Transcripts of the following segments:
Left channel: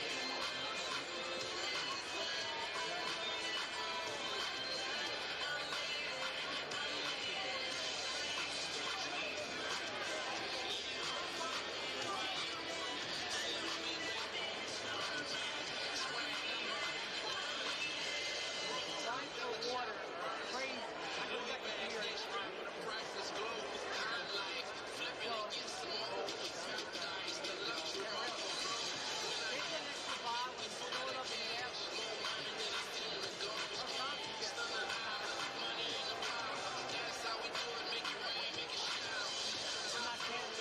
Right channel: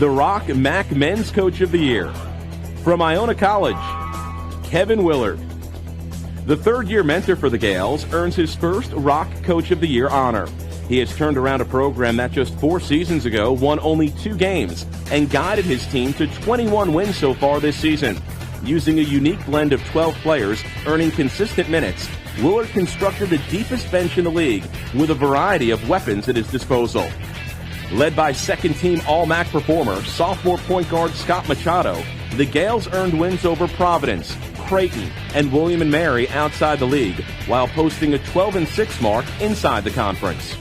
The Rock MAAC Men's Coach of the Year. From Iona College, Kevin Willard. The third-year mentor for the Gales earns his first Rock Coach of the Year honor. He has turned around a program that just 4 seasons ago won only 2 games and guided his team to 21 wins so far this season. Using a unique blend of 12 players earning consistent minutes, Willard constructed the deepest bench in the league with a variety of weapons at his disposal. Led by second-team All-MAAC performer, sophomore point guard Scott Machado, the Gales earned wins over Providence, Creighton, and William & Mary outside the league, while posting a 12-6 mark inside the conference.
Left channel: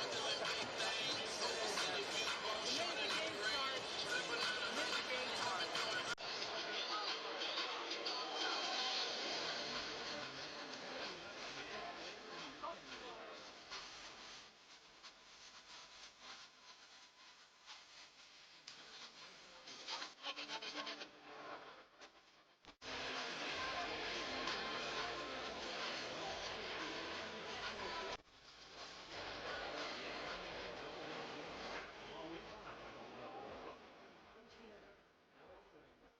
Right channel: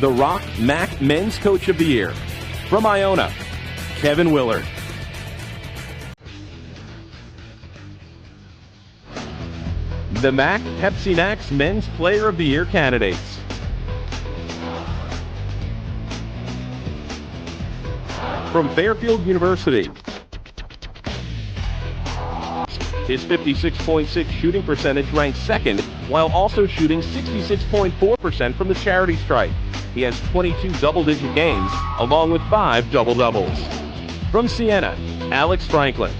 The Rock MAAC Men's Coach of the Year. From Iona, Kevin Willard. The MAAC Pepsi Max Men's Player of the Year candidates. From Fairfield University, his 56.6 shooting percentage ranks second, while also shooting 66.4% from the charity stripe. He has 22 double-digit games, along with 5 double-doubles. From Siena, Alex Franklin.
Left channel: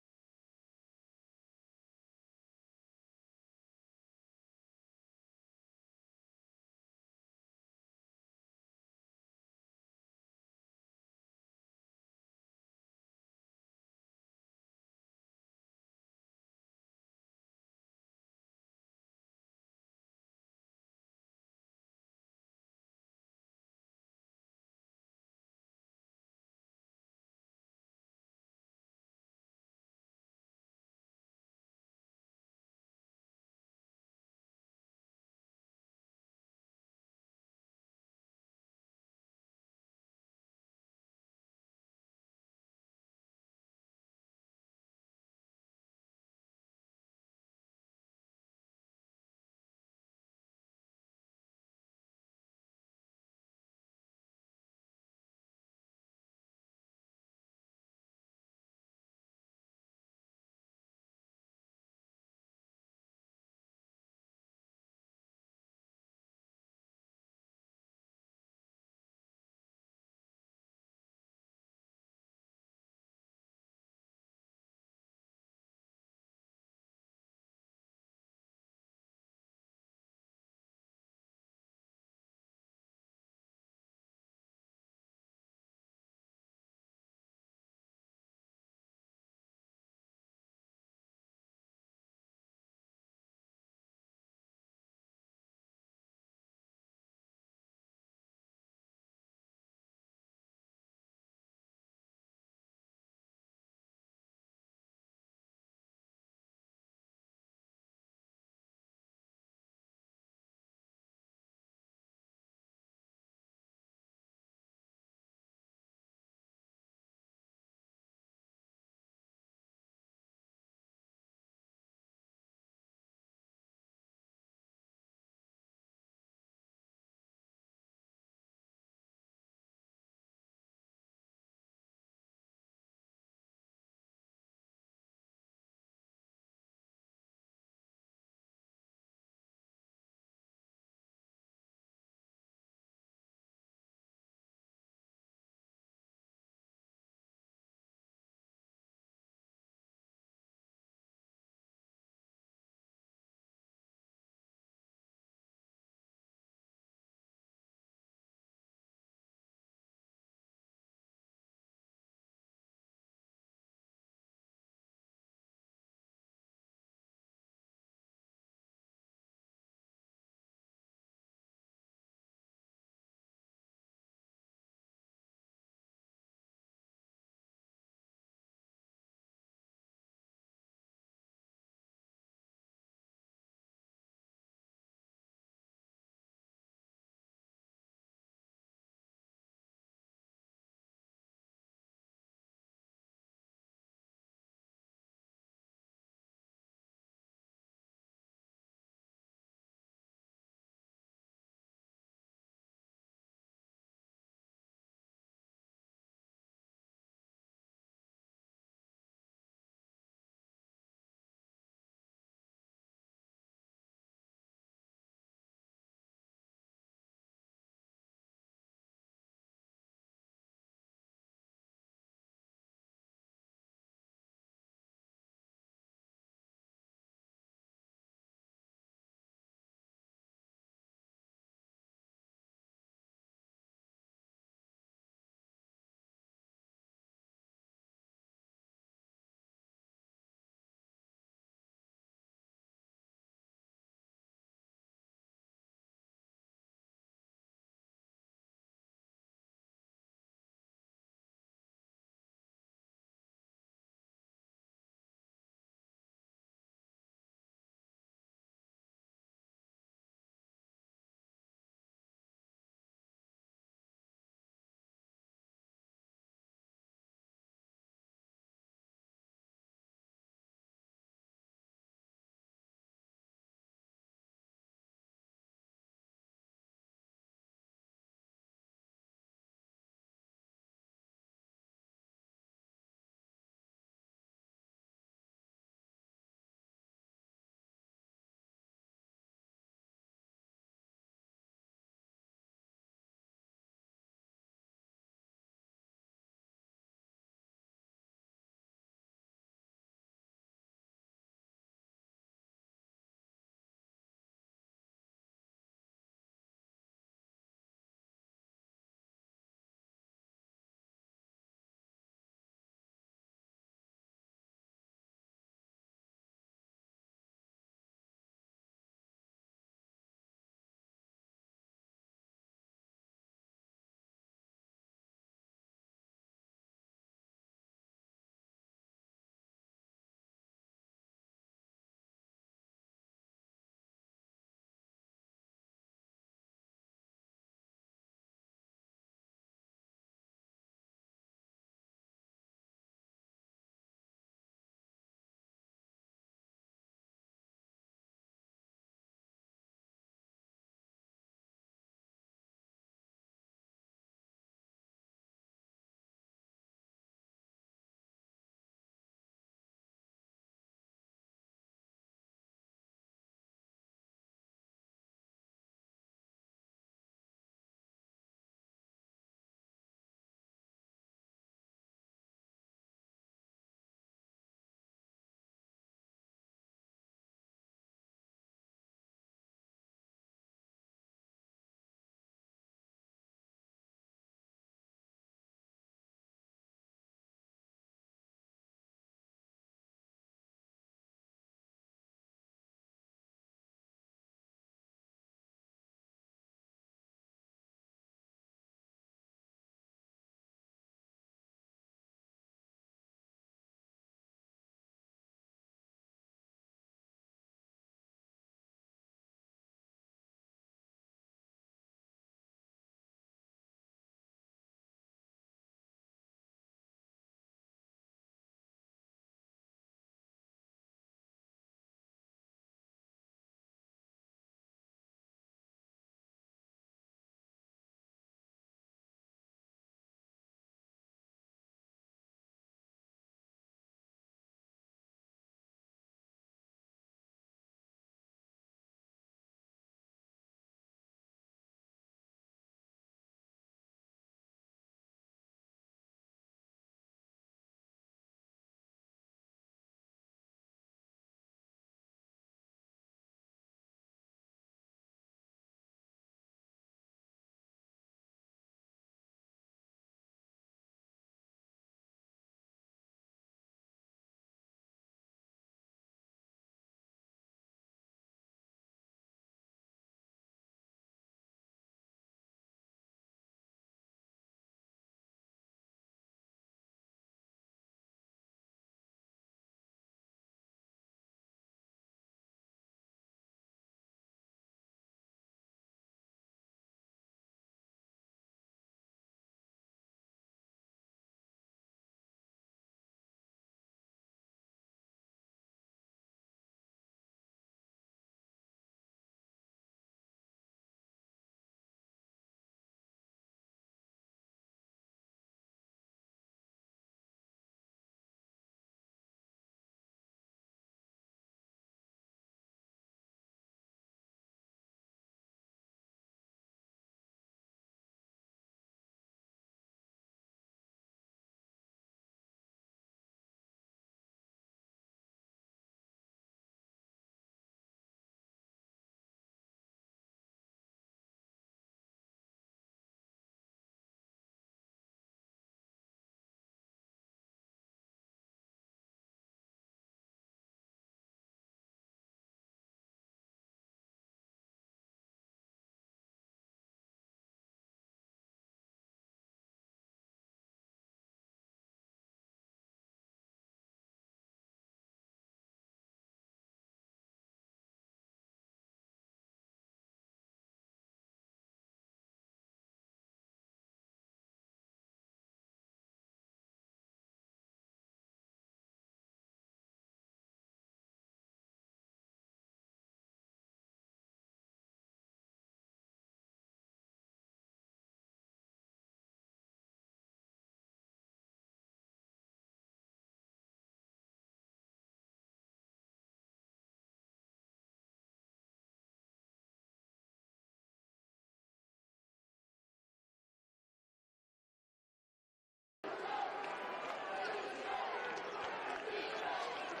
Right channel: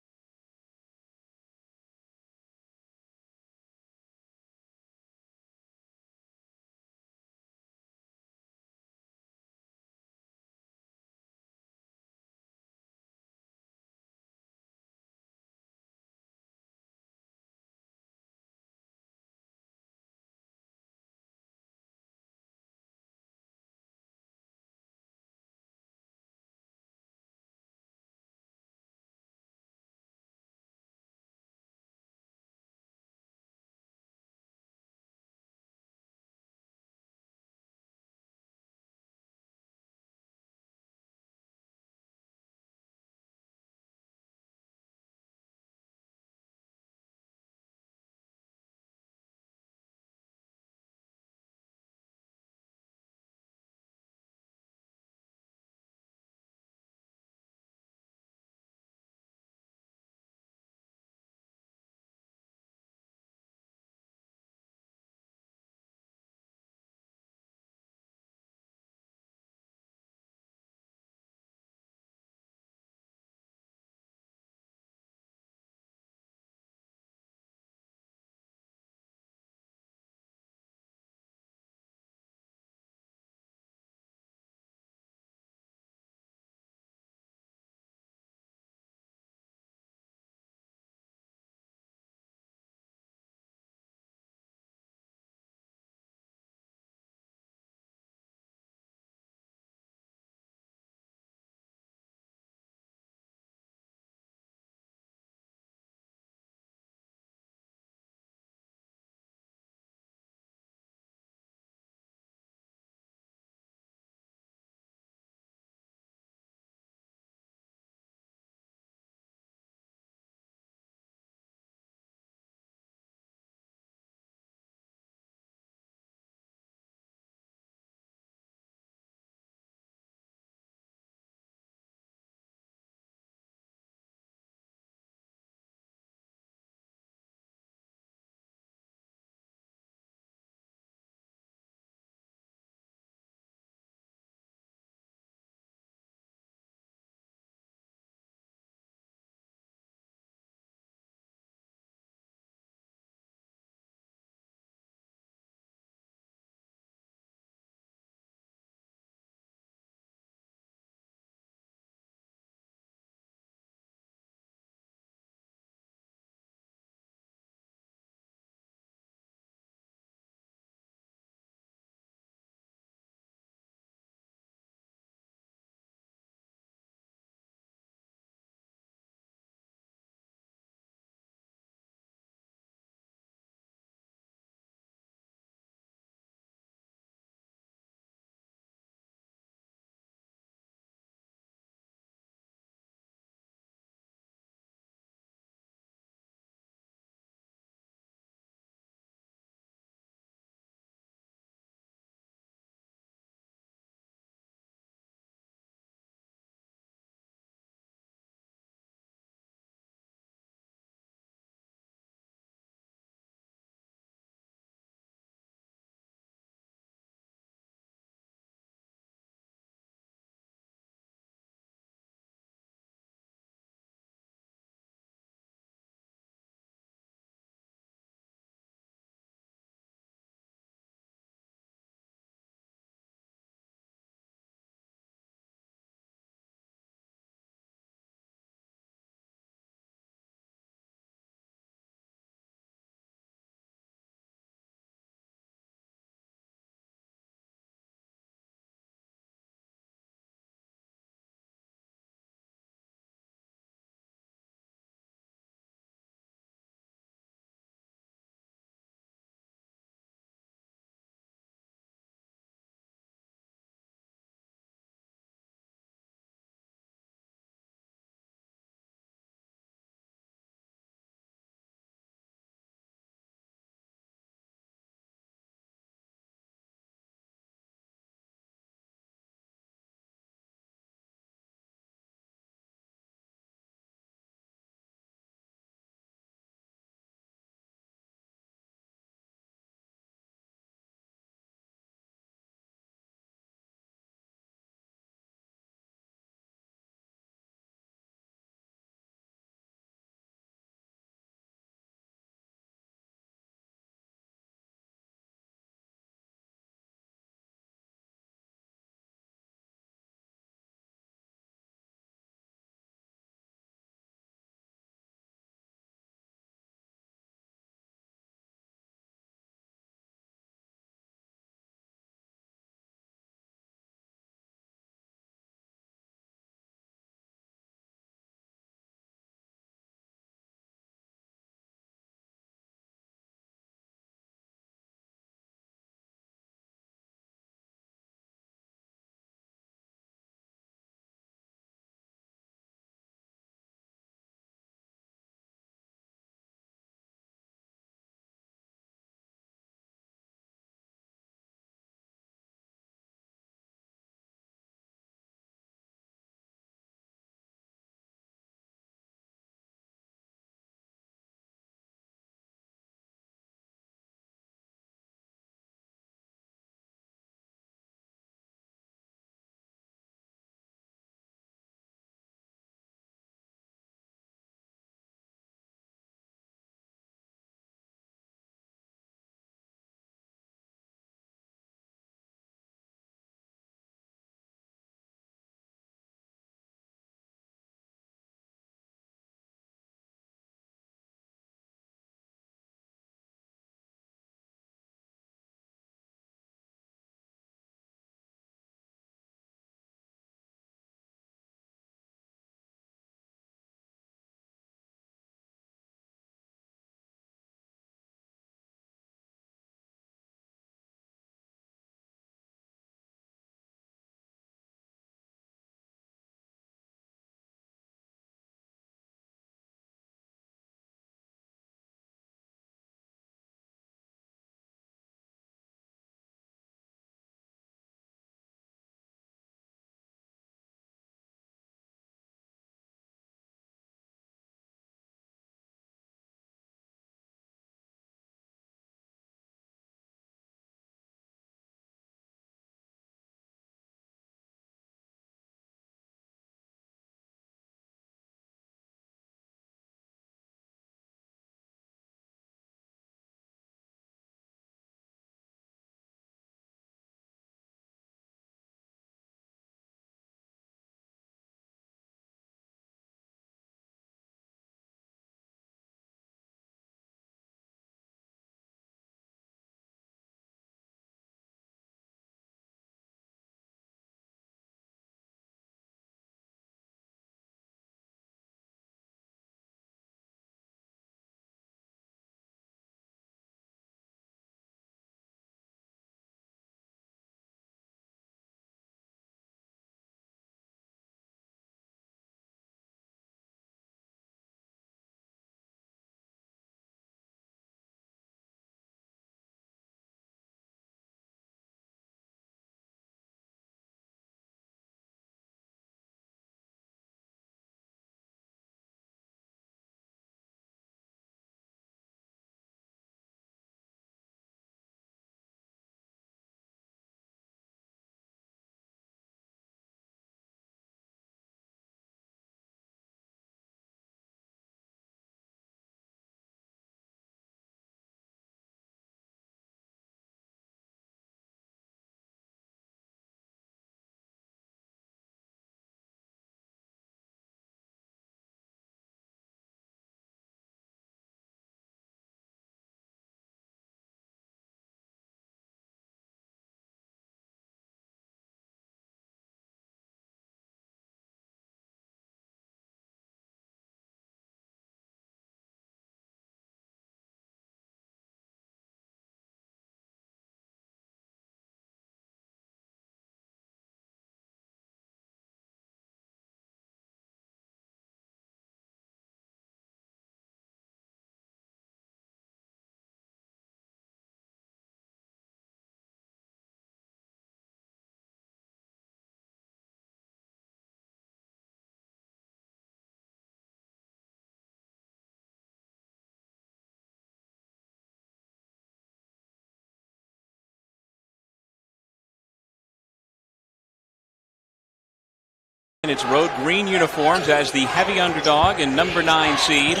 In its road green uniforms as the heavy underdog and number 9 seed.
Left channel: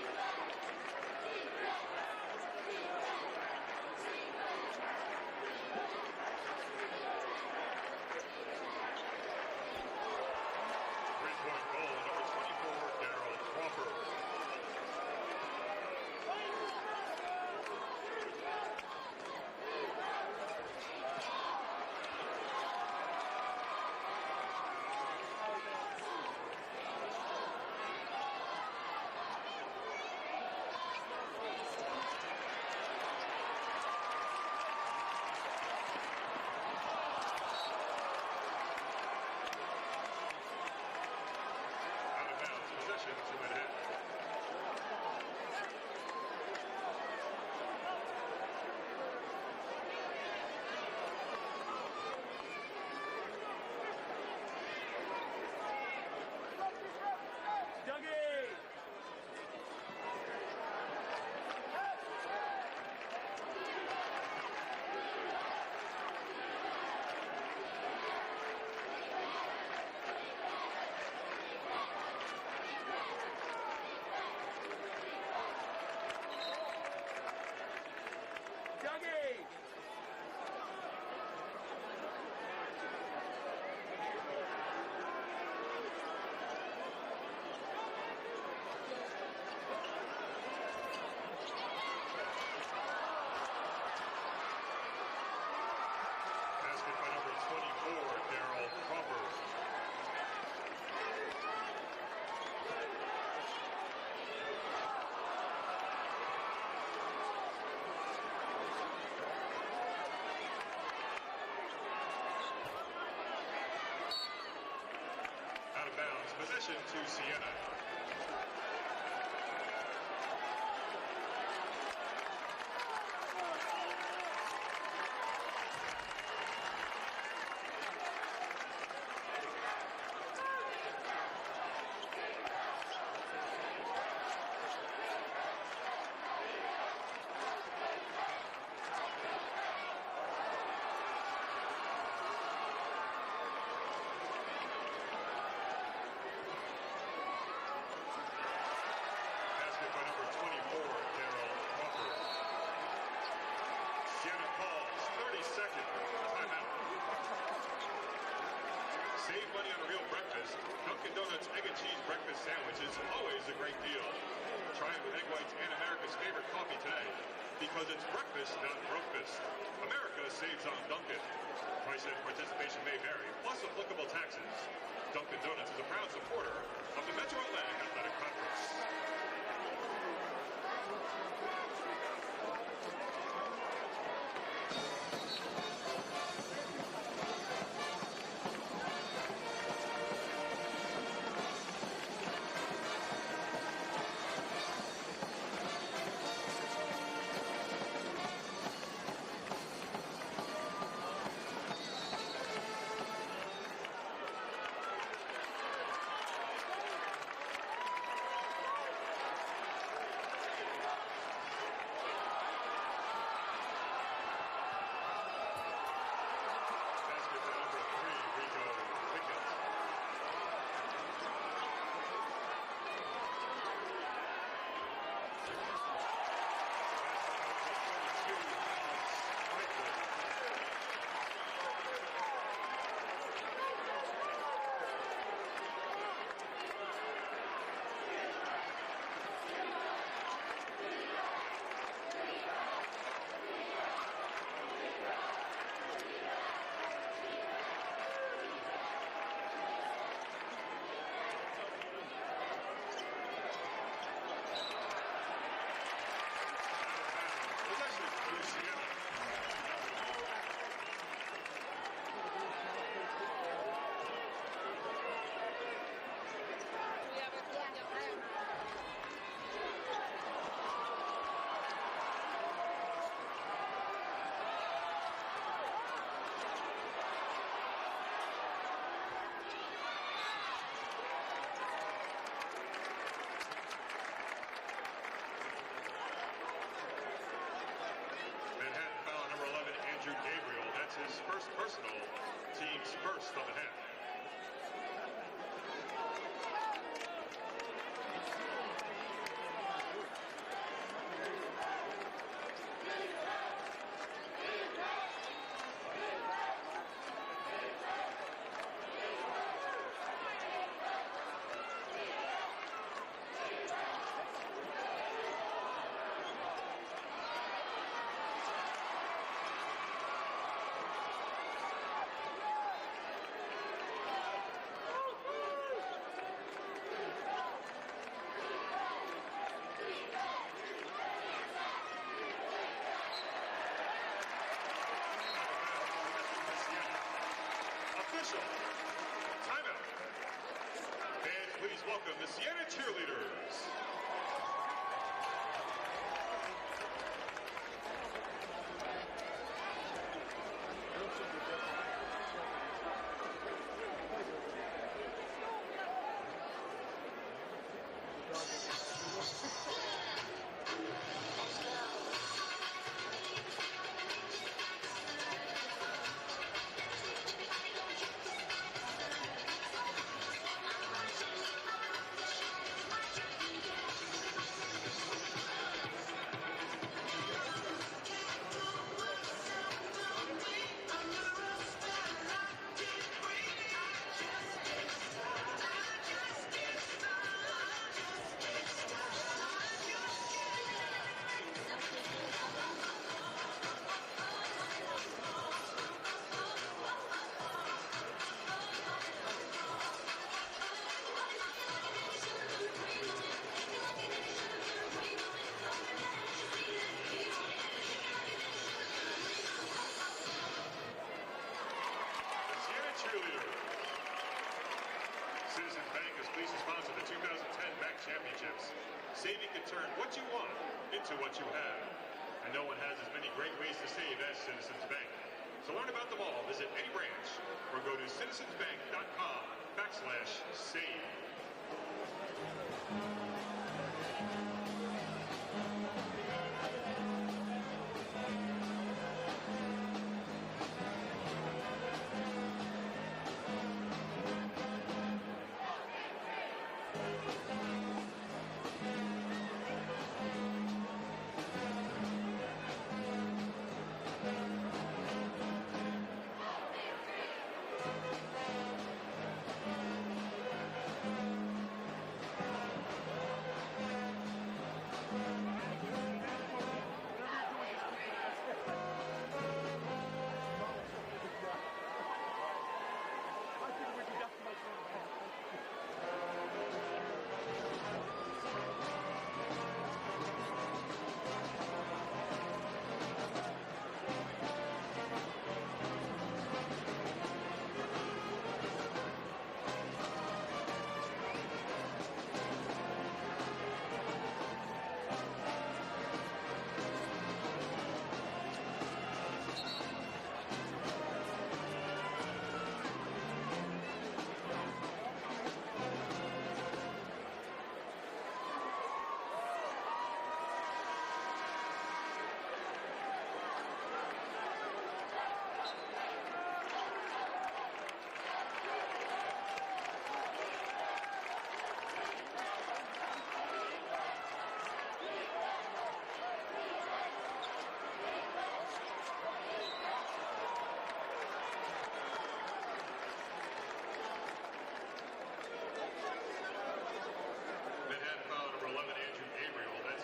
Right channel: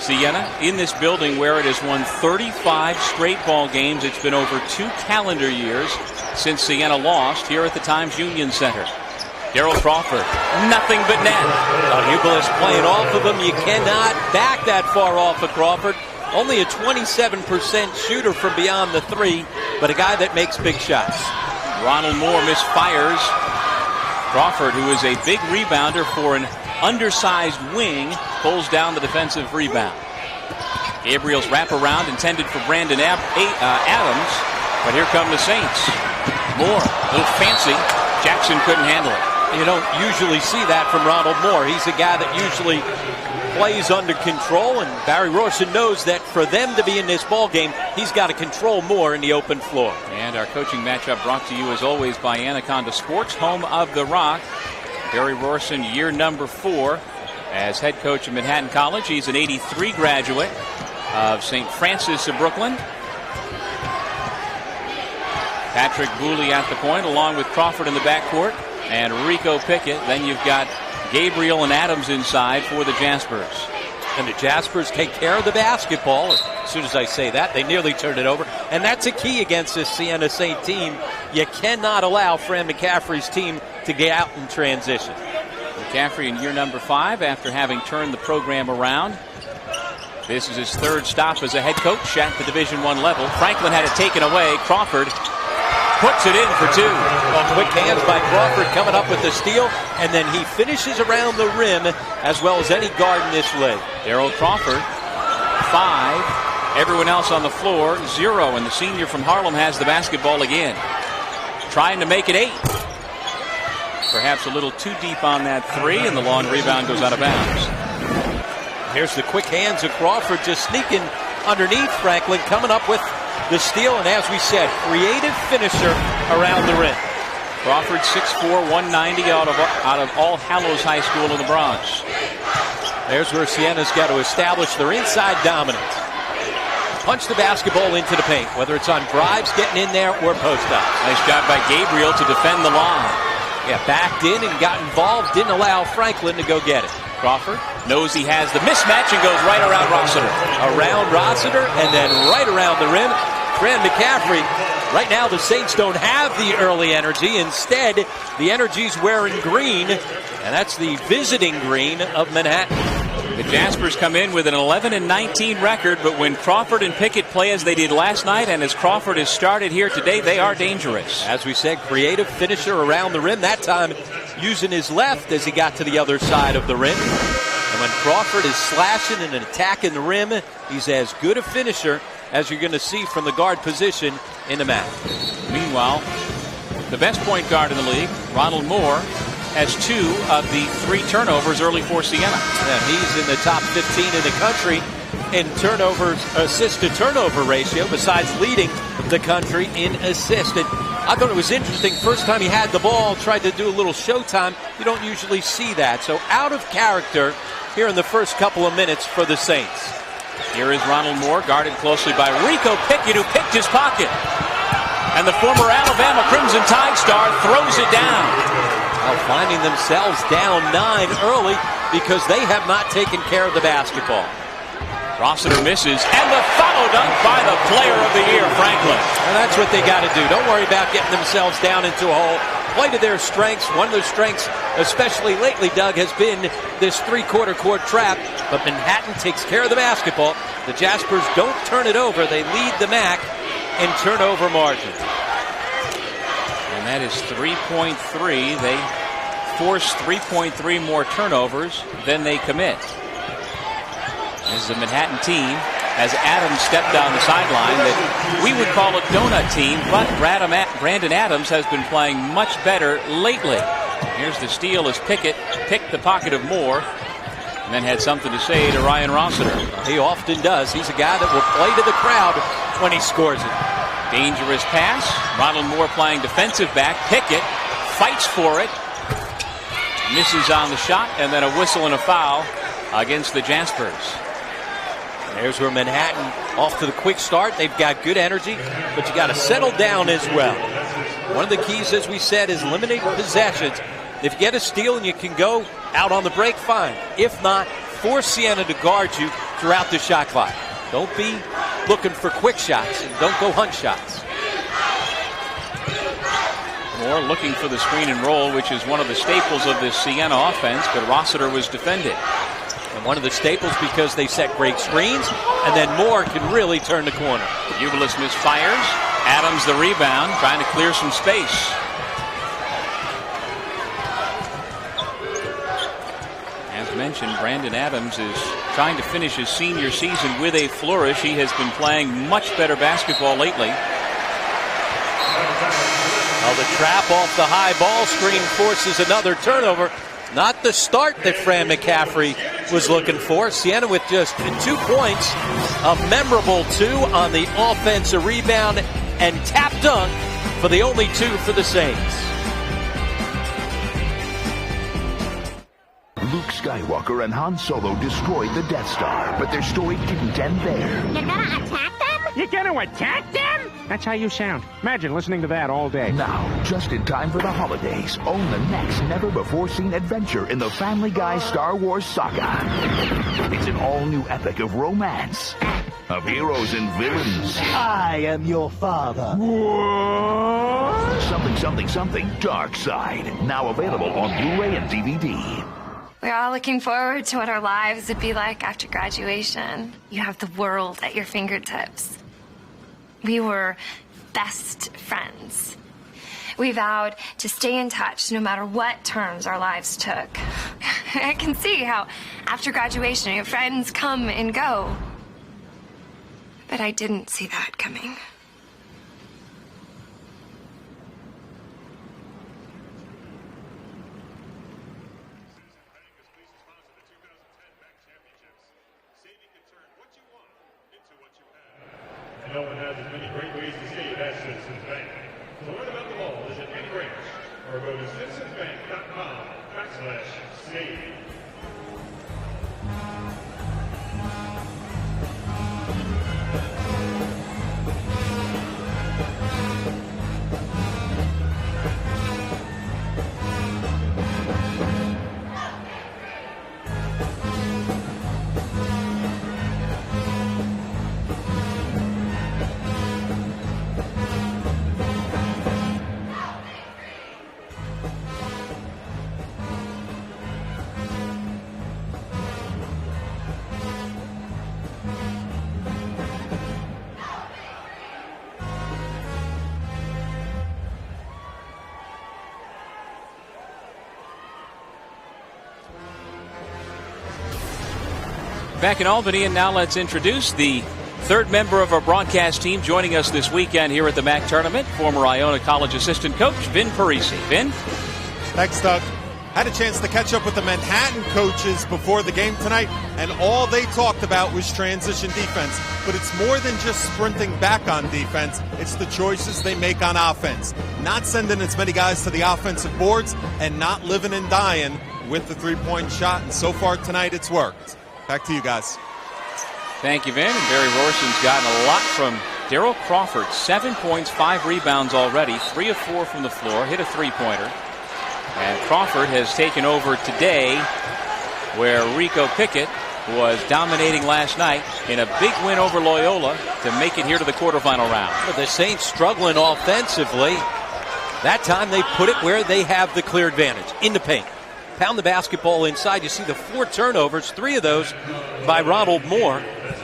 Siena in this building where it has won 35 straight ball games. It's been over 2 calendar years since Siena lost here at the Times Union Center. Daryl Crawford, nothing but net. Hubelis playing off of him. You cannot back that far off of Crawford. Only a 27% shooter from beyond the 3, but a guy that makes big shots. Ronald Moore misfires. Crawford, who is a big rebounder for an undersized wing, pulls down the defensive rebound. Gabriel's wraparound intended for Brandon Adams, but here come the Saints. Moore, a little fancy. Jackson couldn't handle it. You don't usually see that from Ronald Moore. He's a guy that usually plays under control, and Barry Rorson knows that for them to be in this ball game, he's got to control more in the open floor. And our coaching matchup brought to you as always by Anaconda Sports, home of the Rock. Barry Rorson, year number 4 as head coach of Manhattan College. He's an '83 graduate of St. Francis of Brooklyn. Patrick Booley at the point, along with Crawford in the backcourt and Rico Pickett. Then you've got Gabriel and Adams inside for the Jaspers. And the Jaspers take care of the basketball. As soon as I say that, they nearly turn it over. And that's a key against this Siena St. team. You cannot allow Fran McCaffrey's team to get out in transition. McCaffrey in year number 5 after having turned the program around. This is his 3rd stop as a head coach at the Division I level. Franklin had it taken away. Crawford puts it in for 2. Well, quick hands by Crawford coming up with the steal, and then he finishes around the rim as well as any guard in this league. Daryl Crawford, 5. Everyone else on the floor, 0. And the senior from Harlem has the basketball again. Trying to make it 8. Perhaps a little too deep on that 3, and the long rebound goes out of bounds. Here's the quick hands of Crawford just sneaking underneath Franklin, coming up with the steal, and as we said, creative finisher around the rim. Crawford 6'4", 190 out of All Hallows High School in the Bronx. There's where Siena's got to establish their inside dominance. Punch the basketball into the paint, whether it's on drives, getting in there, or post-ups. Nice job by Gabriel to defend the line. Yeah, backed in and got involved, didn't allow Franklin to go get it. Crawford knows he has the mismatch and goes right around Rossiter. Around Rossiter and then right around the rim. Fran McCaffrey. Right now the Saints don't have the early energy. Instead, the energy's wearing green, and that's the visiting green of Manhattan. The Jaspers come in with an 11-19 record, but when Crawford and Pickett play as they did last night, and as Crawford has started here today, they are dangerous. As we said, creative finisher around the rim, that time using his left as he got to the other side of the rim. And when Crawford is slashing and attacking the rim, he's as good a finisher as you're going to see from the guard position in the MAAC. Meanwhile, the best point guard in the league, Ronald Moore, has 2 of the 3 turnovers early for Siena. And he's in the top 15 in the country in turnovers, assist to turnover ratio, besides leading the country in assists. And I thought it was interesting. First time he had the ball, tried to do a little showtime. You don't usually see that. So out of character here in the first couple of minutes for the Saints. Here is Ronald Moore, guarded closely by Rico Pickett, who picked his pocket. And the former Alabama Crimson Tide star throws it down. Well, finding themselves down 9 early because they have not taken care of the basketball. Rossiter misses, and the follow dunk by the player of the year, Franklin. And that's what they got to do. Don't worry about getting themselves down into a hole. Play to their strengths. One of their strengths, especially lately, Doug, has been this 3-quarter court trap. But Manhattan takes care of the basketball. The Jaspers don't turn it over. They lead the MAAC in turnover margin. And that is 3.3. They force 3.3 more turnovers than they commit. This is a Manhattan team, as Adams stepped down the sideline, that we would call a donut team, but Brandon Adams has been playing much better lately. Here's the steal as Pickett picked the pocket of Moore and then had something to say to Ryan Rossiter. He often does. He's a guy that will play to the crowd when he scores it. Dangerous pass. Ronald Moore playing defensive back. Pickett fights for it. Misses on the shot, and then a whistle and a foul against the Jaspers. There's where Manhattan, off to the quick start. They've got good energy, but you got to settle down as well. One of the keys, as we said, is limiting possessions. If you get a steal and you can go out on the break, fine. If not, force Siena to guard you throughout the shot clock. Don't be looking for quick shots and don't go hunt shots. Moore looking for the screen and roll, which is one of the staples of this Siena offense, but Rossiter was defended. And one of the staples because they set great screens, and then Moore can really turn the corner. Ubilis misfires. Adams the rebound, trying to clear some space. As mentioned, Brandon Adams is trying to finish his senior season with a flourish. He has been playing much better basketball lately. Well, the trap off the high ball screen forces another turnover. Not the start that Fran McCaffrey was looking for. Siena with just 2 points. A memorable 2 on the offensive rebound and tap dunk for the only 2 for the Saints. Luke Skywalker and Han Solo destroyed the Death Star, but their story didn't end there. You're gonna attack them? You're gonna attack them? That's how you sound. Imagine listening to that all day. Now, just in time for the holidays, own the next never-before-seen adventure in the Family Guy Star Wars saga. It's an all-new epic of romance, of heroes and villains. I am your father. What? Something, Dark Side. Now available on Blu-ray and DVD. We're all looking forward to what our lives would be like after graduation. You have the world at your fingertips. We were best friends. We vowed to stay in touch no matter what terms our lives took. I can see how after graduation your friends come and go. But I didn't see that coming. No one has as many great ways to save as Citizens Bank. To learn about them all, visit any branch or go to citizensbank.com/save. Back in Albany, and now let's introduce the third member of our broadcast team joining us this weekend here at the MAAC tournament, former Iona College assistant coach Vin Parisi. Vin? Thanks, Doug. Had a chance to catch up with the Manhattan coaches before the game tonight, and all they talked about was transition defense. But it's more than just sprinting back on defense. It's the choices they make on offense. Not sending as many guys to the offensive boards and not living and dying with the three-point shot. And so far tonight, it's worked. Back to you guys. Thank you, Vin. And Barry Rorson's gotten a lot from Daryl Crawford. 7 points, 5 rebounds already, 3 of 4 from the floor, hit a three-pointer. And Crawford has taken over today where Rico Pickett was dominating last night in a big win over Loyola to make it here to the quarterfinal round. But the Saints struggling offensively. That time they put it where they have the clear advantage, in the paint. Pound the basketball inside. You see the 4 turnovers, 3 of those by Ronald Moore.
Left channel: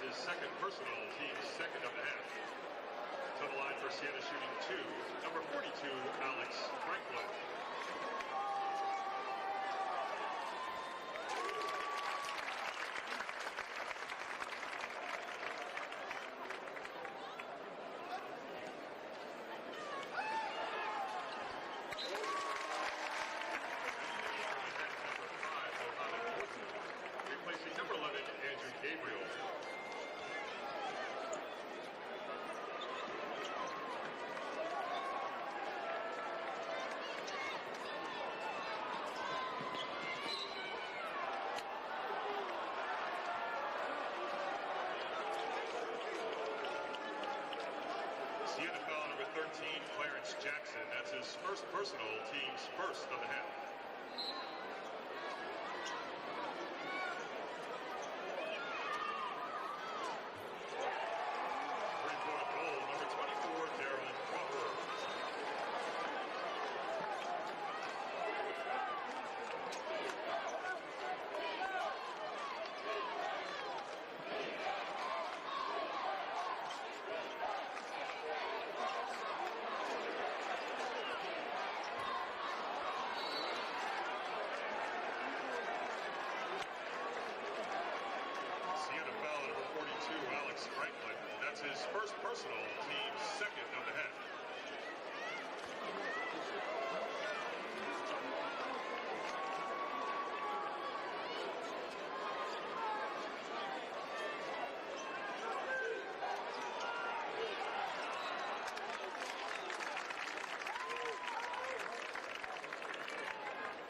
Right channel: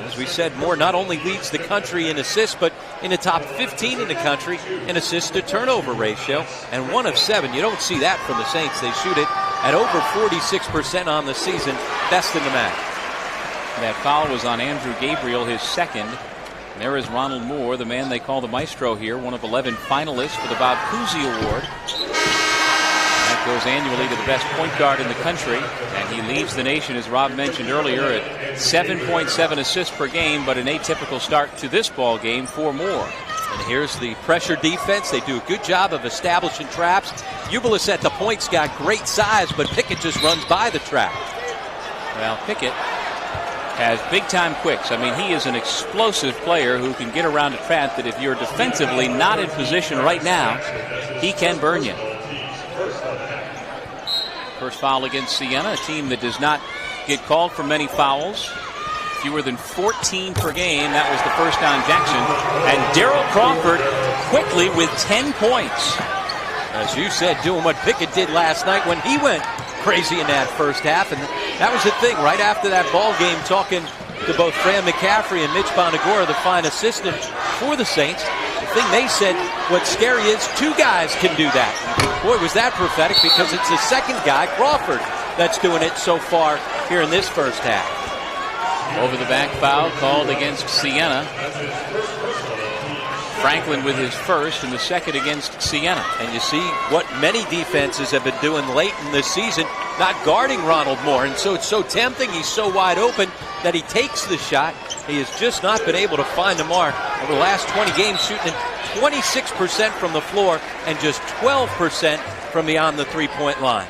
As we said, Moore not only leads the country in assists, but in the top 15 in the country in assist to turnover ratio. And 1 of 7. You don't see that from the Saints. They shoot it at over 46% on the season, best in the MAAC. That foul was on Andrew Gabriel, his second. And there is Ronald Moore, the man they call the maestro here, one of 11 finalists for the Bob Cousy Award. That goes annually to the best point guard in the country, and he leads the nation, as Rob mentioned earlier, at 7.7 assists per game, but an atypical start to this ball game for Moore. And here's the pressure defense. They do a good job of establishing traps. Ubilis at the point's got great size, but Pickett just runs by the trap. Well, Pickett has big-time quicks. I mean, he is an explosive player who can get around a trap that if you're defensively not in position right now, he can burn you. First foul against Siena, a team that does not get called for many fouls. Fewer than 14 per game. That was the first on Jackson. And Daryl Crawford quickly with 10 points. As you said, doing what Pickett did last night when he went crazy in that first half. And that was the thing, right after that ball game, talking to both Fran McCaffrey and Mitch Bonagora, the fine assistant for the Saints. The thing they said, what's scary is 2 guys can do that. Boy, was that prophetic, because it's the second guy, Crawford, that's doing it so far here in this first half. Over the back foul called against Siena. Franklin with his first and the second against Siena. And you see what many defenses have been doing late in this season, not guarding Ronald Moore. And so it's so tempting. He's so wide open that he takes the shot. He has just not been able to find the mark. Over the last 20 games, shooting 26% from the floor and just 12% from beyond the three-point line.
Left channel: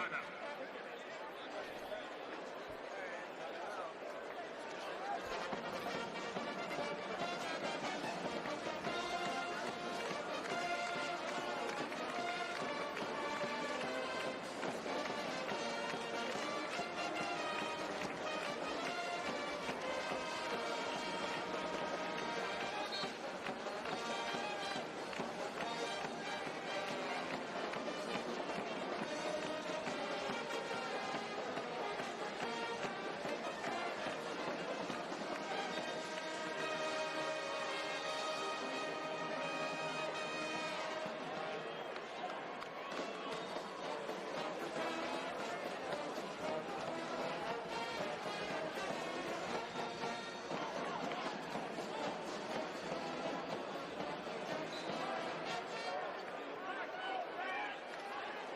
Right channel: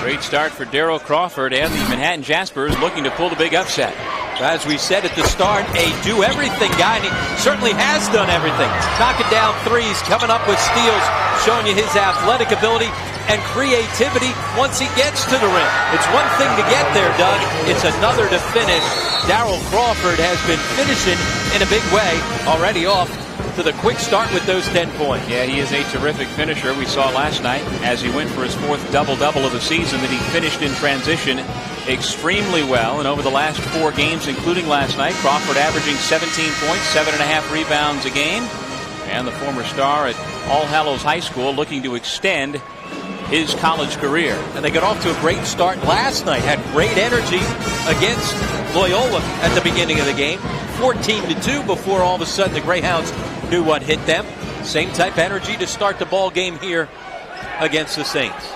Great start for Daryl Crawford and the Manhattan Jaspers, looking to pull the big upset. As we said at the start, a do-everything guy, and he certainly has done everything. Knocking down threes, coming up with steals, showing you his athletic ability and creativity once he gets to the rim. It's one thing to get there, Doug. It's another to finish. Daryl Crawford has been finishing in a big way, already off to the quick start with those 10 points. Yeah, he is a terrific finisher. We saw last night as he went for his 4th double-double of the season that he finished in transition extremely well. And over the last 4 games, including last night, Crawford averaging 17 points, 7.5 rebounds a game. And the former star at All Hallows High School looking to extend his college career. And they got off to a great start last night. Had great energy against Loyola at the beginning of the game. 14-2 before all of a sudden the Greyhounds knew what hit them. Same type of energy to start the ball game here against the Saints.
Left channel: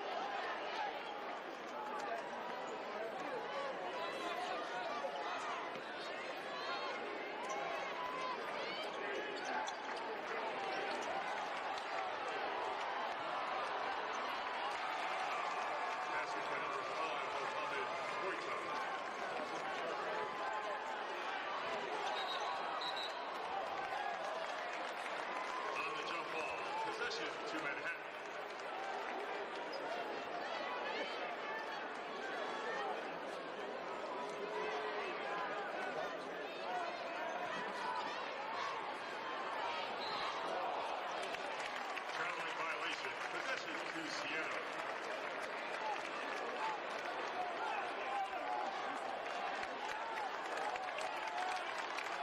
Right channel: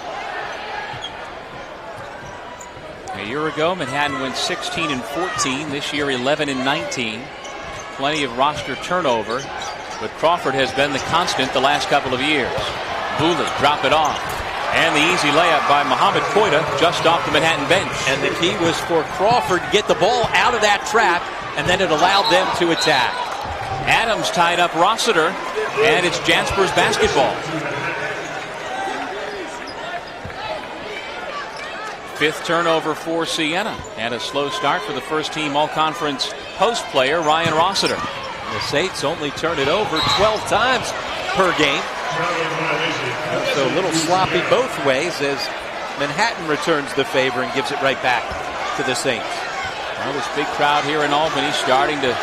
A year ago, Manhattan went 16-14. This year, 11-19. Plenty of roster turnover, but Crawford has been the constant the last couple of years. Booley drop it off. And the easy layup by Mohamed Koita just off the Manhattan bench. And the key was for Crawford to get the ball out of that trap, and then it allowed them to attack. Adams tied up Rossiter, and it's Jaspers basketball. 5th turnover for Siena, and a slow start for the first-team all-conference post player, Ryan Rossiter. The Saints only turn it over 12 times per game. So a little sloppy both ways as Manhattan returns the favor and gives it right back to the Saints. Well, this big crowd here in Albany starting to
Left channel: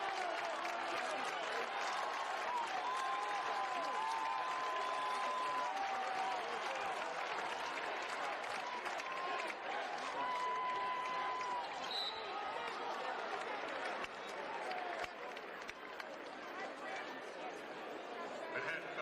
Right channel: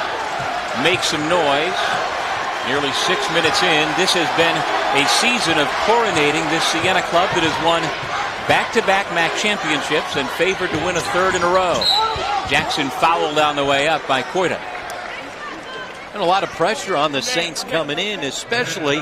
make some noise. Nearly 6 minutes in, this has been a season of coronating this Siena club that has won back-to-back MAAC championships and favored to win a 3rd in a row. Jackson fouled on the way up by Koita. And a lot of pressure on the Saints coming in, especially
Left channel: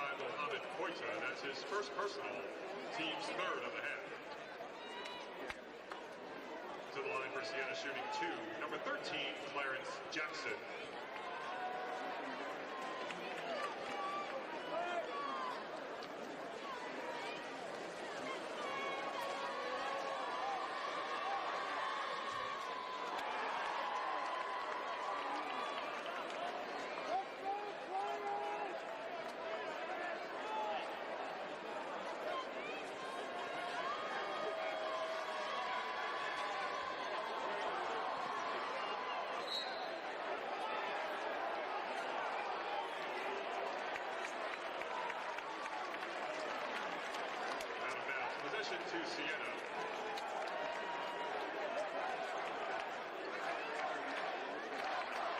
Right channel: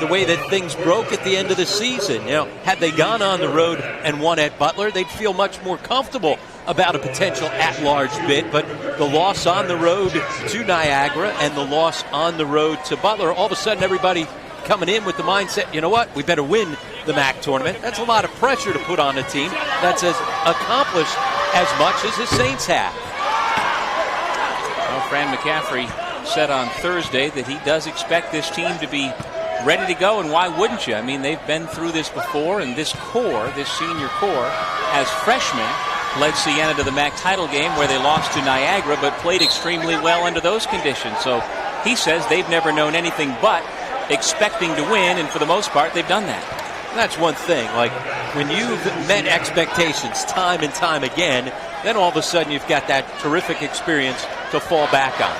the way that things broke at the end of the season. You know, had they gone on the road and won at Butler, they'd feel much more comfortable about a potential at-large bid. But the loss on the road to Niagara and the loss on the road to Butler, all of a sudden everybody coming in with the mindset, you know what, we better win the MAAC tournament. That's a lot of pressure to put on a team that's as accomplished as much as the Saints have. Well, Fran McCaffrey said on Thursday that he does expect this team to be ready to go, and why wouldn't you? I mean, they've been through this before, and this core, this senior core, as freshmen, led Siena to the MAAC title game where they lost to Niagara, but played extremely well under those conditions. So he says they've never known anything but expecting to win, and for the most part, they've done that. That's one thing. Like, when you've met expectations time and time again, then all of a sudden you've got that terrific experience to fall back on.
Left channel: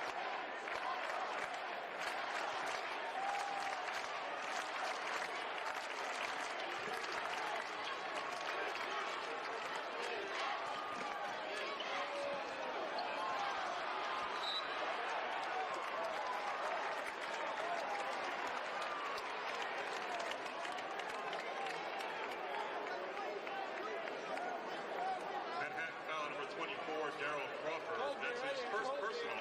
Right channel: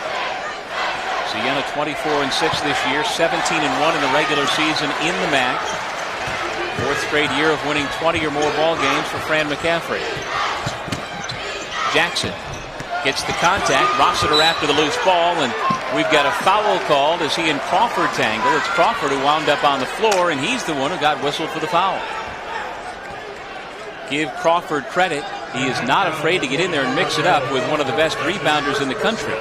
Siena 24-6 this year, 17-1 in the regular season in the MAAC. 4th straight year of winning 20 or more ball games for Fran McCaffrey. Jackson gets the contact. Rossiter after the loose ball, and we've got a foul called as he and Crawford tangle. It's Crawford who wound up on the floor, and he's the one who got whistled for the foul. Give Crawford credit. He is not afraid to get in there and mix it up with one of the best rebounders in the country.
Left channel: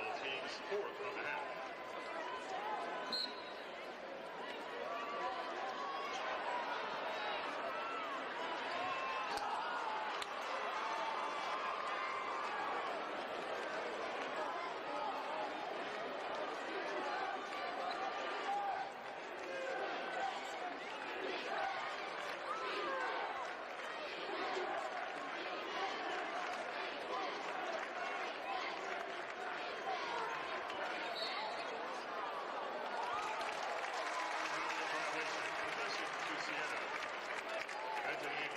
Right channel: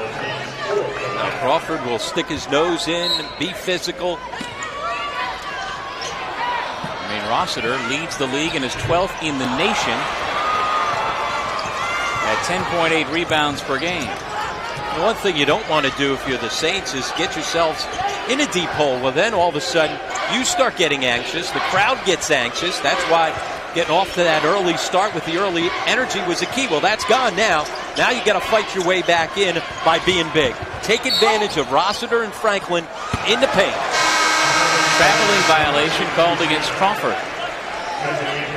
Now Crawford will stick his nose in, be physical. I mean, Rossiter leads the league and is 12th in the nation at 10.8 rebounds per game. The one thing you don't want to do if you're the Saints is get yourselves in a deep hole. Well, then all of a sudden You start getting anxious. The crowd gets anxious. That's why getting off to that early start with the early energy was a key. Well, that's gone now. Now you got to fight your way back in by being big. Take advantage of Rossiter and Franklin in the paint. Traveling violation called against Crawford.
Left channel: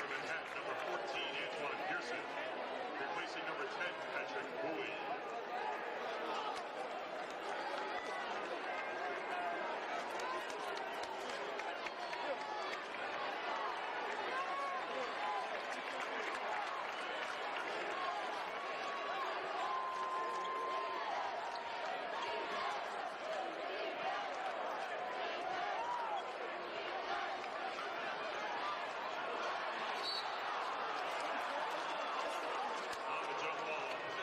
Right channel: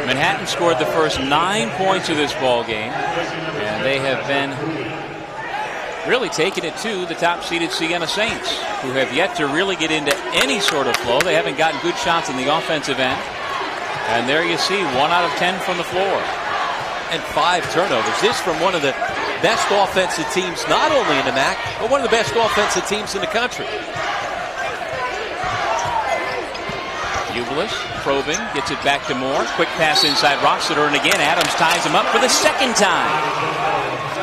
Manhattan scored the first 9 points of this ball game, and they have been really taking it to the top-seeded Siena Saints, who have yet to really get into any sort of flow. They haven't gotten good shots in the offensive end. And there you see 1 out of 10 from the floor. And 5 turnovers. This from one of the best offensive teams, not only in the MAAC, but one of the best offensive teams in the country. Ubelis probing, gets it back to Moore. Quick pass inside Rossiter, and again Adams ties him up for the second time.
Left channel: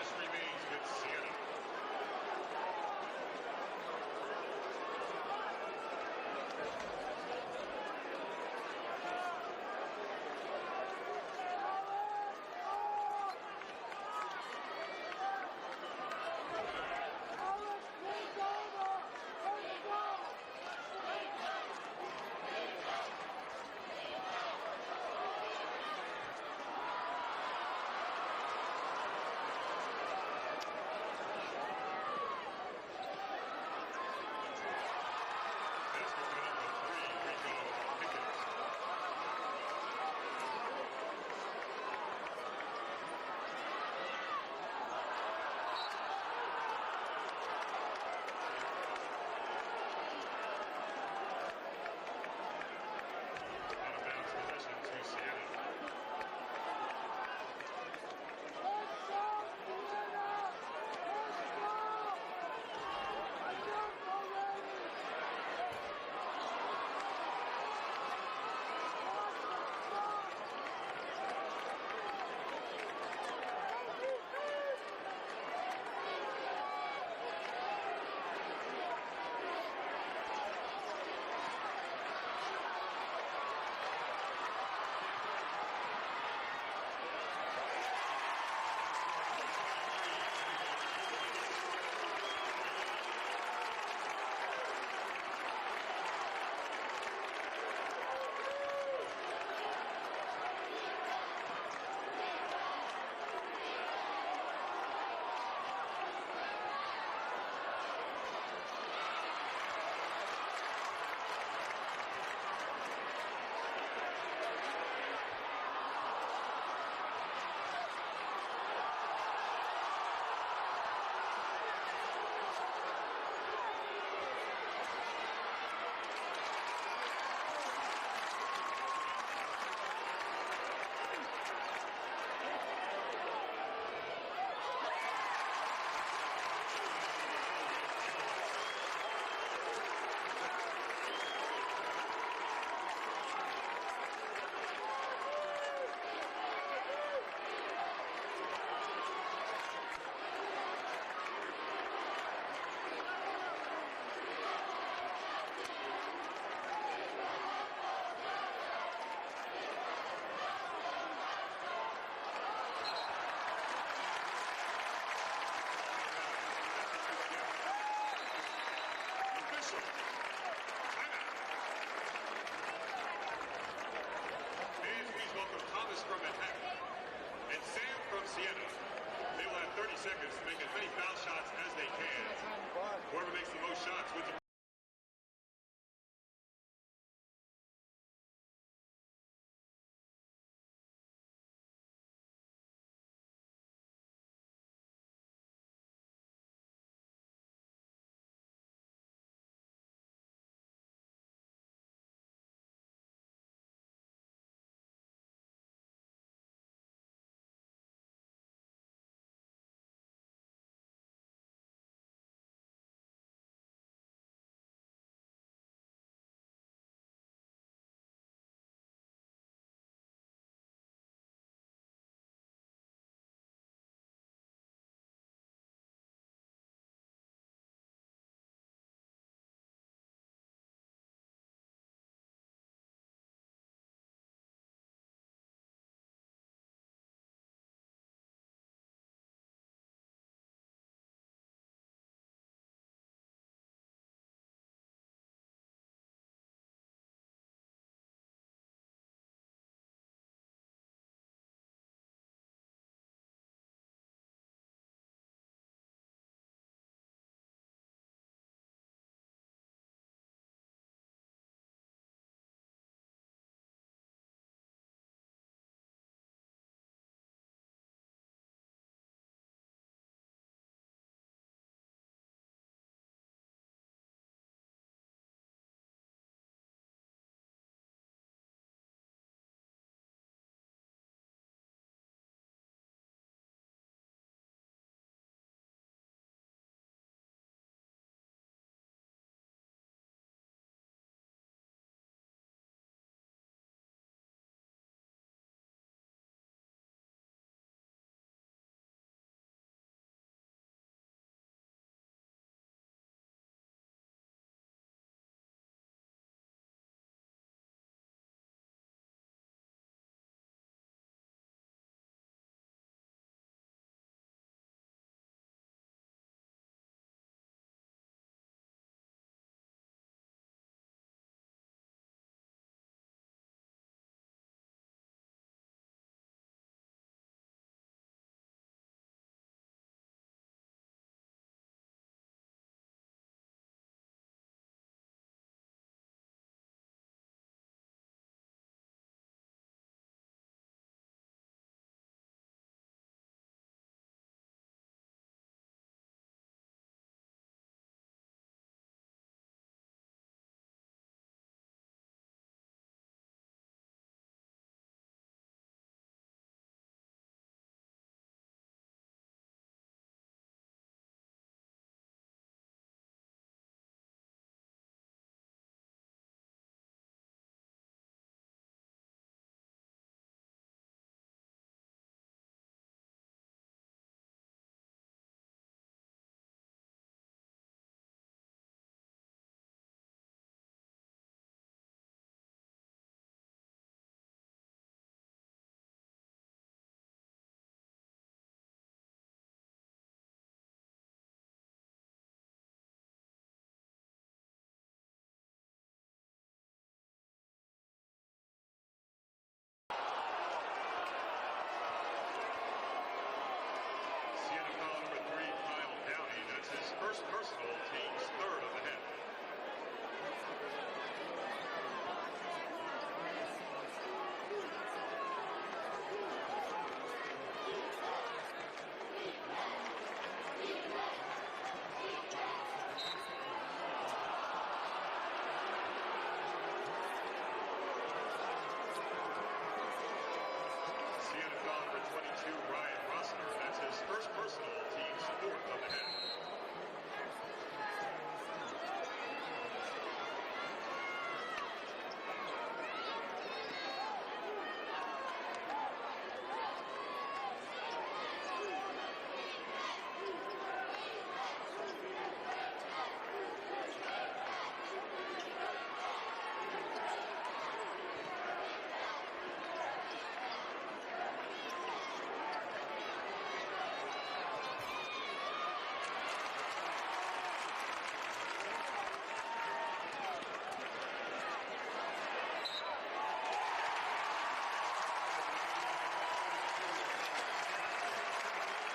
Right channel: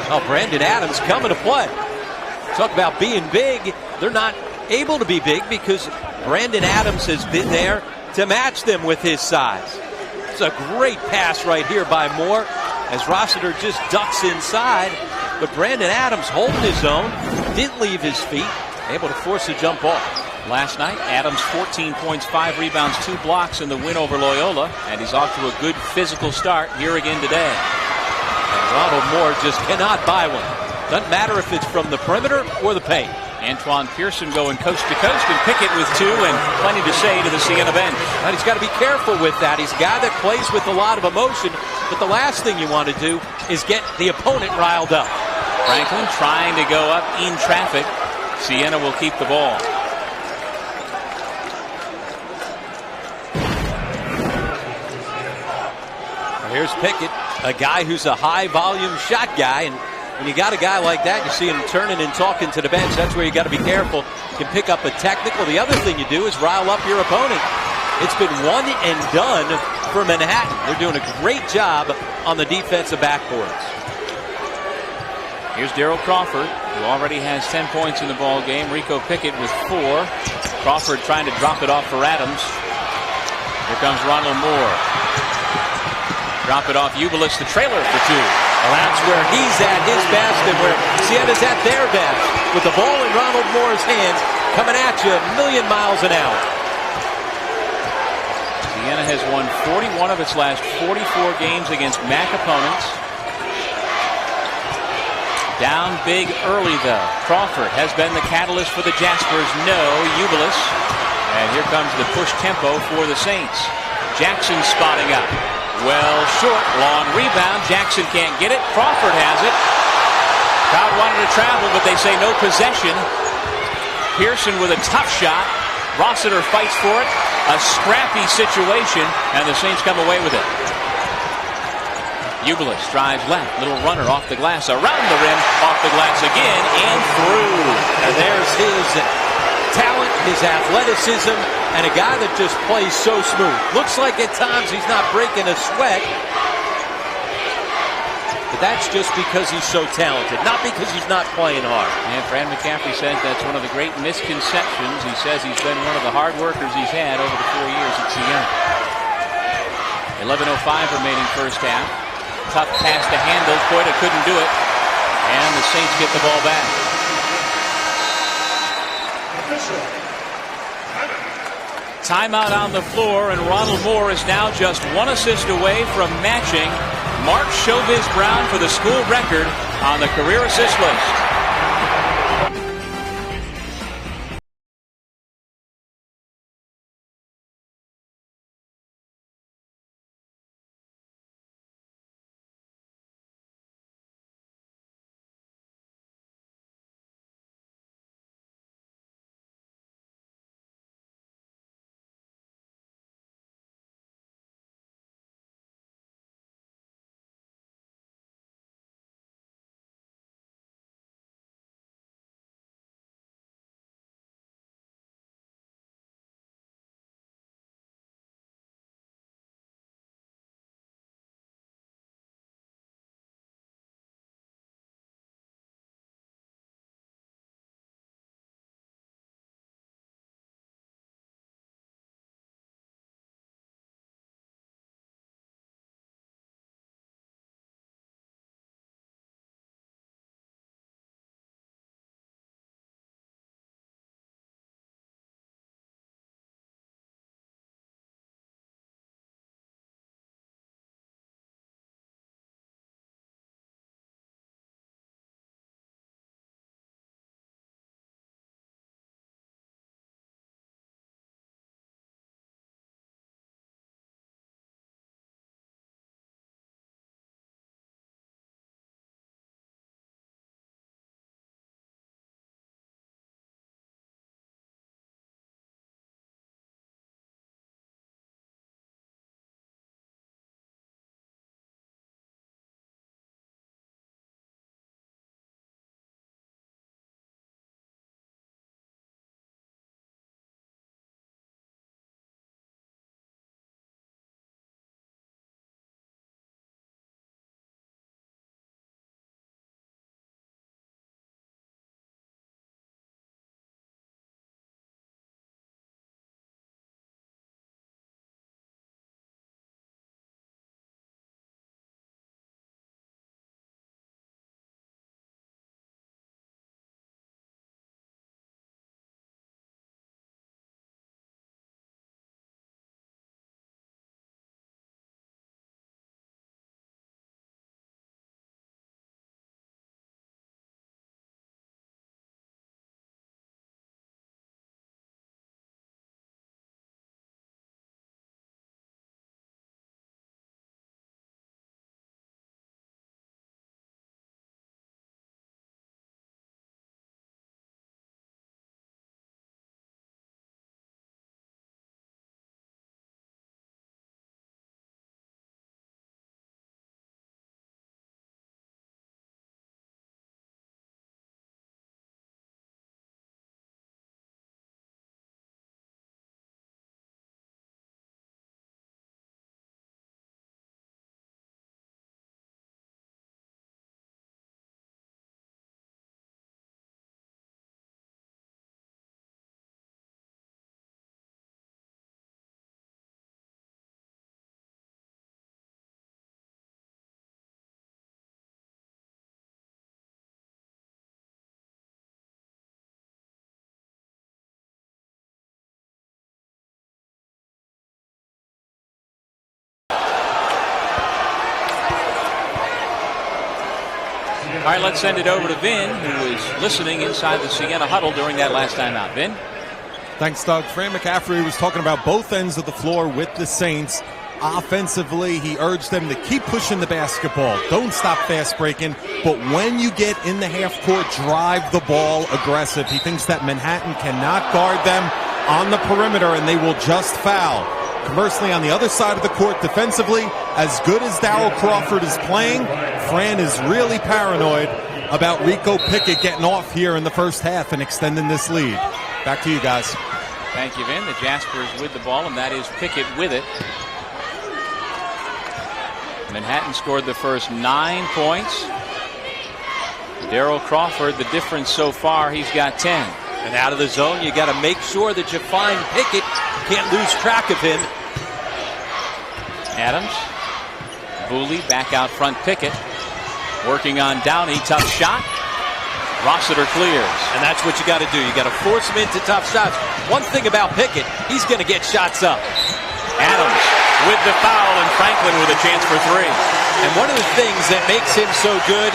Oh, Brandon Adams coming to play. Talk about being big. They're not able to be big because Brandon Adams has been there to match them with his size. It's a great pass right here by Moore as Rossiter just ducks inside. But Brandon Adams holding his own, didn't leave his feet, able to force a jump ball. Last night, Adams 14 points, 5 rebounds, 2 blocks in the win over Loyola. And he's off to a good physical start here again today. And Ronald Moore just cannot buy one. Doesn't matter if it's from the perimeter or the paint. Antoine Pearson going coast to coast, and Pickett with 2 and plenty to say to the Siena bench. And he's got to be careful with that. He's a guy that plays with a lot of emotion, but the last thing you want to do is get the opponent riled up. Franklin trying to go up in traffic. Siena will keep the ball. Here's Pickett, a guy who's a high-volume shot guy, and when you got a guy like that, you see him turning and talking to the bench. That's where you got to be careful. You can pick up a technical. The other thing you do is rile up your opponent. It's been one and done for Manhattan. They're doing a great job on the defensive backboards. Here's Daryl Crawford, who already has 10 points in the ball game. Rico Pickett with 4. Crawford trying to drop it off for Adams. Here comes Ronald Moore. Drop it off Ubelis, the trailer for 2. Well, that's where he's at his best and where Siena's at their best. With the ball in Ronald Moore's hands, coming at you a million miles an hour. Siena has won 41 of its last 44 games against MAAC opponents. Down big early, though. Crawford has been the catalyst for the Jaspers. No, Ubelis. And here comes the push tempo for the Saints. Jackson spotting up. Well short, long rebound. Jackson can't get it. Crawford has it. Crowd wanted to travel, but they say no possession. Pearson with a tough shot. Rossiter fights for it. A scrappy situation, and the Saints come away with it. Ubelis drives left. Little runner off the glass, around the rim, off the glass again, and through. And there's his talent, his athleticism, and a guy that just plays so smooth. Looks like at times he's not breaking a sweat, but that's just because he's so talented, not because he's not playing hard. And Fran McCaffrey said that's one of the great misconceptions. He says he's been one of the hard workers he's had over the 4 years at Siena. 11:05 remaining first half. Tough pass to handle. Koita couldn't do it, and the Saints get the ball back. Timeout on the floor, and Ronald Moore is now just 1 assist away from matching Mark Showbiz Brown for the school record on the career assist list. All right, let's send it over to Vin, who was listening inside the Siena huddle during that last timeout. Vin? Thanks, Doug. Fran McCaffrey was talking about both ends of the floor with the Saints. Offensively, he urged them to keep pushing the basketball. Don't stop fast breaking. But when you get in the half court, drive the ball aggressive. He thinks that Manhattan cannot guard them on the perimeter and they will just foul. Conversely, on the other side of the court, defensively, as good as Darryl Crawford is playing, Fran is really paranoid about Rico Pickett getting off here in the first half and extending this lead. Back to you guys. Thank you, Vin. The Jaspers with the ball, and that is Pickett with it. Manhattan scored the first 9 points. Darryl Crawford, the difference so far, he's got 10. And out of the zone, you got to make sure that you find Pickett. Can't lose track of him. Adams. Booley back out front. Pickett working on Downey. Tough shot. Rossiter clears. And that's what you got to do. You got to force him into tough shots. One thing about Pickett, he's going to get shots up. Adams with the foul, and Franklin with a chance for 3. And one of the things that makes him so good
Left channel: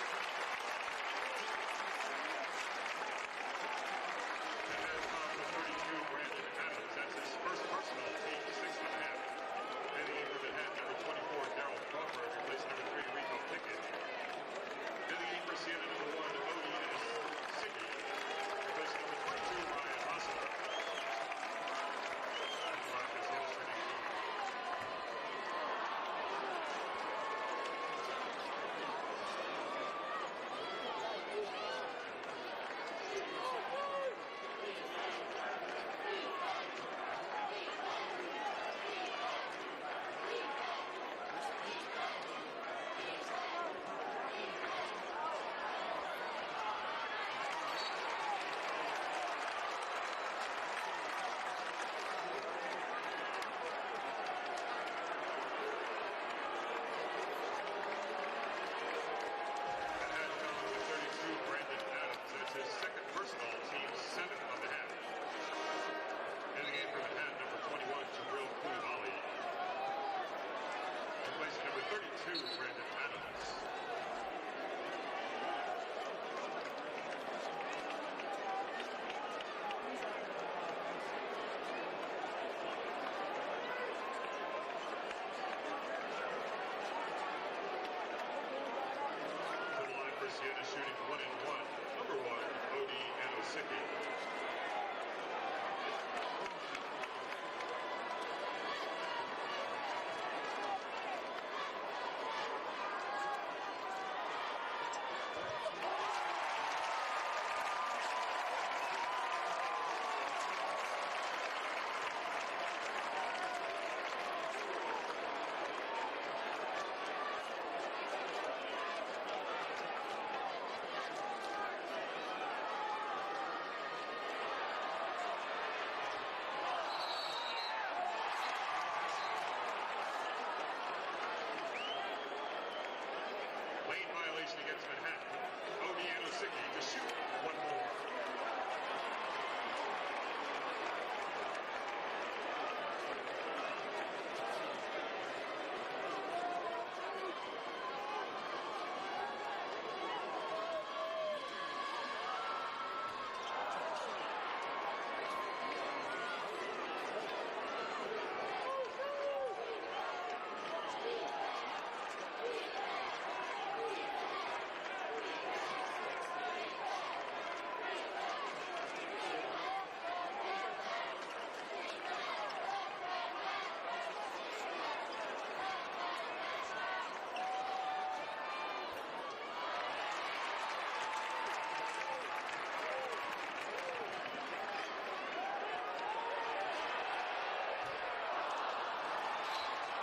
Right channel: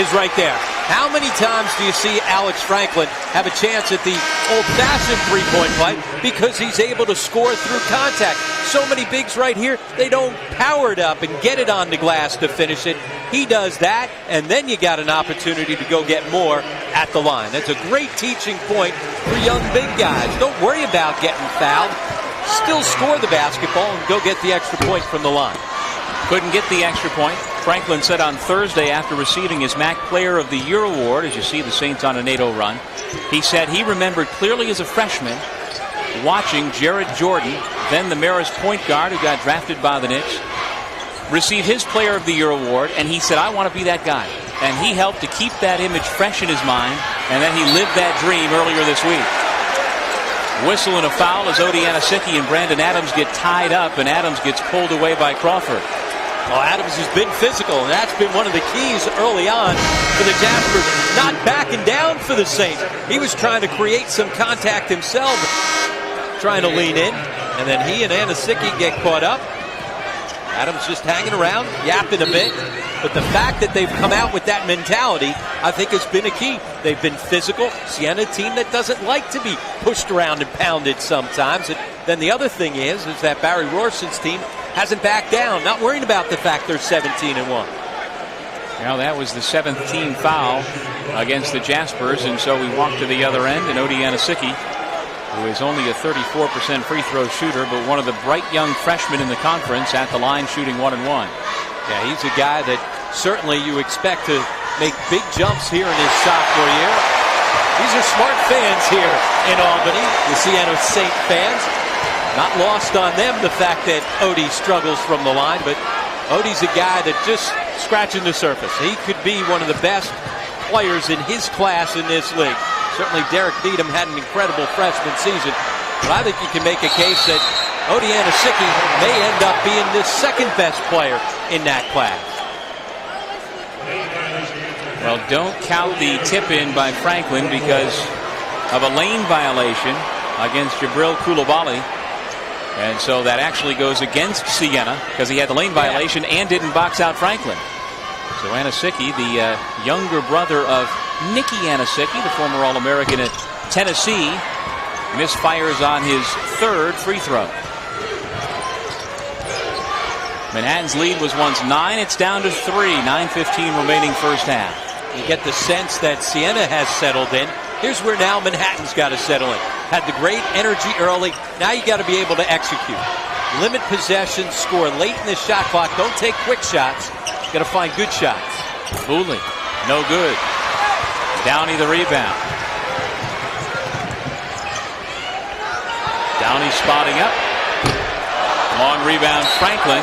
is right there. How many times do you see Alex Franklin have a chance at the old-fashioned three-point play because he's able to score through contact? So many bigs right here, they don't power it up and get it on the glass to finish it. He does that, and then you got an opportunity to go get more at the line. That's a great teaching point for young big guys. Don't worry about getting fouled. Still score the basketball and go get the extra point from the line. Couldn't get the extra point. Franklin said on Thursday after receiving his MAAC Player of the Year award, as you see the Saints on an 8-0 run, he said he remembered clearly as a freshman watching Jared Jordan, then the Marist point guard who got drafted by the Knicks, receive his Player of the Year award, and he said, I want to be that guy. And he helped to keep that image fresh in his mind, and then he lived that dream earlier this week. Whistle and a foul as Odie Anasicki and Brandon Adams get tied up, and Adams gets pulled away by Crawford. Well, Adams has been physical, and that's been one of the keys early on for the Jaspers. Not backing down for the Saints. He was trying to create some contact himself, trying to lean in, and then he and Anasicki get caught up. Adams just hanging around, yapping a bit. But the fact that they've come out with that mentality, I think, has been a key. They've been physical. Siena, a team that doesn't like to be pushed around and pounded sometimes. And then the other thing is that Barry Rorson's team hasn't backed down, not worrying about the fact they're 17-1. Now that was the 7th team foul against the Jaspers, and so we walk to the other end, and Odie Anasicki, who is only a 34% free throw shooter, but one of the bright young freshmen in the conference at the line shooting 1-1. Yeah, he's a guy that certainly you expect to make big jumps here in his sophomore year. These are smart fans here in Albany, the Siena Saint fans. Not lost on them the fact that Odie struggles from the line, but Odie's a guy that just scratching the surface. He could be one of the best players in his class in this league. Certainly Derek Needham had an incredible freshman season, but I think you can make a case that Odie Anasicki may end up being the second best player in that class. Well, don't count the tip-in by Franklin because of a lane violation against Jabril Coulibaly. And so that actually goes against Siena because he had the lane violation and didn't box out Franklin. So Anasicki, the younger brother of Nicky Anasicki, the former All-American at Tennessee, misfires on his 3rd free throw. Manhattan's lead was once 9. It's down to 3. 9:15 remaining first half. You get the sense that Siena has settled in. Here's where now Manhattan's got to settle in. Had the great energy early. Now you got to be able to execute. Limit possession, score late in the shot clock. Don't take quick shots. You got to find good shots. Booley, no good. Downey the rebound. Downey spotting up. Long rebound, Franklin.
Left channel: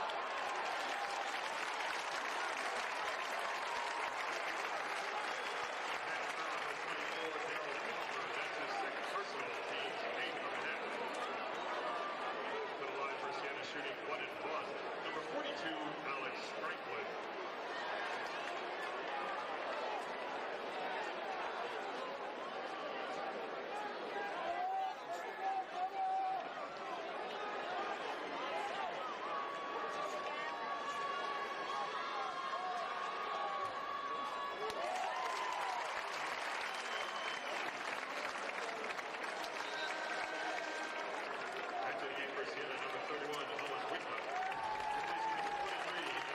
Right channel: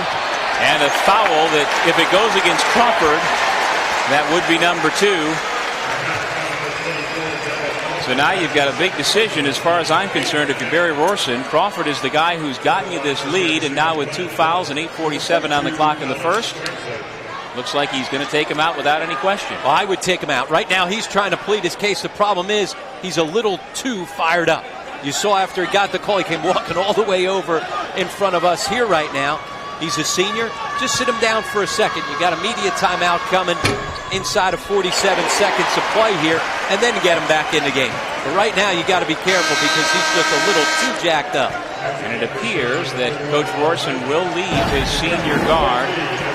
And a foul that, if it goes against Crawford, that would be number 2. So now you've got a big decision as far as I'm concerned. If you're Barry Rorson, Crawford is the guy who's gotten you this lead, and now with 2 fouls and 8:47 on the clock in the first, looks like he's going to take him out without any question. Well, I would take him out. Right now he's trying to plead his case. The problem is he's a little too fired up. You saw after he got the call, he came walking all the way over in front of us here right now. He's a senior. Just sit him down for a second. You got a media timeout coming inside of 47 seconds of play here, and then get him back in the game. But right now, you got to be careful because he's just a little too jacked up. And it appears that Coach Rorson will leave his senior guard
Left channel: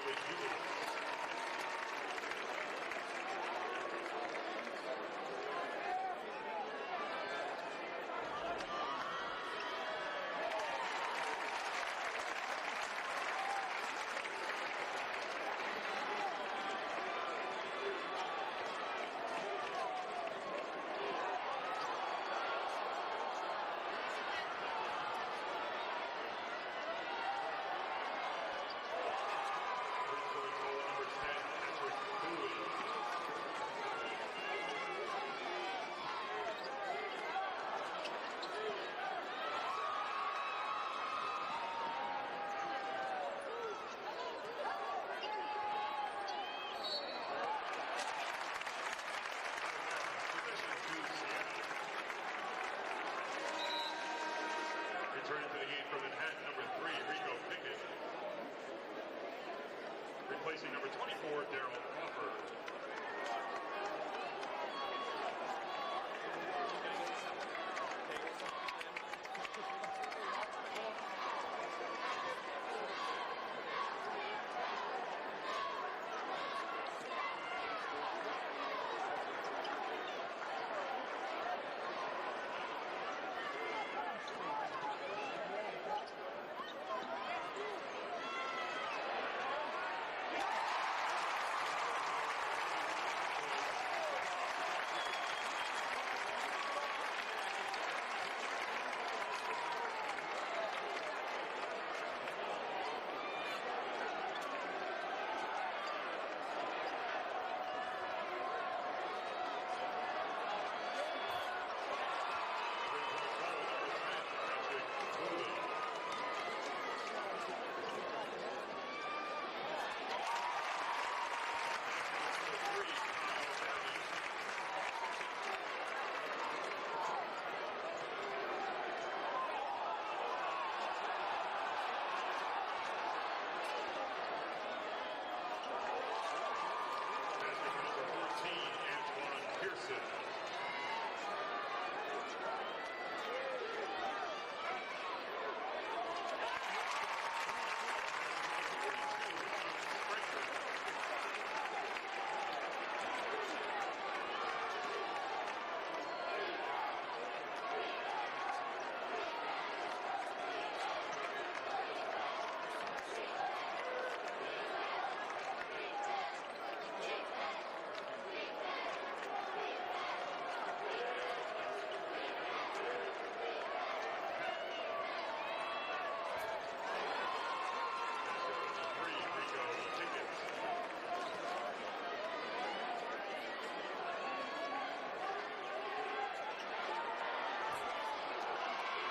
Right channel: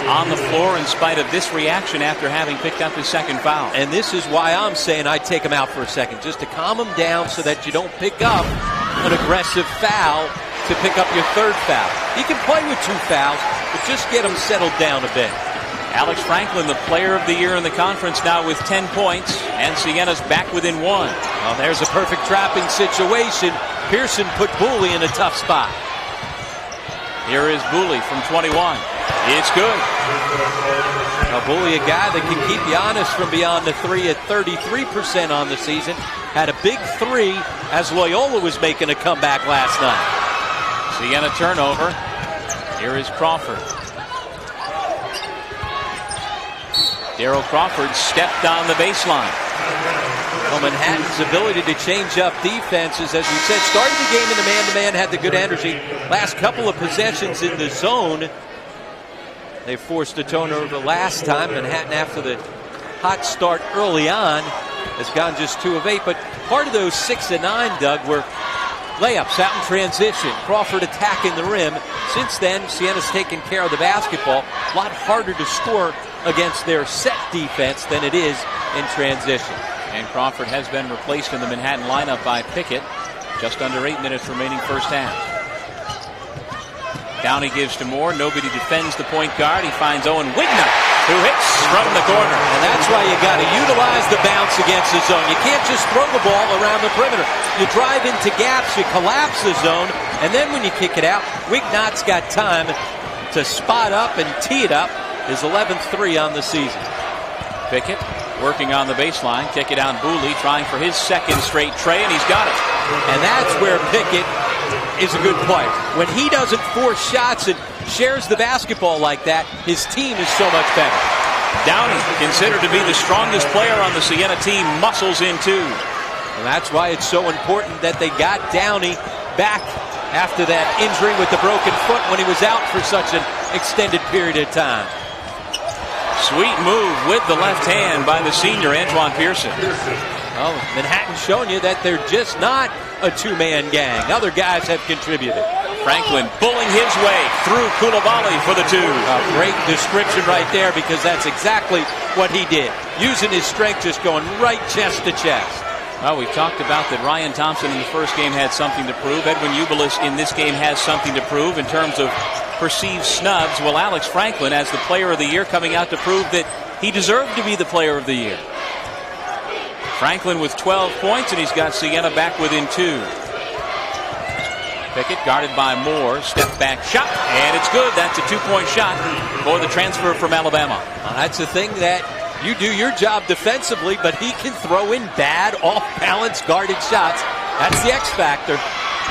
on the floor in spite of this reaction after having picked up his second foul. And this is why I'm saying I'd take him out for a second, just to calm him down so that you don't pick up an aggressive foul to pick up your third foul. He can play with 2 fouls, but just get him settled down a bit. Alex Franklin, the player of the year in the conference, now with 10 points, and Siena's back within 1. Well, there's a perfect trapping situation. Pearson put Booley in a tough spot. Here is Booley from 21. It's good. Now, Booley, a guy that can keep you honest from beyond the 3 at 33% on the season. Had a big 3 as Loyola was making a comeback last night. Siena turnover. Here is Crawford. Darrell Crawford stepped on the baseline. Well, Manhattan's ability to change up defenses, as we said, started the game in the man-to-man, had the good energy. Last couple of possessions in the zone. They forced a turnover last time. Manhattan, after the hot start early on, has gone just 2 of 8. But part of those 6 of 9, Doug, were layups out in transition. Crawford attacking the rim. Since then, Siena's taken care of the basketball. A lot harder to score against their set defense than it is in transition. And Crawford has been replaced in the Manhattan lineup by Pickett. Just under 8 minutes remaining first half. Downey gives to Moore. Nobody defends the point guard. He finds Owen Wignut, who hits from the corner. And that's why you got to utilize the bounce against the zone. You can't just throw the ball around the perimeter. You drive into gaps, you collapse the zone, and then when you kick it out, Wignut's got time to spot up and tee it up. His 11th 3 on the season. Pickett working on the baseline. Kick it down. Booley trying for his second straight tray, and he's got it. And that's where Pickett is a good player. When he doesn't force shots and shares the basketball like that, his team is so much better. Downey, considered to be the strongest player on the Siena team, muscles in too. And that's why it's so important that they got Downey back after that injury with the broken foot when he was out for such an extended period of time. Sweet move with the left hand by the senior Antoine Pearson. Well, Manhattan showing you that they're just not a 2-man gang. Other guys have contributed. Franklin bulling his way through Coulibaly for the 2. A great description right there, because that's exactly what he did. Using his strength, just going right chest to chest. Well, we've talked about that Ryan Thompson in the first game had something to prove. Edwin Ubelis in this game has something to prove in terms of perceived snubs. Well, Alex Franklin, as the player of the year, coming out to prove that he deserved to be the player of the year. Franklin with 12 points, and he's got Siena back within 2. Pickett guarded by Moore. Step back shot, and it's good. That's a 2-point shot for the transfer from Alabama. That's the thing, that you do your job defensively, but he can throw in bad, off-balance, guarded shots. That's the X factor.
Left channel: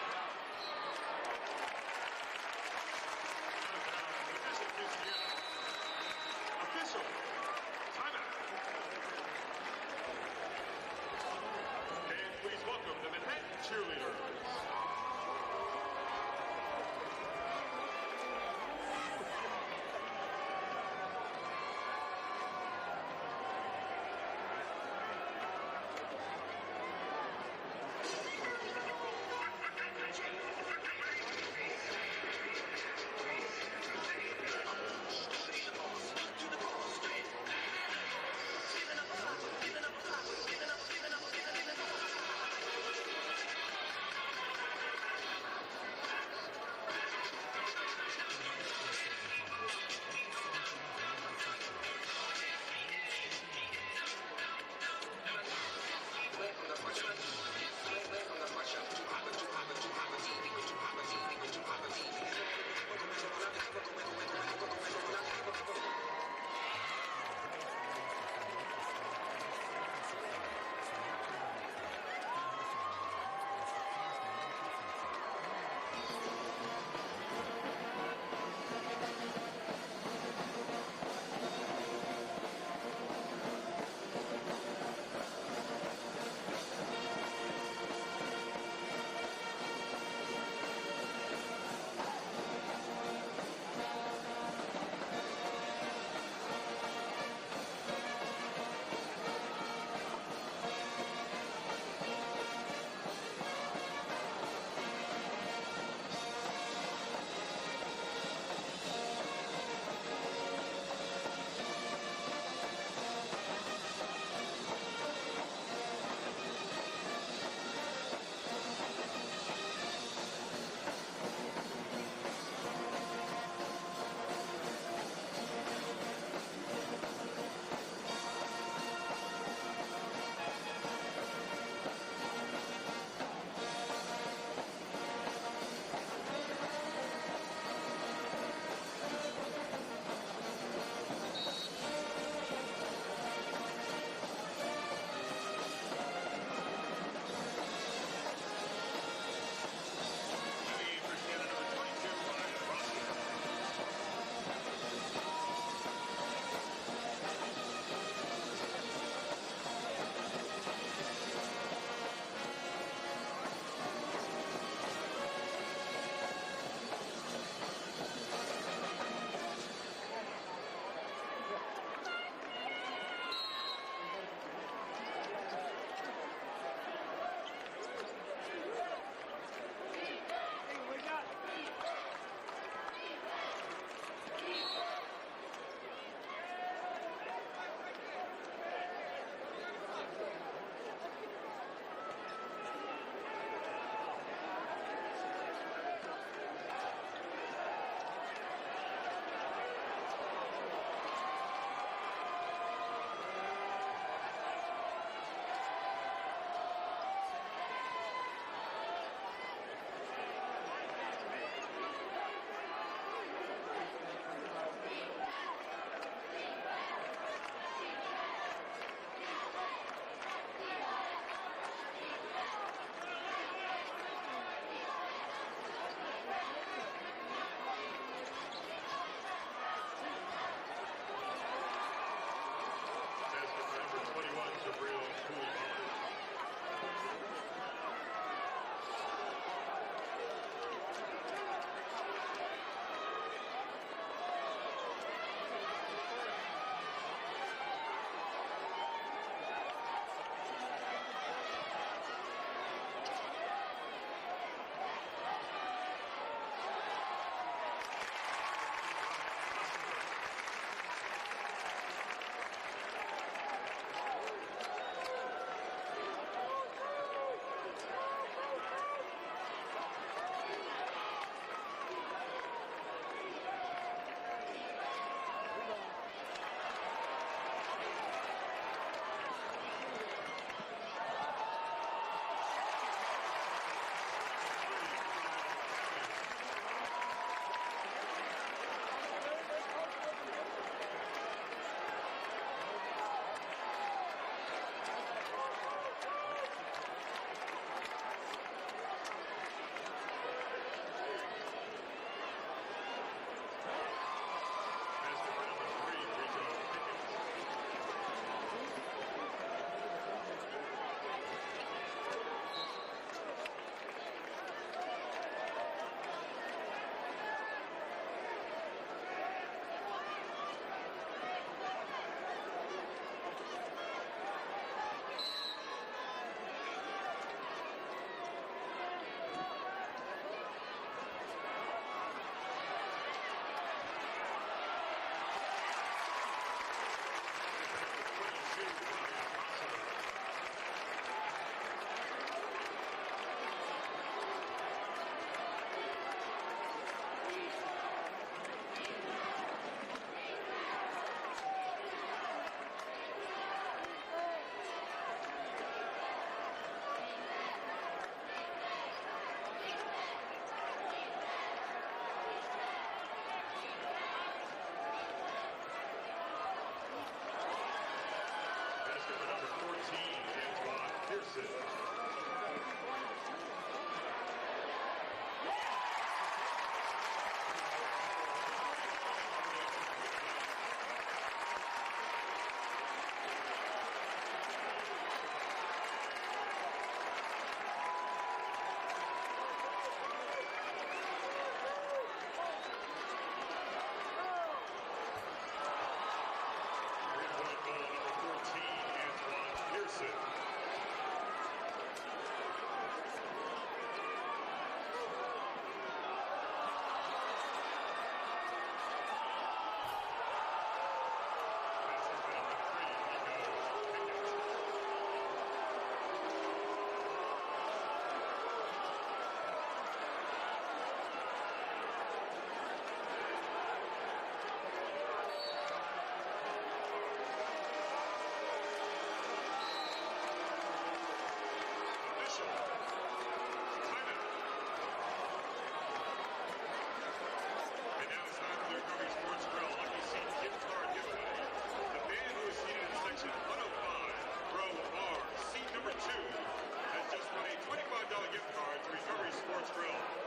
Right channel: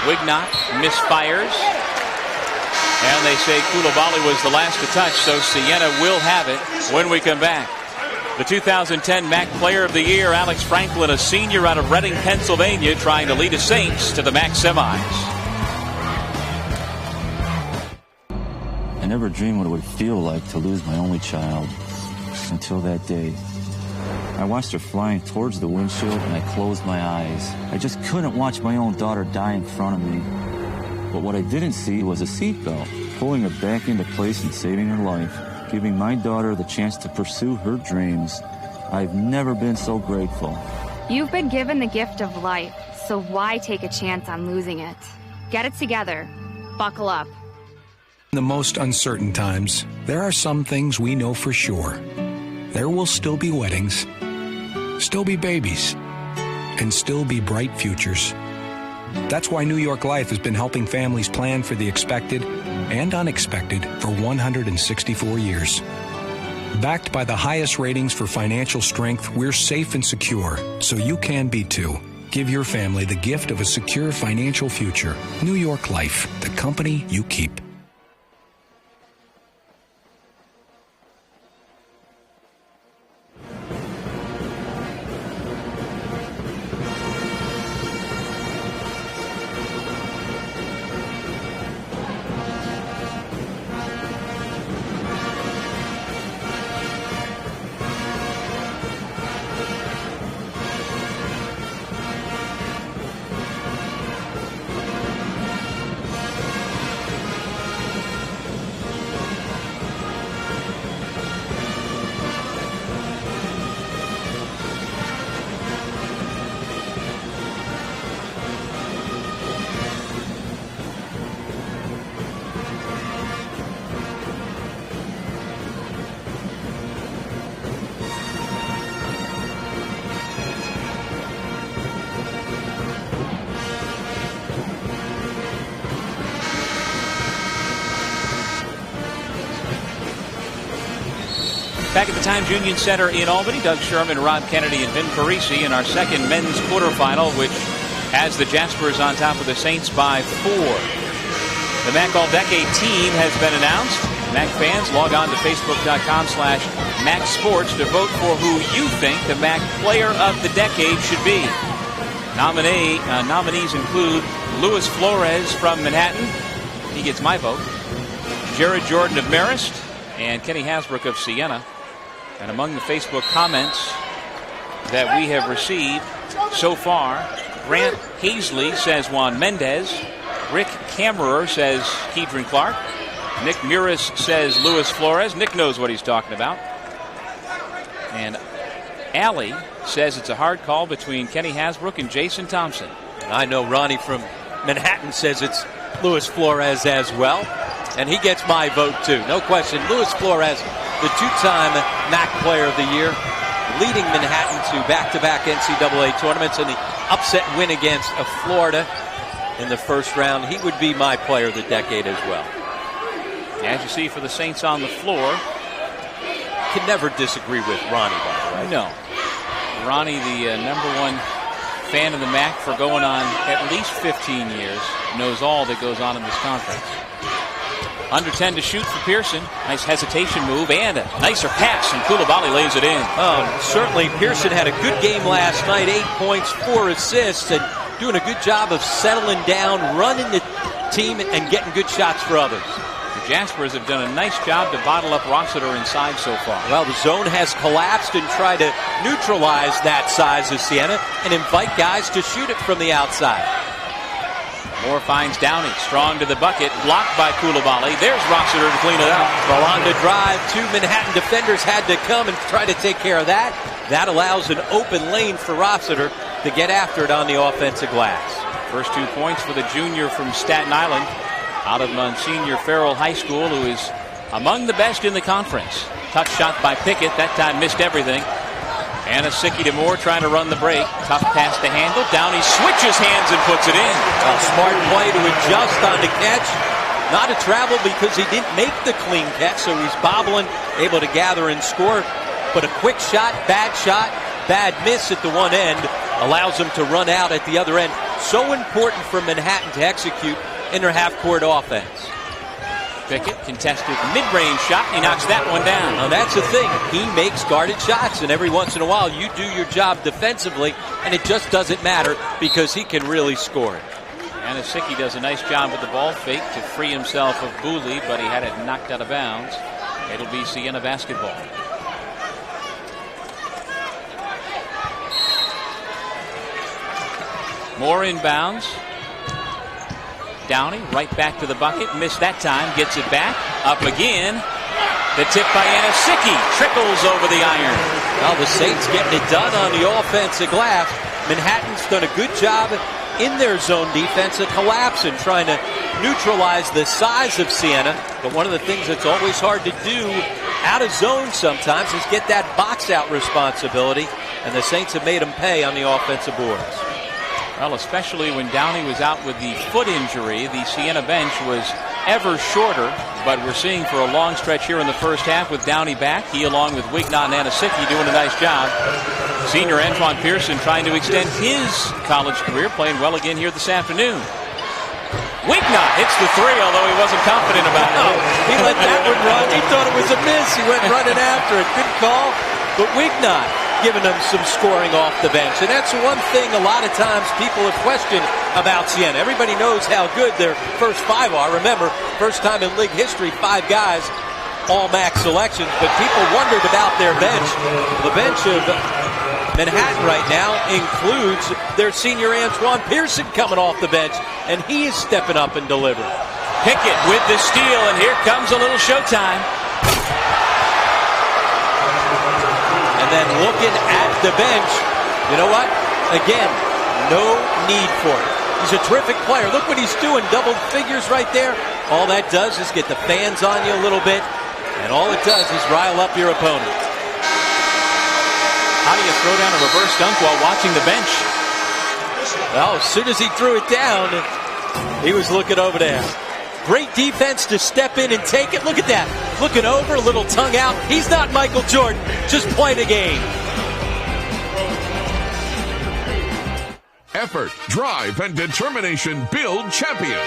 Wignut misfires. And they say Coulibaly was the last to touch, so Siena will have it when we come back. The 2010 MAAC Player of the Year, Alex Franklin, a senior out of Reading, Pennsylvania, trying to lead the Saints to the MAAC semis. I never dreamed what it would feel like to lose my only child until that day. I watched her flying towards the windshield and I closed my eyes. I just couldn't watch my own daughter die in front of me. But what I didn't see was a seatbelt, pulling her back into place and saving her life, giving my daughter the chance to pursue her dreams. I've never been so grateful. You've been given the gift of life, so why take a chance on losing it? Get it together. Buckle up. In the most uncertain times, there are some things we know for sure. There will still be weddings, still be babies, and still be bright futures. That's why New York Life has been helping families plan for the expected and unexpected for 164 years. Backed by the highest ratings for financial strength, we're safe and secure, so you can be too. Give your family the gift of a secure financial future. New York Life, the company you keep. Back at the Times Union Center in Albany, Doug Sherman, Rob Kennedy, and Vin Parisi in our second men's quarterfinal, which has the Jaspers on top of the Saints by 4. The MAAC All-Decade team has been announced. MAAC fans, log on to Facebook.com/MAAC Sports to vote for who you think the MAAC Player of the Decade should be. Nominees include Luis Flores from Manhattan. He gets my vote. Jared Jordan of Marist and Kenny Hasbrook of Siena. And among the Facebook comments that we have received so far, Grant Hazley says Juan Mendez. Rick Kammerer says Keedron Clark. Nick Muris says Luis Flores. Nick knows what he's talking about. And Allie says it's a hard call between Kenny Hasbrook and Jason Thompson. I know Ronnie from Manhattan says it's Luis Flores as well. And he gets my vote too. No question. Luis Flores, the 2-time MAAC Player of the Year, leading Manhattan to back-to-back NCAA tournaments and the upset win against Florida in the first round. He would be my Player of the Decade as well. As you see for the Saints on the floor. Can never disagree with Ronnie, by the way. No. Ronnie, the #1 fan of the MAAC for going on at least 15 years, knows all that goes on in this conference. Under 10 to shoot for Pearson. Nice hesitation move and a nicer pass, and Coulibaly lays it in. Oh, certainly Pearson had a good game last night. 8 points, 4 assists, and doing a good job of settling down, running the team, and getting good shots for others. The Jaspers have done a nice job to bottle up Rossiter inside so far. Well, the zone has collapsed and tried to neutralize that size of Siena and invite guys to shoot it from the outside. Moore finds Downey, strong to the bucket, blocked by Coulibaly. There's Rossiter to clean it up. Well, on the drive, 2 Manhattan defenders had to come and try to take care of that. That allows an open lane for Rossiter to get after it on the offensive glass. First 2 points for the junior from Staten Island, out of Monsignor Farrell High School, who is among the best in the conference. Tough shot by Pickett, that time missed everything. Anasicki to Moore trying to run the break. Tough pass to handle. Downey switches hands and puts it in. A smart play to adjust on the catch. Not a travel because he didn't make the clean catch, so he's bobbling, able to gather and score. But a quick shot, bad miss at the one end allows him to run out at the other end. So important for Manhattan to execute in their half-court offense. Pickett contested mid-range shot. He knocks that one down. Now that's the thing. He makes guarded shots, and every once in a while you do your job defensively, and it just doesn't matter because he can really score it. Anasicki does a nice job with the ball fake to free himself of Booley, but he had it knocked out of bounds. It'll be Siena basketball. Moore inbounds. Downey right back to the bucket. Missed that time. Gets it back. Up again. The tip by Anasicki trickles over the iron. Well, the Saints getting it done on the offensive glass. Manhattan's done a good job in their zone defense of collapse and trying to neutralize the size of Siena. But one of the things that's always hard to do out of zone sometimes is get that box out responsibility. And the Saints have made them pay on the offensive boards. Well, especially when Downey was out with the foot injury, the Siena bench was ever shorter. But we're seeing for a long stretch here in the first half with Downey back. He, along with Wignot and Anasicki, doing a nice job. Senior Antoine Pearson trying to extend his college career, playing well again here this afternoon. Wignot hits the three, although he wasn't confident about it. He let that one run. He thought it was a miss. He went running after it. Good call. But Wignot giving them some scoring off the bench. And that's the one thing a lot of times people have questioned about Siena. Everybody knows how good their first 5 are. Remember, first time in league history, 5 guys, all MAAC selections. But people wondered about their bench. The bench of Manhattan right now includes their senior Antoine Pearson coming off the bench. And he is stepping up and delivering. Pickett with the steal, and here comes a little showtime. And then looking at the bench, you know what? Again, no need for it. He's a terrific player. Look what he's doing. Double figures right there. All that does is get the fans on you a little bit. And all it does is rile up your opponent. How do you throw down a reverse dunk while watching the bench? Well, as soon as he threw it down, he was looking over there. Great defense to step in and take it. Look at that. Looking over, a little tongue out. He's not Michael Jordan, just playing a game. Effort, drive, and determination build champions.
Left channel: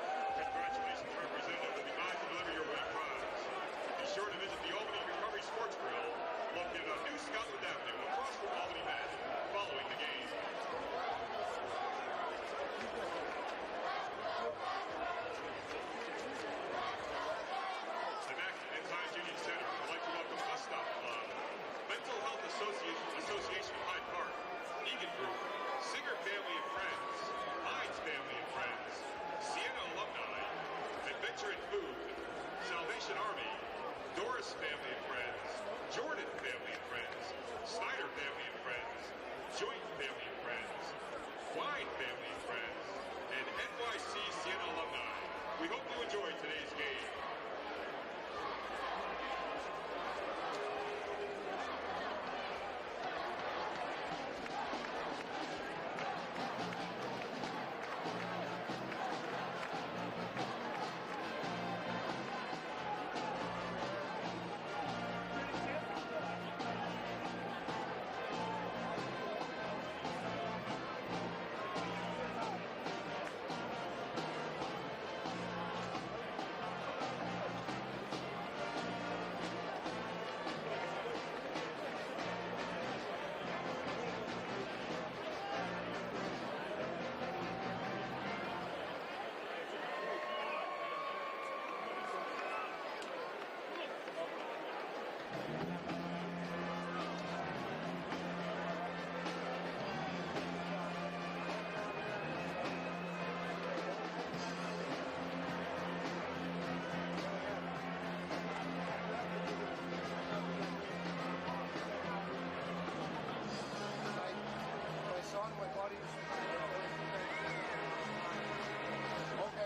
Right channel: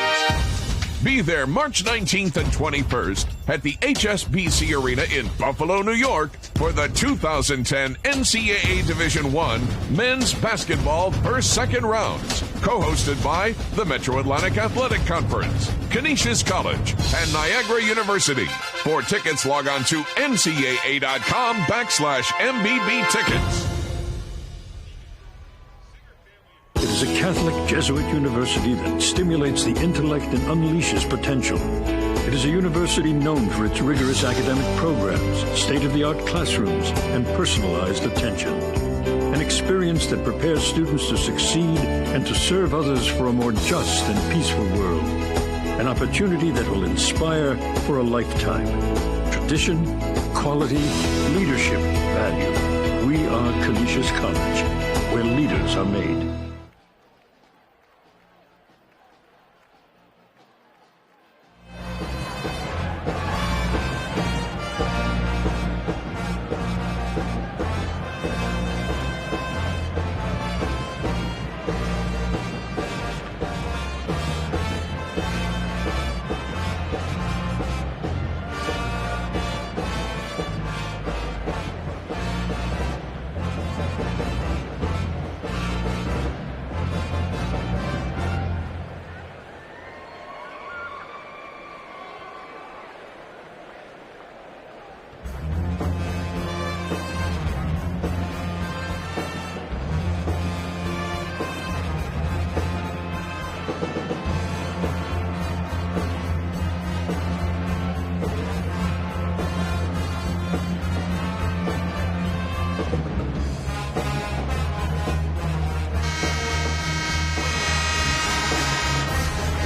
Be there March 19th and 21st at the HSBC Arena in Buffalo, New York for the 2010 NCAA Division I Men's Basketball First-Second Rounds, co-hosted by the Metro Atlantic Athletic Conference, Canisius College, and Niagara University. For tickets, log on to ncaa.com/MBB tickets. It is a Catholic Jesuit university that stimulates the intellect and unleashes potential. It is a university known for its rigorous academic programs, state-of-the-art classrooms, and personalized attention. An experience that prepares students to succeed and to serve others for a more just and peaceful world. An opportunity that will inspire for a lifetime. Tradition, quality, leadership, value. We are Canisius College, where leaders are made.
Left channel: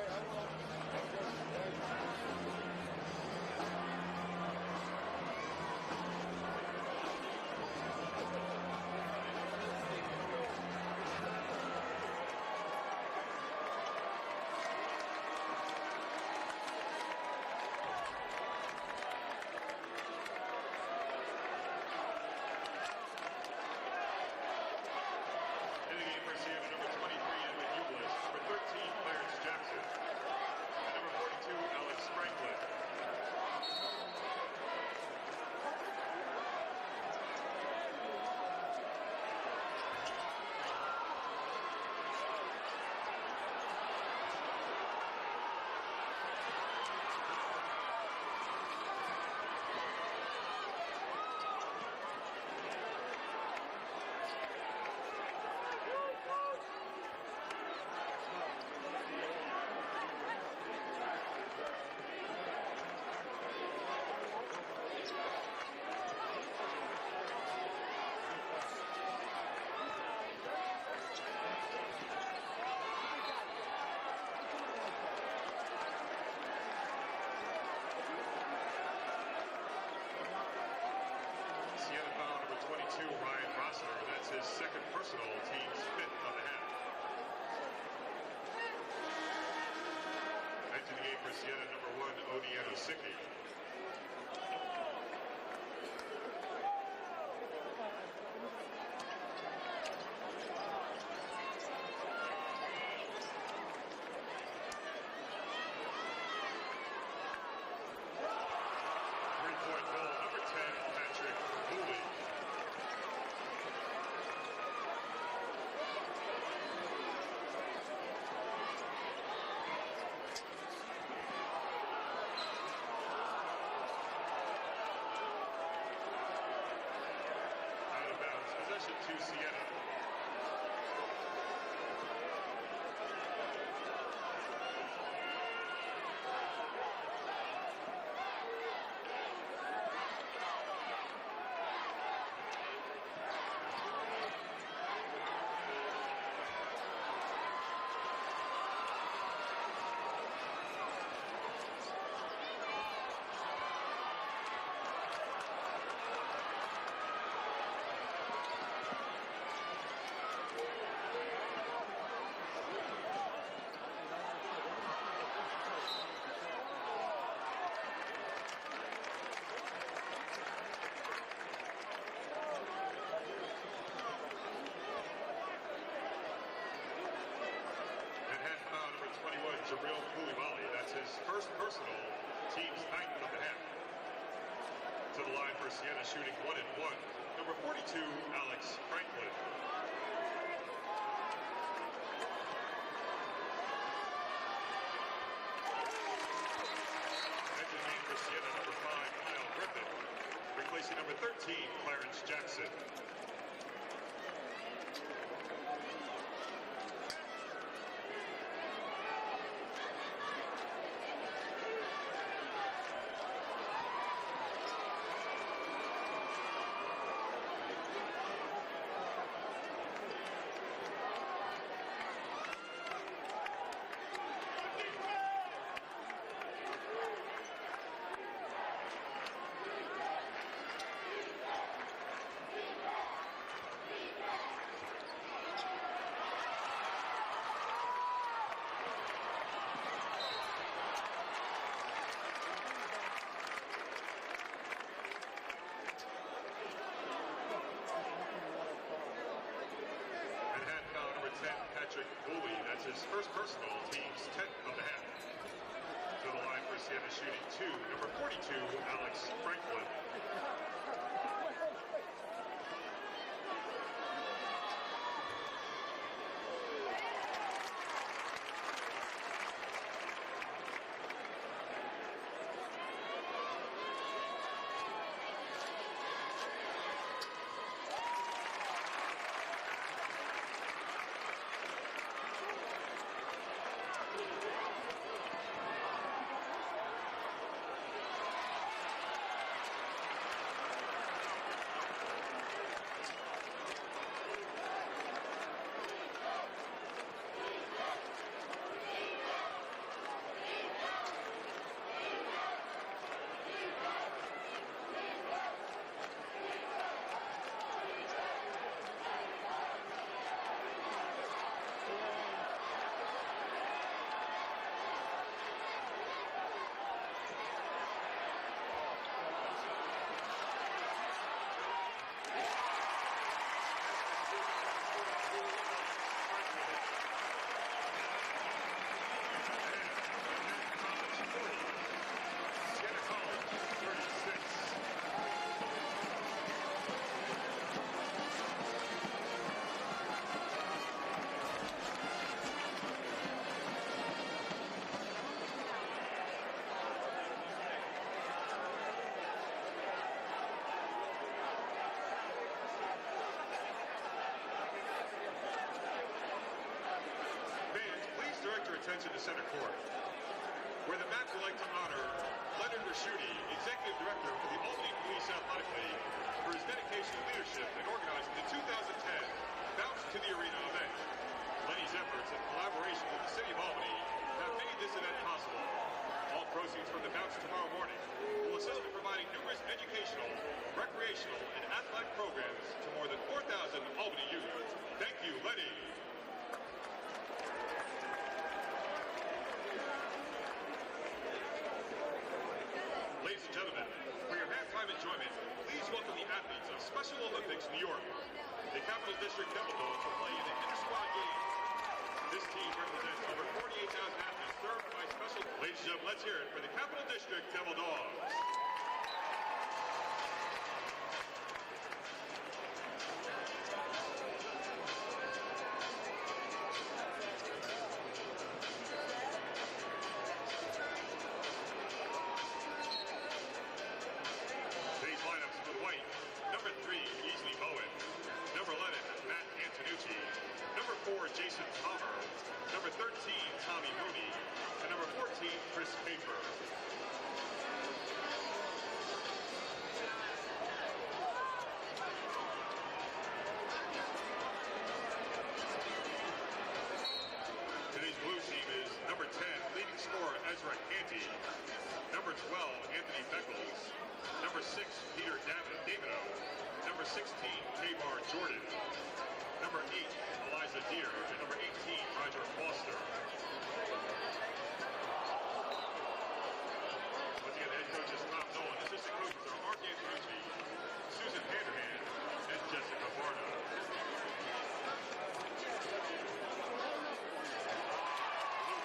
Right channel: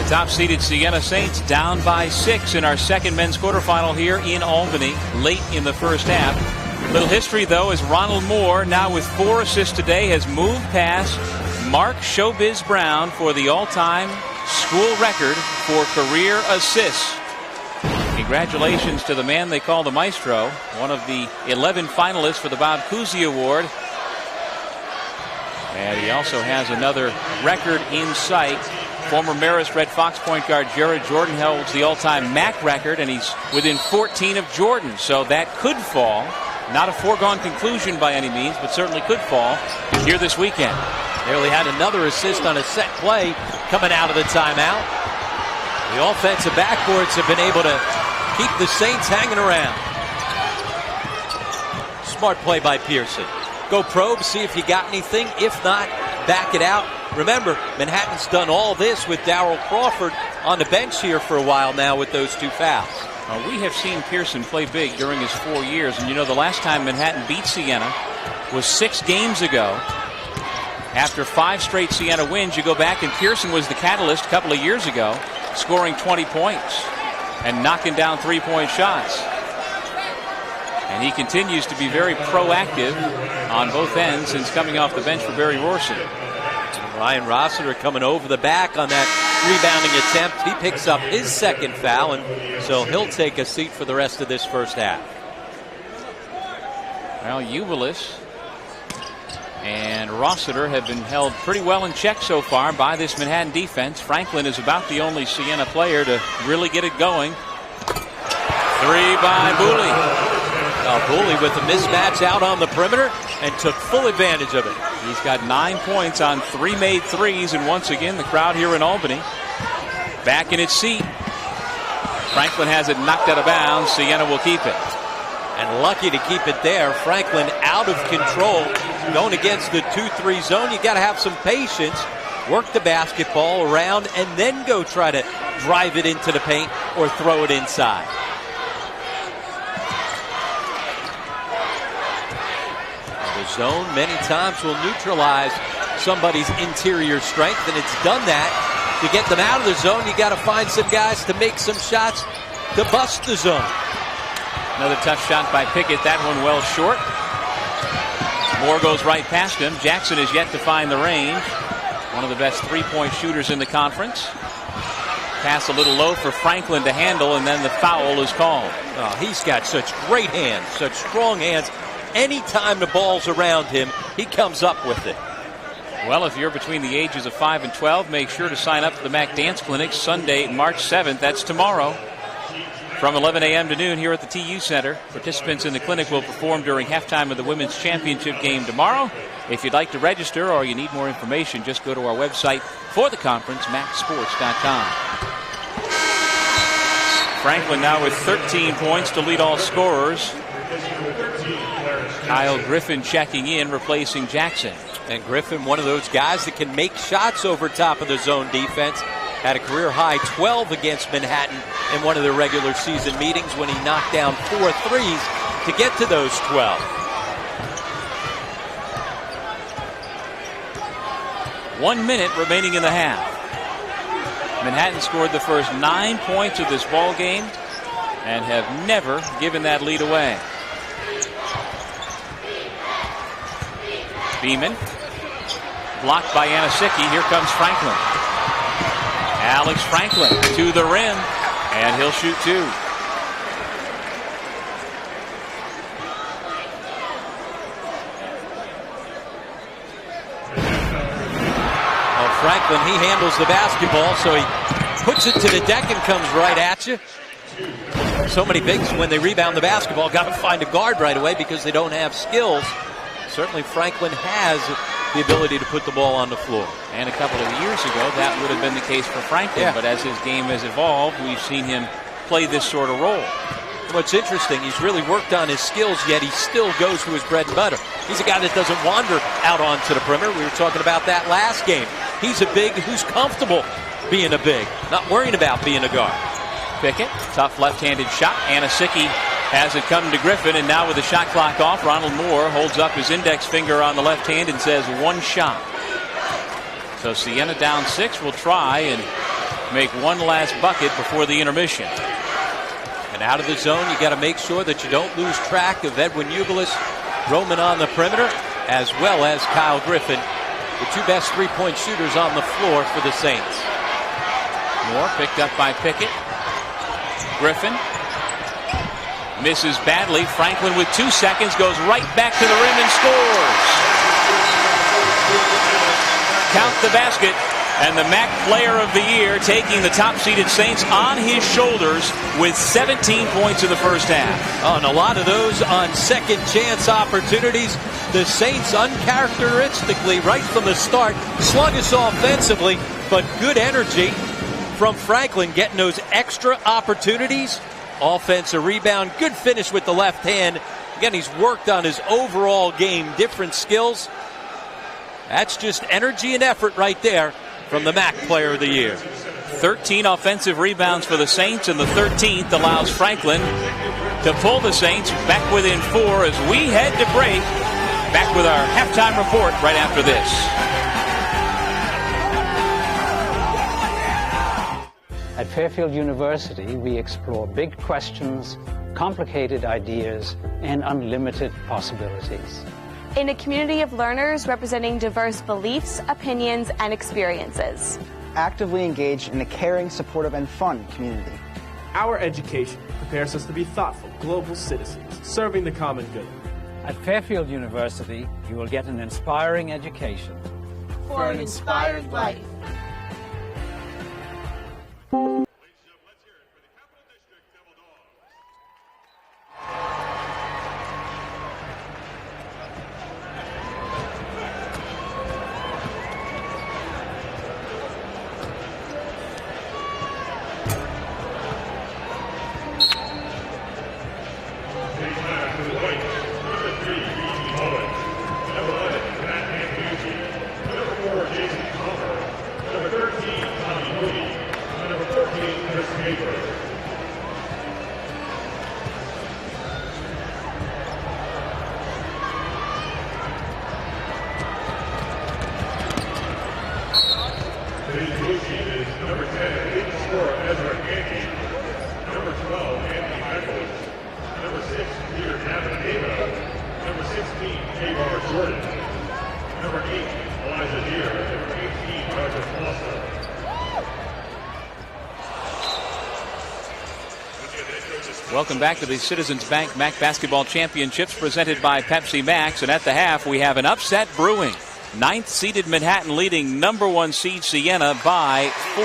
Top-seeded Siena Saints down by 6 in our second men's quarterfinal here in Albany late in the first half. Little history, though, as Ronald Moore, now with 4 assists today, has moved past Mark Showbiz Brown for the all-time school record for career assists. Congratulations to the man they call the Maestro, one of the 11 finalists for the Bob Cousy Award. And he also has another record in sight. Former Marist Red Fox point guard Jared Jordan holds the all-time MAAC record, and he's within 14 of Jordan. So that could fall. Not a foregone conclusion by any means, but certainly could fall here this weekend. Nearly had another assist on a set play coming out of the timeout. The offensive backboards have been able to keep the Saints hanging around. Smart play by Pearson. Go probe, see if you got anything. If not, back it out. Remember, Manhattan's done all this with Darryl Crawford on the bench here for a while now with those 2 fouls. We have seen Pearson play big during his 4 years. And you know, the last time Manhattan beat Siena was 6 games ago. After 5 straight Siena wins, you go back, and Pearson was the catalyst a couple of years ago, scoring 20 points and knocking down 3-point shots. And he continues to be very proactive on both ends since coming off the bench for Barry Rorson. Ryan Rossiter coming over the back on that rebounding attempt. He picks up his second foul, and so he'll take a seat for the rest of this first half. Well, Uvalis and Rossiter have been held pretty well in check so far by this Manhattan defense. Franklin is about the only Siena player to really get it going. 3 by Booley. Booley with a mismatch out on the perimeter and took full advantage of it. He's got 9 points on 3 made threes, and once again the crowd here in Albany back in its seat. Franklin has it knocked out of bounds. Siena will keep it. And lucky to keep it there. Franklin out of control going against the 2-3 zone. You got to have some patience, work the basketball around, and then go try to drive it into the paint or throw it inside. Zone many times will neutralize somebody's interior strength, and it's done that. To get them out of the zone, you got to find some guys to make some shots to bust the zone. Another tough shot by Pickett, that one well short. Moore goes right past him. Jackson is yet to find the range. One of the best 3-point shooters in the conference. Pass a little low for Franklin to handle, and then the foul is called. Oh, he's got such great hands, such strong hands. Anytime the ball's around him, he comes up with it. Well, if you're between the ages of 5 and 12, make sure to sign up for the MAAC Dance Clinic Sunday, March 7th. That's tomorrow from 11 a.m. to noon here at the TU Center. Participants in the clinic will perform during halftime of the Women's Championship game tomorrow. If you'd like to register or you need more information, just go to our website for the conference, maacsports.com. Franklin now with 13 points to lead all scorers. Kyle Griffin checking in, replacing Jackson. And Griffin, one of those guys that can make shots over top of the zone defense. Had a career high 12 against Manhattan in one of their regular season meetings when he knocked down 4 threes to get to those 12. 1 minute remaining in the half. Manhattan scored the first 9 points of this ball game and have never given that lead away. Beeman blocked by Anasicki. Here comes Franklin. Alex Franklin to the rim, and he'll shoot 2. Franklin, he handles the basketball, so he puts it to the deck and comes right at you. So many bigs, when they rebound the basketball, got to find a guard right away because they don't have skills. Certainly Franklin has the ability to put the ball on the floor. And a couple of years ago, that would have been the case for Franklin. Yeah. But as his game has evolved, we've seen him play this sort of role. What's interesting, he's really worked on his skills, yet he still goes to his bread and butter. He's a guy that doesn't wander out onto the perimeter. We were talking about that last game. He's a big who's comfortable being a big, not worrying about being a guard. Pickett, tough left-handed shot. Anasicki has it come to Griffin, and now with the shot clock off, Ronald Moore holds up his index finger on the left hand and says 1 shot. So Siena down 6 will try and make one last bucket before the intermission. And out of the zone, you got to make sure that you don't lose track of Edwin Ugalis roaming on the perimeter, as well as Kyle Griffin, the 2 best three-point shooters on the floor for the Saints. Moore picked up by Pickett. Griffin misses badly. Franklin with 2 seconds goes right back to the rim and scores. Count the basket. And the MAAC Player of the Year taking the top-seeded Saints on his shoulders with 17 points in the first half. Oh, and a lot of those on second-chance opportunities. The Saints uncharacteristically, right from the start, sluggish offensively, but good energy from Franklin getting those extra opportunities. Offensive rebound, good finish with the left hand. Again, he's worked on his overall game, different skills. That's just energy and effort right there from the MAAC Player of the Year. 13 offensive rebounds for the Saints, and the 13th allows Franklin to pull the Saints back within 4 as we head to break. Back with our halftime report right after this. At Fairfield University, we explore big questions, complicated ideas, and unlimited possibilities. In a community of learners representing diverse beliefs, opinions, and experiences. Actively engaged in a caring, supportive, and fun community. Our education prepares us to be thoughtful, global citizens, serving the common good. At Fairfield University, you will get an inspiring education. For an inspired life. Ladies and gentlemen, let's hear it for the Capital District Devil Dogs. Welcome back to the Citizens Bank MAAC Basketball Championships presented by Pepsi Max. And at the half, we have an upset brewing. 9th seeded Manhattan leading number 1 seed Siena by 4.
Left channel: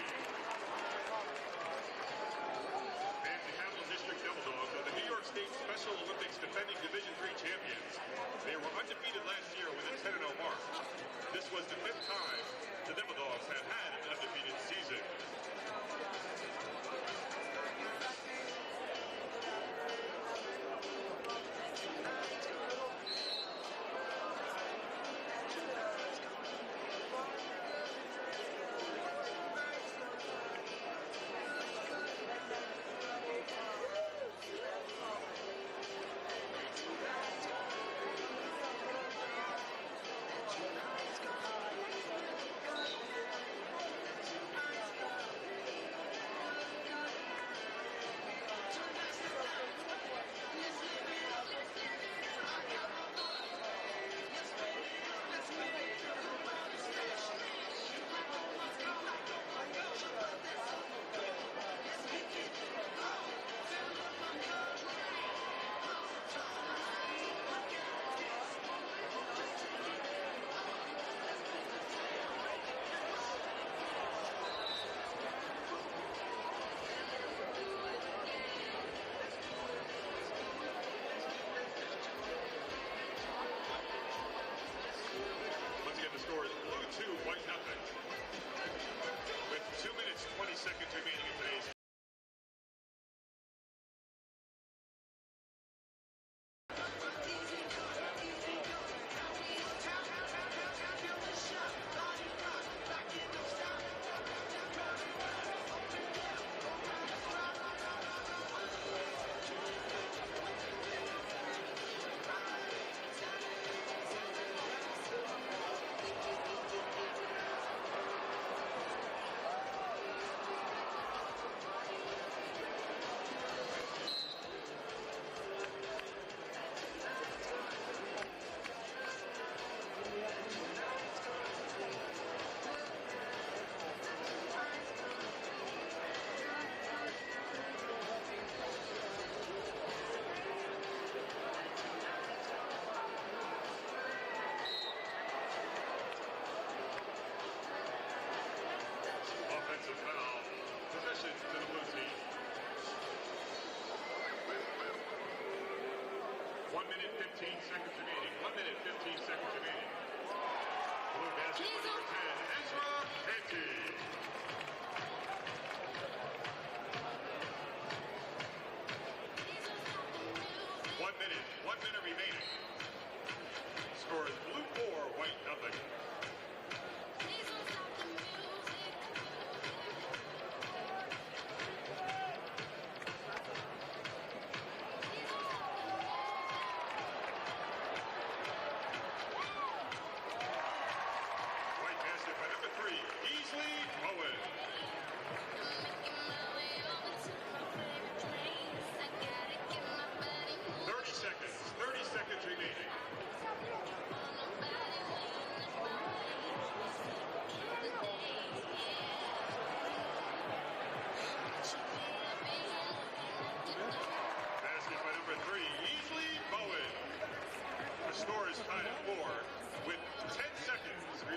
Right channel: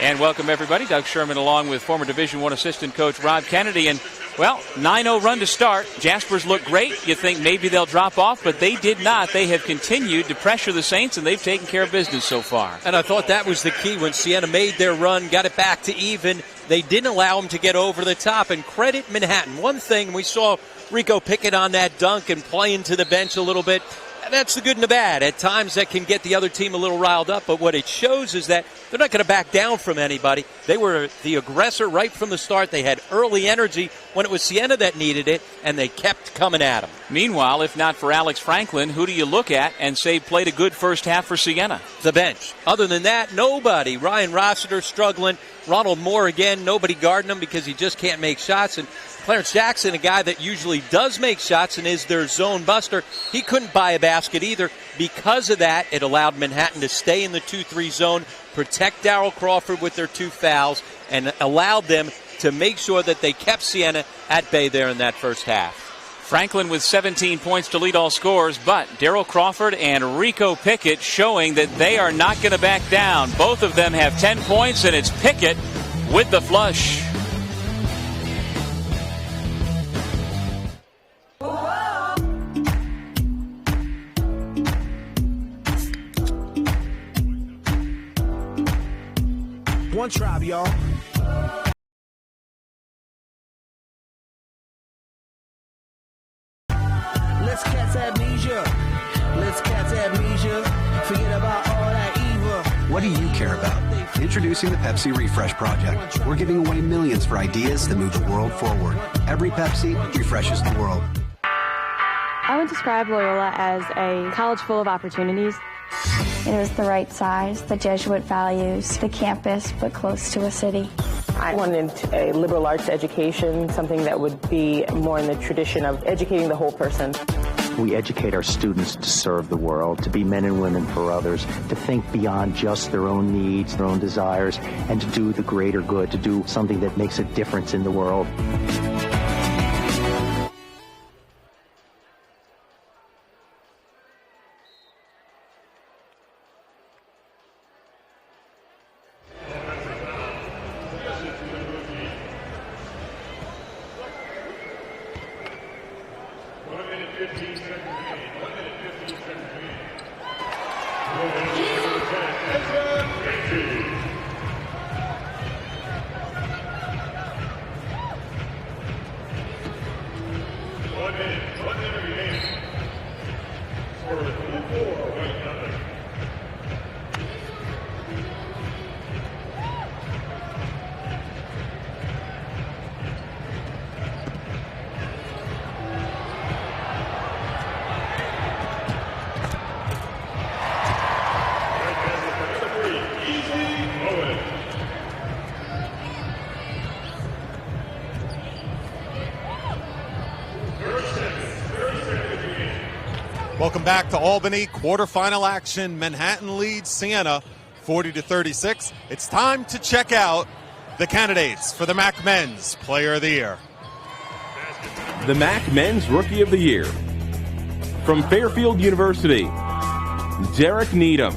And welcome everybody. Doug Sherman along with former Division I assistant coach Rob Kennedy. And well, 9-0 run to start. Jaspers look great. You think maybe they'll drop off, but they did not. They have continued to pressure the Saints, and they've taken care of business so far. And I thought that was the key when Siena made their run, got it back to even. They didn't allow them to get over the top. And credit Manhattan. One thing, we saw Rico Pickett on that dunk and playing to the bench a little bit. That's the good and the bad. At times that can get the other team a little riled up, but what it shows is that they're not going to back down from anybody. They were the aggressor right from the start. They had early energy when it was Siena that needed it, and they kept coming at them. Meanwhile, if not for Alex Franklin, who do you look at and say played a good first half for Siena? The bench. Other than that, nobody. Ryan Rossiter struggling. Ronald Moore again, nobody guarding him because he just can't make shots. And Clarence Jackson, a guy that usually does make shots and is their zone buster, he couldn't buy a basket either. Because of that, it allowed Manhattan to stay in the 2-3 zone, protect Darrell Crawford with their 2 fouls, and allowed them to make sure that they kept Siena at bay there in that first half. Franklin with 17 points to lead all scorers, but Darrell Crawford and Rico Pickett showing that they are not going to back down. Both of them have 10 points, and it's Pickett with the flush. One tribe, y'all. Let's catch amnesia. Let's catch amnesia. Forget about all that evil. What do you care about? Introducing the Pepsi Refresh Project. We're giving away millions for ideas that move the world forward. Every Pepsi refreshes the world. I would describe Loyola as a college full of opportunities. It was the right size, the Jesuit values, the campus, but close to a city. I wanted a liberal arts education, something that would be more in the tradition of educating the whole person. We educate our students to serve the world, to be men and women for others, to think beyond just their own needs, their own desires, and to do the greater good, to do something that makes a difference in the world. Welcome back to Albany. Quarterfinal action. Manhattan leads Siena 40-36. It's time to check out the candidates for the MAAC Men's Player of the Year. The MAAC Men's Rookie of the Year. From Fairfield University, Derek Needham.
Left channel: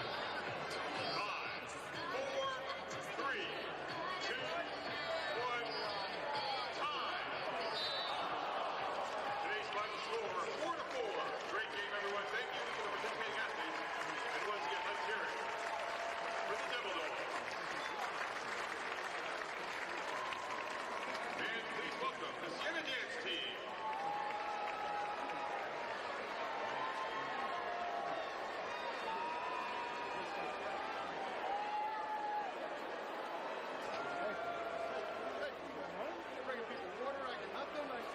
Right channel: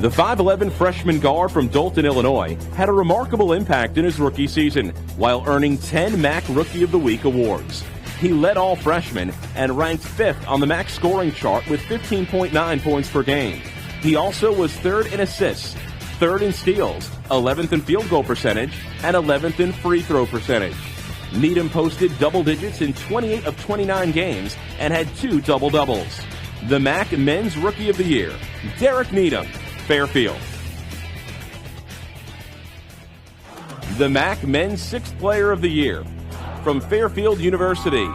The 5'11 freshman guard from Dolton, Illinois, had a remarkable impact in his rookie season while earning 10 MAAC Rookie of the Week awards. He led all freshmen and ranked 5th on the MAAC scoring chart with 15.9 points per game. He also was 3rd in assists, 3rd in steals, 11th in field goal percentage, and 11th in free throw percentage. Needham posted double digits in 28 of 29 games and had 2 double-doubles. The MAAC Men's Rookie of the Year, Derek Needham, Fairfield. The MAAC Men's 6th Player of the Year, from Fairfield University,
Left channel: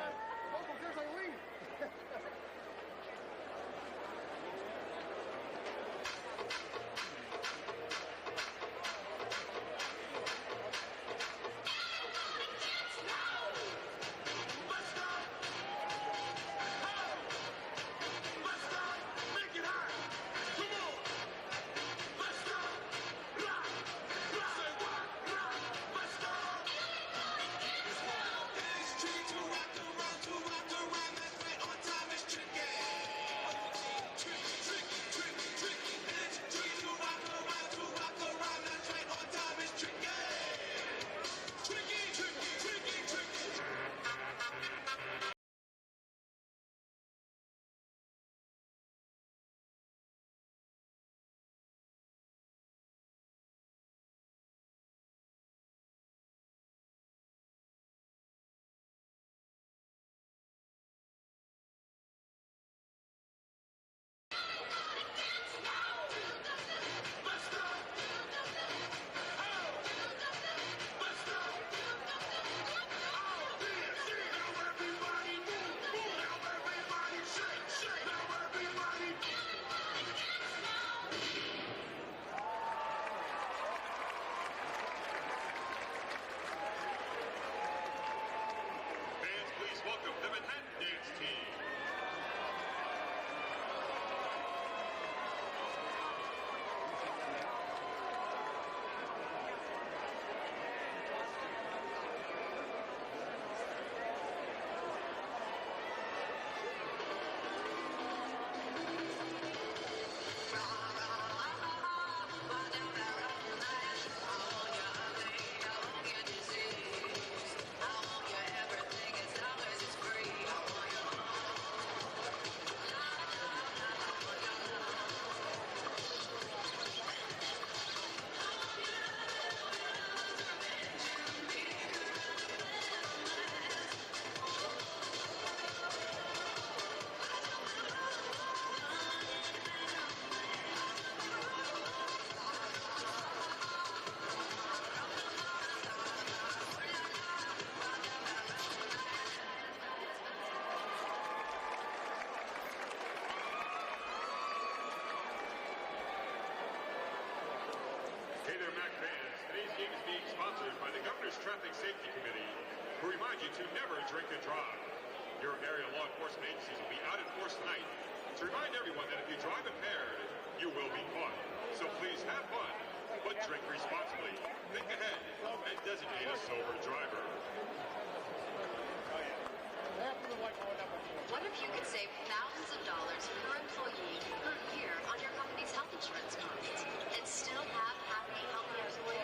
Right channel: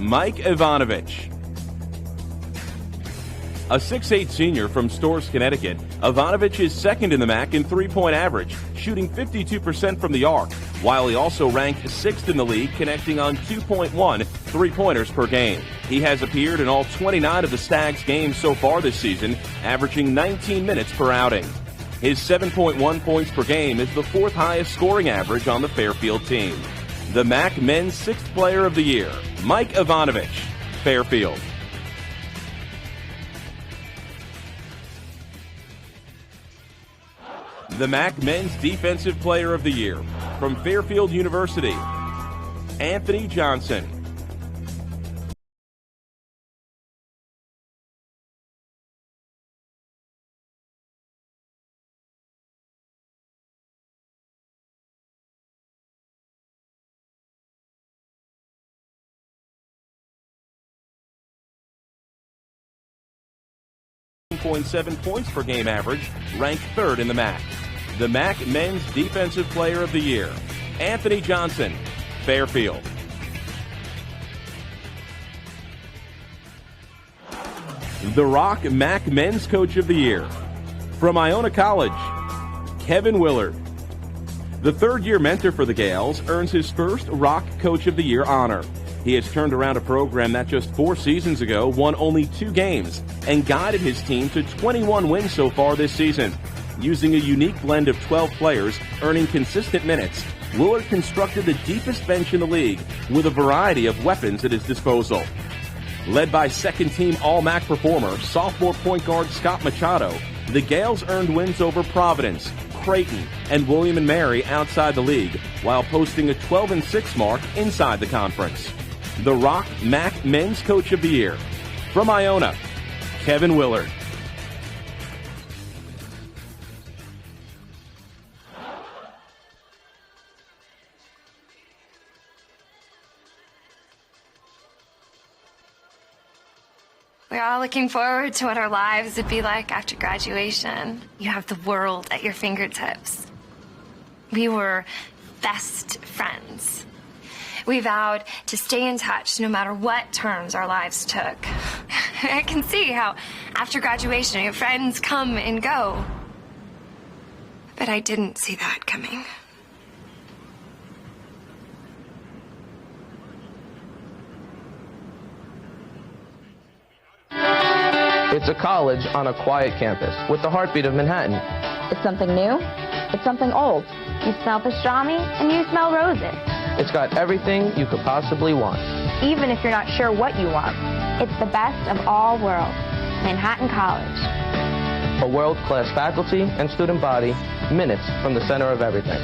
Mike Ivanovich. A 6'8 senior from Storrs, Connecticut, Ivanovich is 2nd in the MAAC in three-point average, shooting 52% from the arc, while he also ranked 6th in the league, connecting on 2.1 three-pointers per game. He has appeared in all 29 of the Stags games so far this season, averaging 19 minutes per outing. His 7.1 points per game is the 4th highest scoring average on the Fairfield team. The MAAC Men's 6th Player of the Year, Mike Ivanovich, Fairfield. The MAAC Men's Defensive Player of the Year, from Fairfield University, Anthony Johnson. .7 points per game average, ranked 3rd in the MAAC. The MAAC Men's Defensive Player of the Year, Anthony Johnson, Fairfield. The Rock MAAC Men's Coach of the Year, from Iona College, Kevin Willard. The 3rd-year mentor for the Gales earns his first Rock Coach of the Year honor. He has turned around a program that just 4 seasons ago won only 2 games and guided his team to 21 wins so far this season. Using a unique blend of 12 players earning consistent minutes, Willard constructed the deepest bench in the league with a variety of weapons at his disposal. Led by second-team All-MAAC performer, sophomore point guard Scott Machado, the Gales earned wins over Providence, Creighton, and William & Mary outside the league, while posting a 12-6 mark inside the conference. The Rock MAAC Men's Coach of the Year, from Iona, Kevin Willard. We're all looking forward to what our lives would be like after graduation. You have the world at your fingertips. We were best friends. We vowed to stay in touch no matter what turns our lives took. I can see how after graduation your friends come and go. But I didn't see that coming. It's a college on a quiet campus with the heartbeat of Manhattan. It's something new. It's something old. You smell pastrami and you smell roses. It's got everything you could possibly want. Even if you're not sure what you want. It's the best of all worlds. Manhattan College. A world-class faculty and student body, minutes from the center of everything.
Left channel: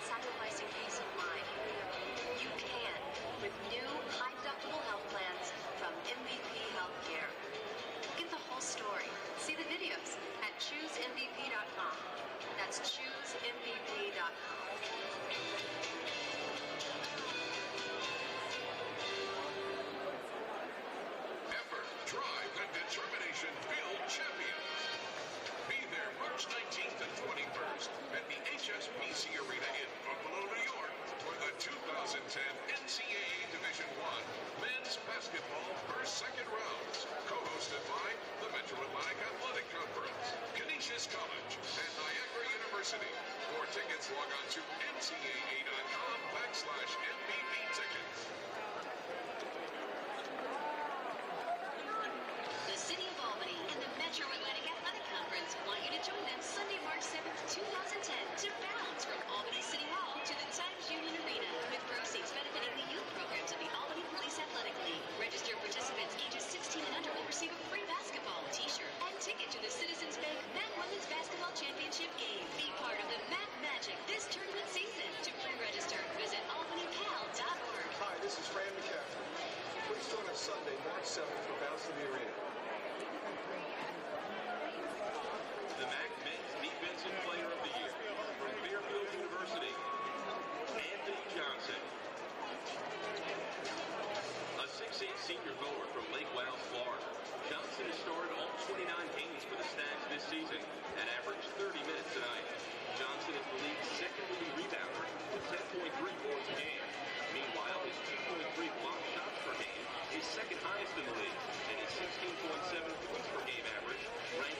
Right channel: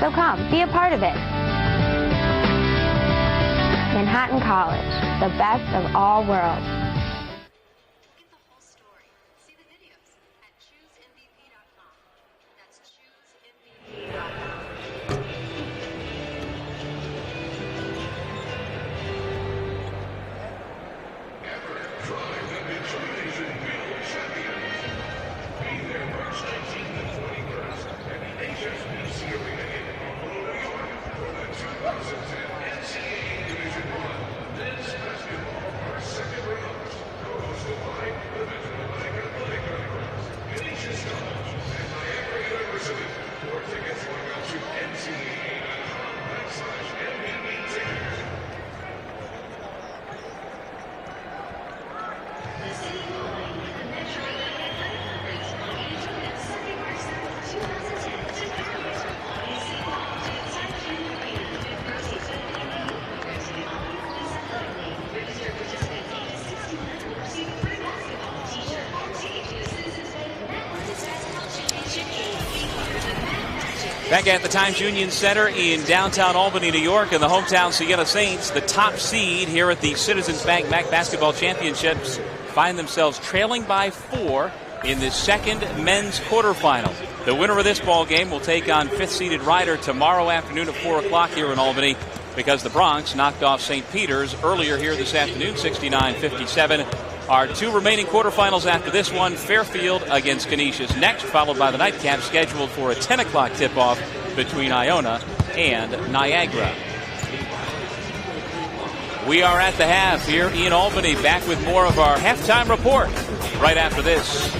So come, be a part of it. Manhattan College, the best of all worlds. Get the whole story. See the videos at choosemvp.com. That's choosemvp.com. Back at the Times Union Center in downtown Albany, New York, and the hometown Siena Saints, the top seed here at the Citizens Bank MAAC Basketball Championships, find themselves trailing by 4 in the second men's quarterfinal. The winner of this ball game will take on 5th-seeded Rider tomorrow afternoon at 4 o'clock here in Albany, because the Bronx knocked off St. Peter's earlier here this afternoon, 69-57. Our 2 remaining quarterfinals after this one, Fairfield against Canisius next, followed by the nightcap scheduled for a 10 o'clock tip-off between Iona and Niagara. We are at the half here in Albany, back with more of our halftime report right after this.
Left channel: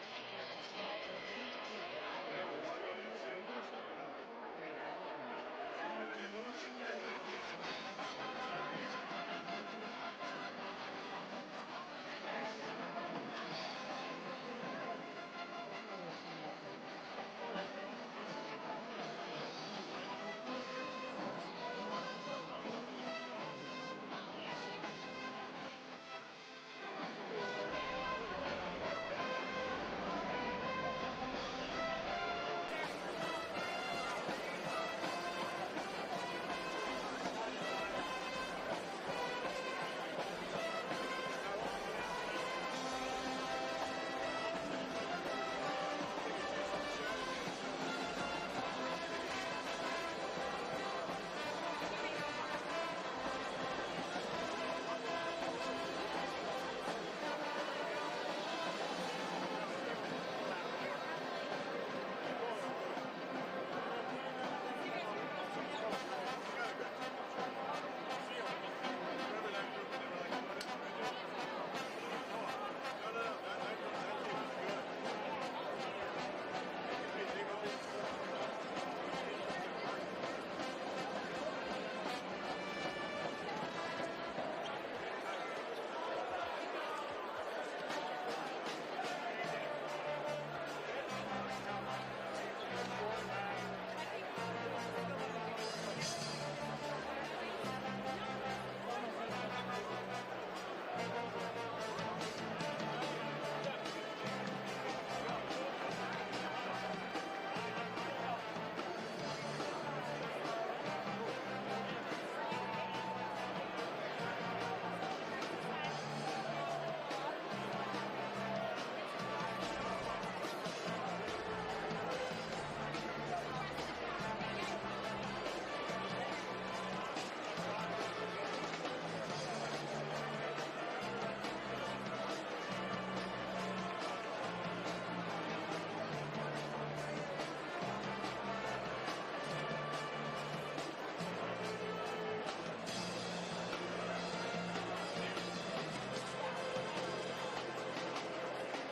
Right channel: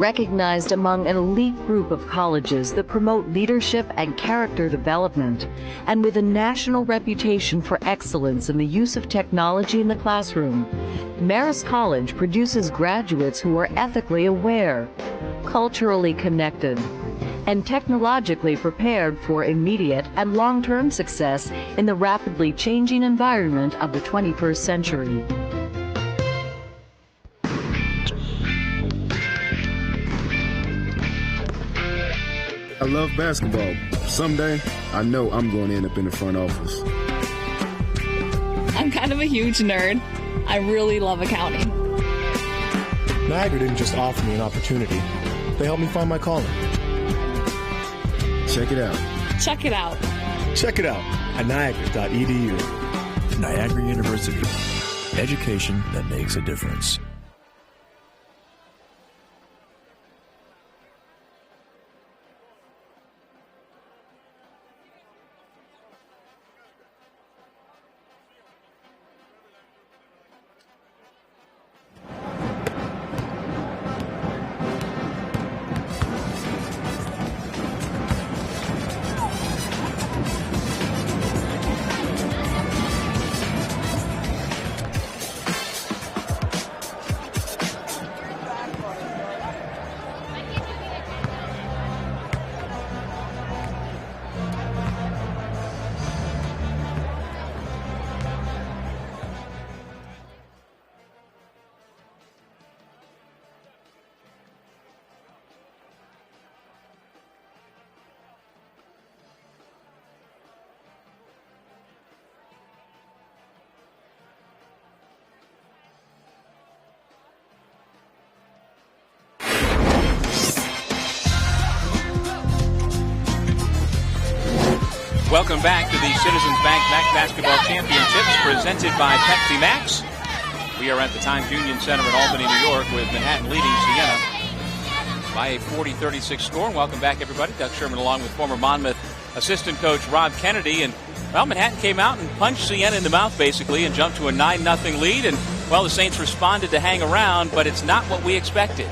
recognized among an elite group of colleges that promote leadership and character development, and with a national reputation for excellence in the use of technology in the classroom, Marist College produces graduates who are ethically aware, culturally connected, and technologically prepared for immediate and long-term success in the rapidly changing environment of the 21st century. I love basketball. Someday, I know I'm going to end up in the front office. I'm kind of a huge nerd. I really love accounting. Niagara didn't just offer me an opportunity. They helped me find my calling. Check it out. Check it out. Check it out at niagara.edu. Niagara University. Education that makes a difference. Welcome back to the Citizens Bank MAAC Basketball Championships presented by Pepsi Max. We are at the Times Union Center in Albany, New York, with Manhattan leading Siena by a 40-36 score. Welcome back, everybody. Doug Sherman along with former Monmouth assistant coach Rob Kennedy. And, well, Manhattan came out and punched Siena in the mouth, basically, and jumped to a 9-0 lead. And, well, the Saints responded to hang around, but it's not what we expected.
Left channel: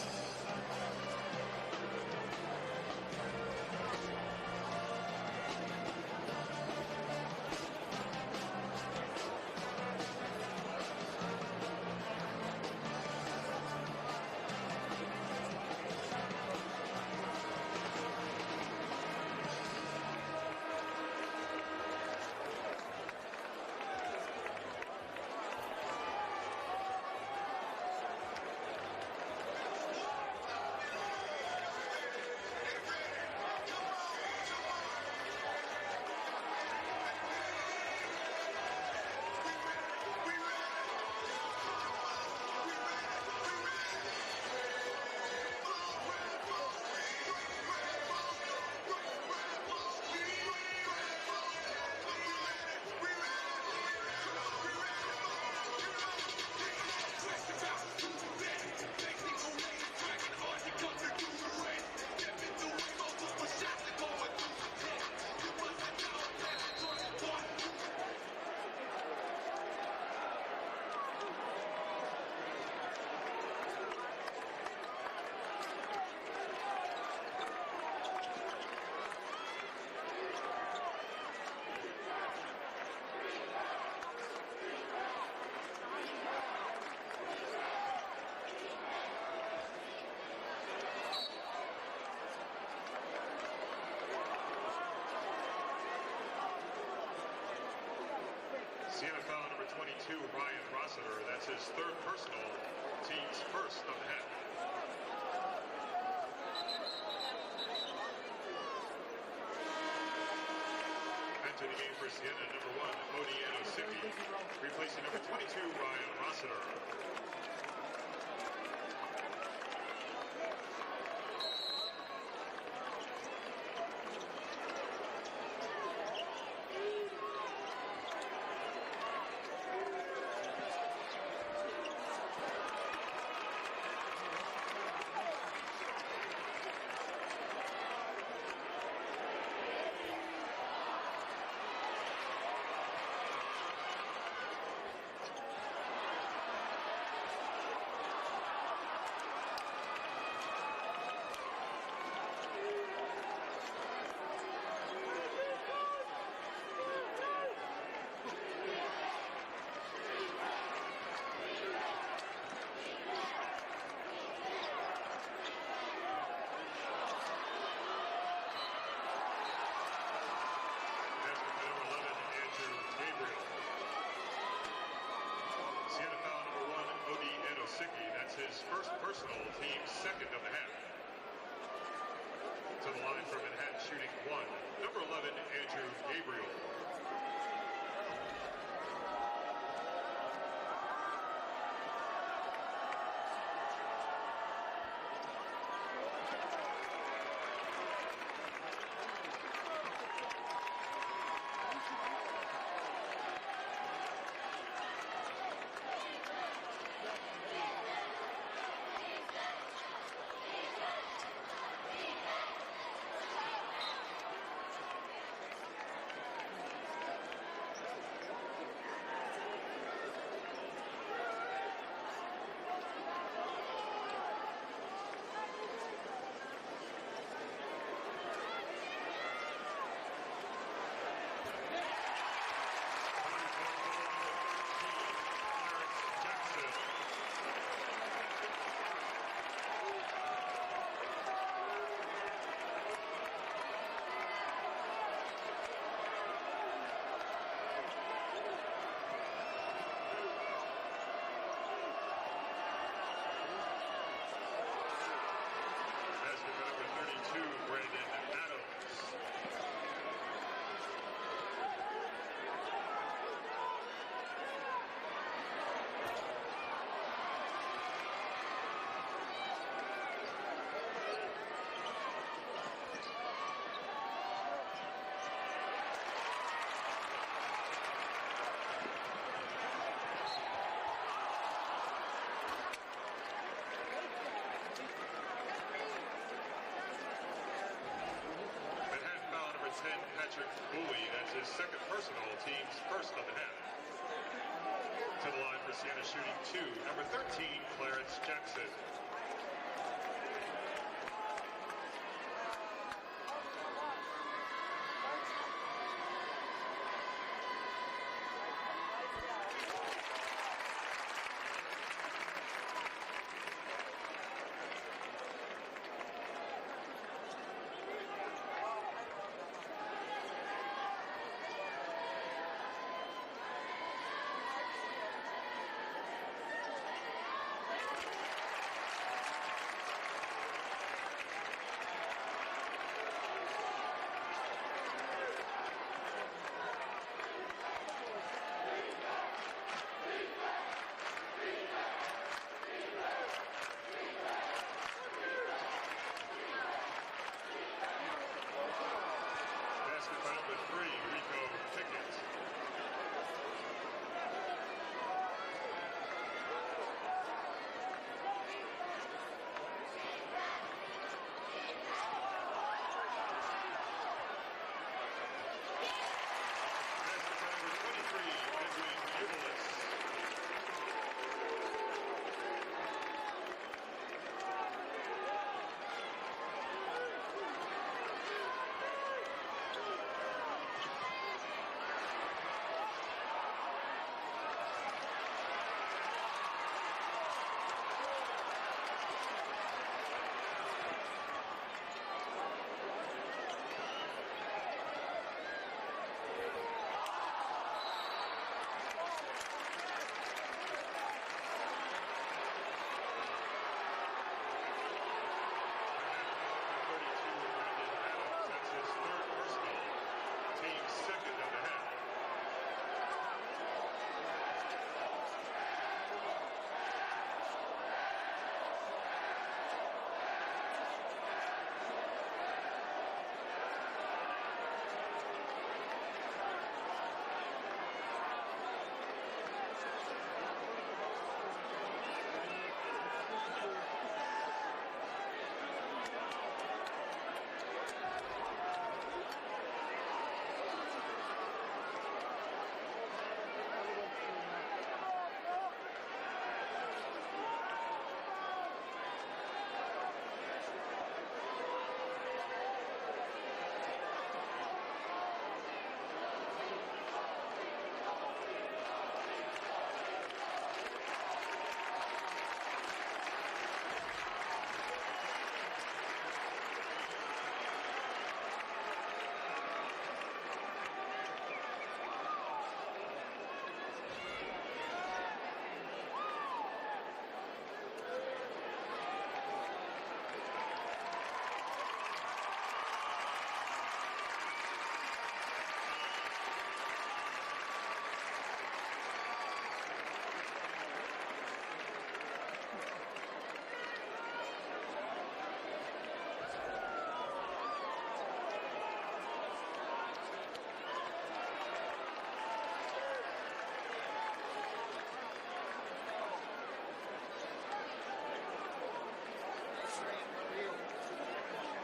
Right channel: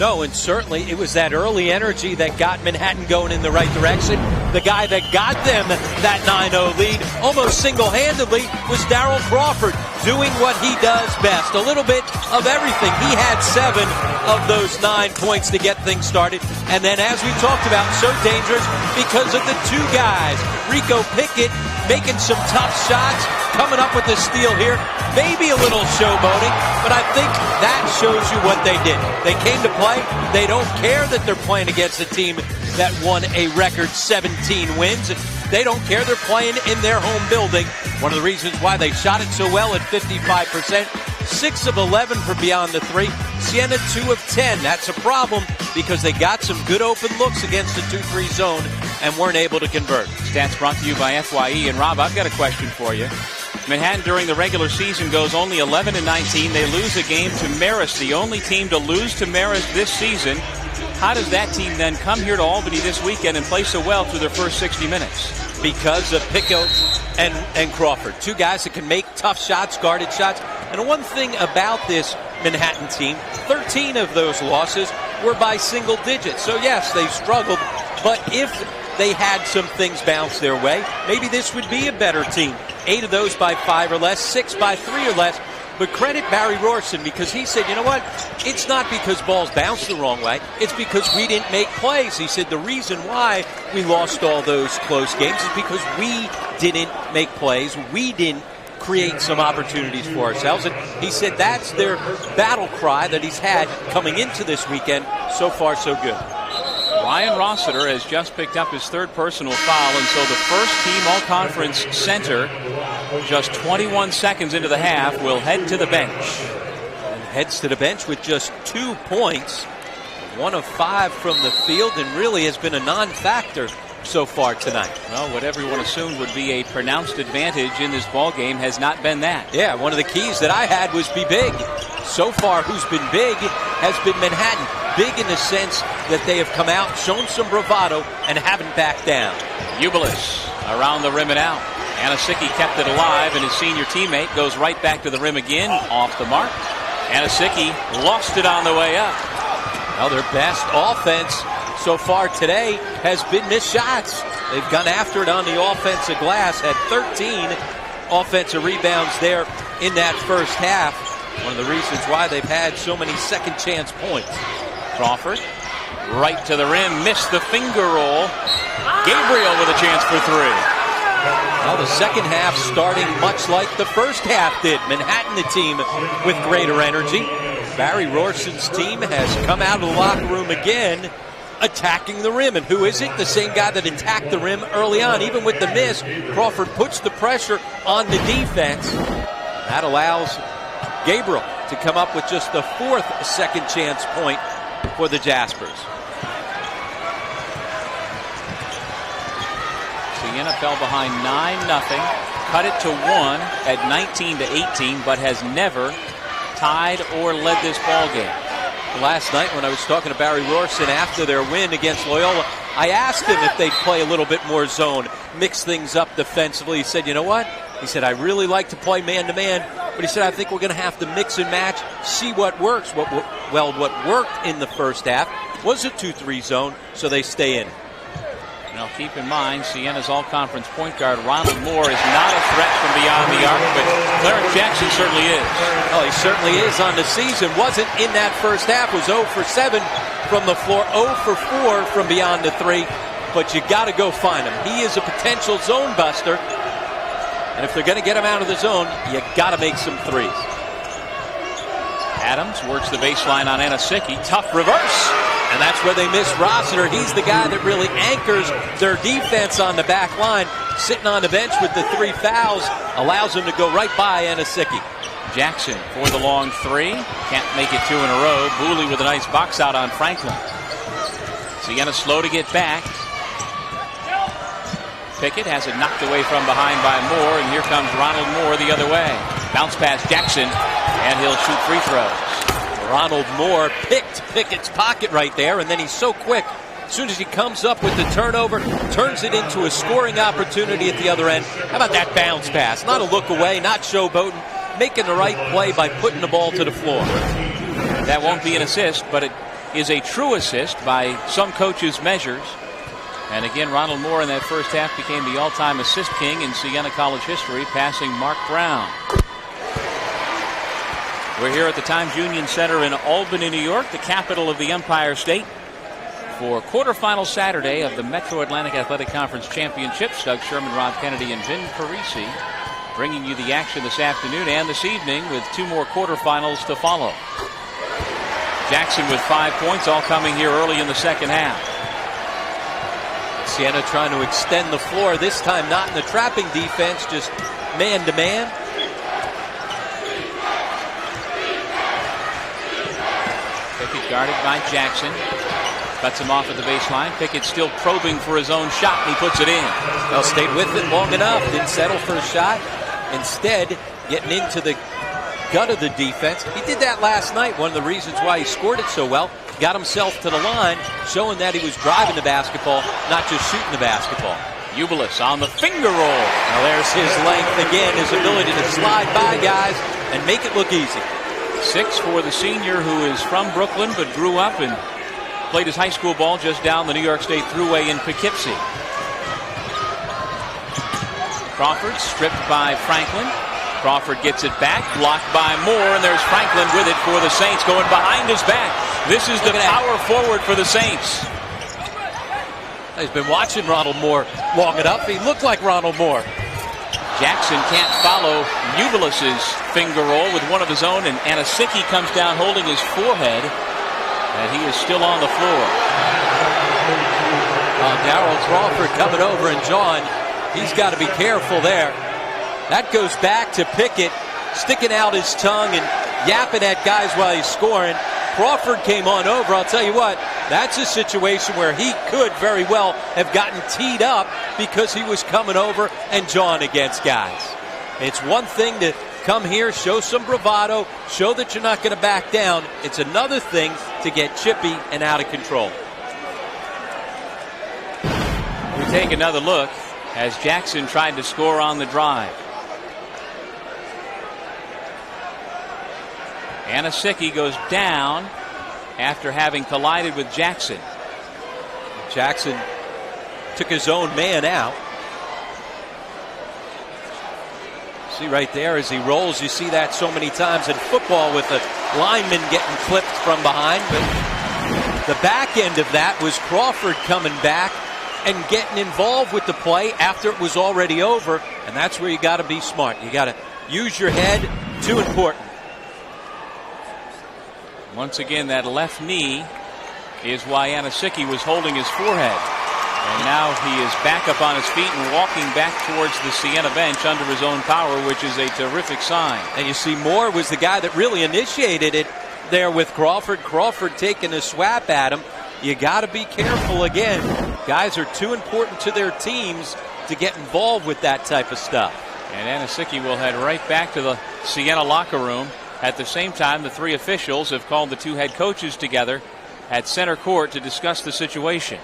No, and certainly it was that early energy that got Manhattan going in the right direction. The guy that got them that 9-0 lead almost single-handedly was Darryl Crawford, doing what he does best. A little bit of everything. He had 7 of those 9 points to get things started. And then, as we talked about, so dangerous because of the 2 guys. Rico Pickett making some tough shots, coming up with a steal here. Maybe a little showboating, but I think that shows you what they did. They came to play. They don't care that they're playing against a team that won a record 17 wins. They don't care. They're playing in their home building. One of the reasons why they shot it so well at 55%. 6 of 11 for beyond the 3. Siena 2 of 10. That's a problem because they got some good open looks against the 2-3 zone and weren't able to convert. Stats brought to you by FYE. And Rob, I've got a question for you. Manhattan during the regular season goes only 11-19. They lose a game to Marist, the only team to lose to Marist this season. How does that team then come here to Albany this weekend and play so well through their first 60 minutes? Because of Pickett and Crawford. 2 guys that can make tough shots, guarded shots. And one thing about this Manhattan team, 13 of those losses were by single digits. So yes, they struggled, but if they had some things bounce their way, maybe this would be a better team. 8 of those by 5 or less, 6 by 3 or less. But credit Barry Rorson because he said, you know what? It's not because balls bounced the wrong way. It's because we didn't make plays. He said the reason why we lost all those close games is because we didn't make plays. We didn't create some opportunities for ourselves. And he said that's their battle cry that he's had coming into this weekend. So far, so good. Ryan Rossiter has just picked up his 3rd personal foul, and so the first team all-conference center, just 21 seconds into the half, will head to the bench. And heads to the bench with just 2 points, 1 of 5 from the field, and really has been a non-factor so far tonight. Well, what everyone assumed would be a pronounced advantage in this ball game has not been that. Yeah, one of the keys that I had was be big. So far, who's been big has been Manhattan. Big in the sense that they have come out, shown some bravado, and haven't backed down. Ubilis around the rim and out. Anasicki kept it alive, and his senior teammate goes right back to the rim again, off the mark. Anasicki lost it on the way up. Well, their best offense so far today has been missed shots. They've gone after it on the offensive glass, had 13 offensive rebounds there in that first half. One of the reasons why they've had so many second chance points. Crawford right to the rim, missed the finger roll. Gabriel with a chance for three. Well, the second half starting much like the first half did. Manhattan, the team with greater energy. Barry Rorson's team has come out of the locker room again, attacking the rim. And who is it? The same guy that attacked the rim early on. Even with the miss, Crawford puts the pressure on the defense. That allows Gabriel to come up with just the fourth second chance point for the Jaspers. Siena fell behind 9-0, cut it to 1 at 19-18, but has never tied or led this ball game. Last night when I was talking to Barry Rorson after their win against Loyola, I asked him if they'd play a little bit more zone, mix things up defensively. He said, you know what? He said, I really like to play man-to-man, but he said, I think we're going to have to mix and match, see what works. What worked in the first half was a 2-3 zone, so they stay in. Now keep in mind, Siena's all-conference point guard Ronald Moore is not a threat from beyond the arc, but Clarence Jackson certainly is. Oh, he certainly is on the season. Wasn't in that first half, was 0 for 7 from the floor, 0 for 4 from beyond the 3, but you got to go find him. He is a potential zone buster, and if they're going to get him out of the zone, you got to make some threes. Adams works the baseline on Anasicki. Tough reverse. And that's where they miss Rossiter. He's the guy that really anchors their defense on the back line. Sitting on the bench with the 3 fouls allows him to go right by Anasicki. Jackson for the long 3. Can't make it 2 in a row. Booley with a nice box out on Franklin. Siena slow to get back. Pickett has it knocked away from behind by Moore, and here comes Ronald Moore the other way. Bounce pass Jackson, and he'll shoot free throws. Ronald Moore picked Pickett's pocket right there, and then he's so quick. As soon as he comes up with the turnover, turns it into a scoring opportunity at the other end. How about that bounce pass? Not a look away, not showboating, making the right play by putting the ball to the floor. That won't be an assist, but it is a true assist by some coaches' measures. And again, Ronald Moore in that first half became the all-time assist king in Siena College history, passing Mark Brown. We're here at the Times Union Center in Albany, New York, the capital of the Empire State, for quarterfinal Saturday of the Metro Atlantic Athletic Conference Championships. Doug Sherman, Rob Kennedy, and Vin Parisi bringing you the action this afternoon and this evening with 2 more quarterfinals to follow. Jackson with 5 points, all coming here early in the second half. Siena trying to extend the floor, this time not in the trapping defense, just man-to-man. Pickett guarded by Jackson. Cuts him off at the baseline. Pickett still probing for his own shot, and he puts it in. Well, stayed with it long enough. Didn't settle for a shot. Instead, getting into the gut of the defense. He did that last night. One of the reasons why he scored it so well. Got himself to the line, showing that he was driving the basketball, not just shooting the basketball. Ubilis on the finger roll. Now there's his length again, his ability to slide by guys and make it look easy. 6 for the senior, who is from Brooklyn but grew up and played his high school ball just down the New York State Thruway in Poughkeepsie. Crawford stripped by Franklin. Crawford gets it back, blocked by Moore, and there's Franklin with it for the Saints, going behind his back. This is the power forward for the Saints. He's been watching Ronald Moore long enough. He looked like Ronald Moore. Jackson can't follow Ubilis's finger roll with one of his own, and Anasicki comes down holding his forehead, and he is still on the floor. Darryl Crawford coming over, and John, he's got to be careful there. That goes back to Pickett sticking out his tongue and yapping at guys while he's scoring. Crawford came on over. I'll tell you what, that's a situation where he could very well have gotten teed up because he was coming over and jawing against guys. It's one thing to come here, show some bravado, show that you're not going to back down. It's another thing to get chippy and out of control. We take another look as Jackson tried to score on the drive. Anasicki goes down, after having collided with Jackson. Jackson took his own man out. See right there as he rolls, you see that so many times in football with the lineman getting clipped from behind. But the back end of that was Crawford coming back and getting involved with the play after it was already over. And that's where you got to be smart. You got to use your head. Too important. Once again, that left knee is why Anasicki was holding his forehead. And now he is back up on his feet and walking back towards the Siena bench under his own power, which is a terrific sign. And you see Moore was the guy that really initiated it there with Crawford. Crawford taking a swap at him. You got to be careful again. Guys are too important to their teams to get involved with that type of stuff. And Anasicki will head right back to the Siena locker room. At the same time, the three officials have called the two head coaches together at center court to discuss the situation.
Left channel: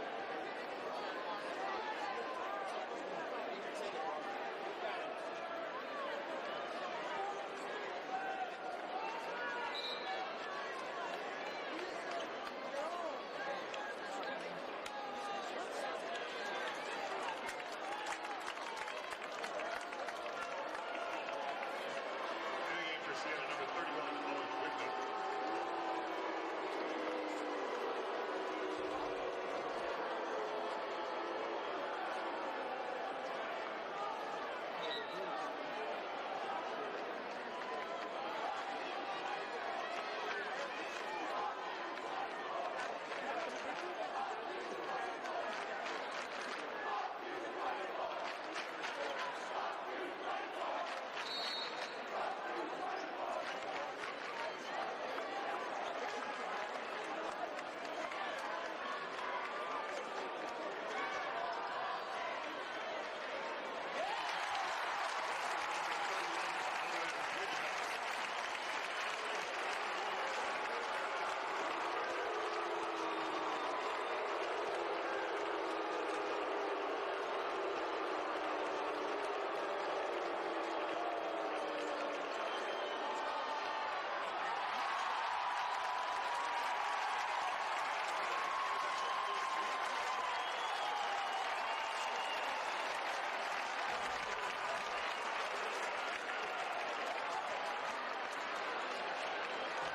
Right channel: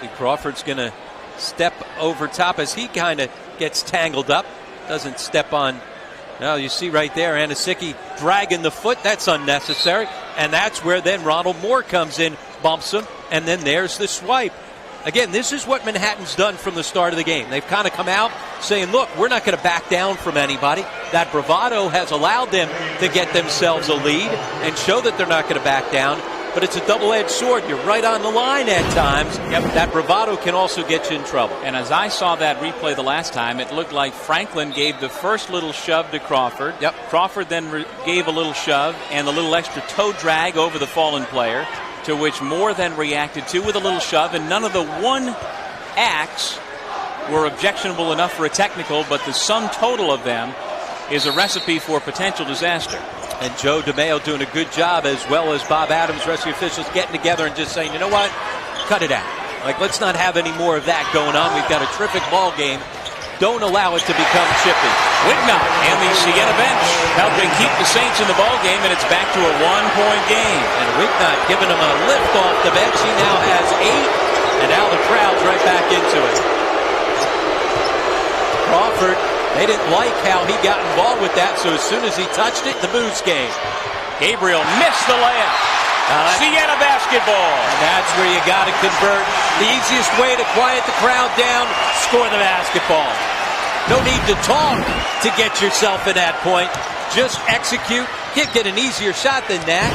See, Crawford's going to step over top as he kind of gets tangled up. Doesn't step on. Now you see right there, Anasicki dragging the foot. That's unnecessary. And that's where then Ronald Moore comes in, bumps him, and then there's the swipe. Again, this is what Manhattan's done from the start of the game. They've kind of come out saying, look, we're not going to back down from anybody. That bravado has allowed them to get themselves a lead and show that they're not going to back down. But it's a double-edged sword. You're right on the line at times. Yep. That bravado can also get you in trouble. And as I saw that replay the last time, it looked like Franklin gave the first little shove to Crawford. Yep. Crawford then gave a little shove and a little extra toe drag over the fallen player, to which Moore then reacted to with a little shove, and none of the one acts were objectionable enough for a technical, but the sum total of them is a recipe for potential disaster. And Joe DeMeo doing a good job, as well as Bob Adams, rest of the officials getting together and just saying, you know what, cut it out. Like, let's not have any more of that going on. We've got a terrific ball game. Don't allow it to become chippy. Wignott and the Siena bench helping keep the Saints in the ball game, and it's back to a 1-point game. And Wignott giving him a lift off the bench. He now has 8, and now the crowd's right back into it. Crawford, they didn't like how he got involved with that, so as soon as he touched it, the booze came. Gabriel missed the layup. Siena basketball. And that's where you got to convert. The easiest way to quiet the crowd down, score the basketball. No need to talk to get yourself in that point. Just execute. Can't get an easier shot than that.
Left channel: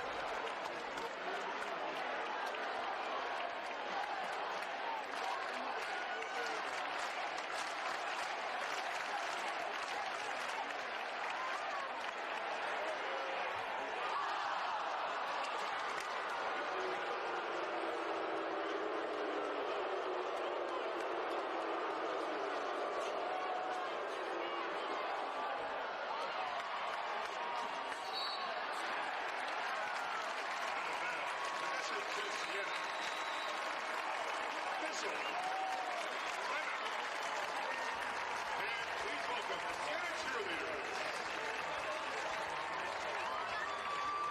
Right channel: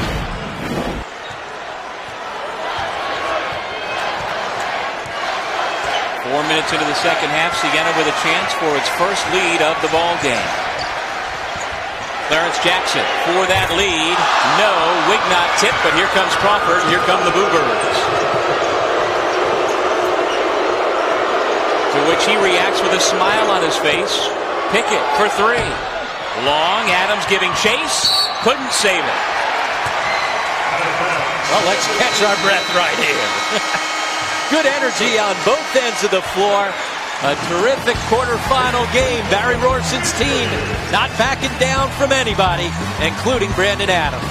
Four minutes into the second half, Siena with a chance for its first lead of the ball game. Clarence Jackson for that lead. No, Wignott tip, but here comes Crawford. Here come the Bluebirds. To which he reacts with a smile on his face. Pickett for 3. Long, Adams giving chase. Couldn't save it. Well, let's catch our breath right here. Good energy on both ends of the floor. A terrific quarterfinal game. Barry Rorson's team not backing down from anybody, including Brandon Adams.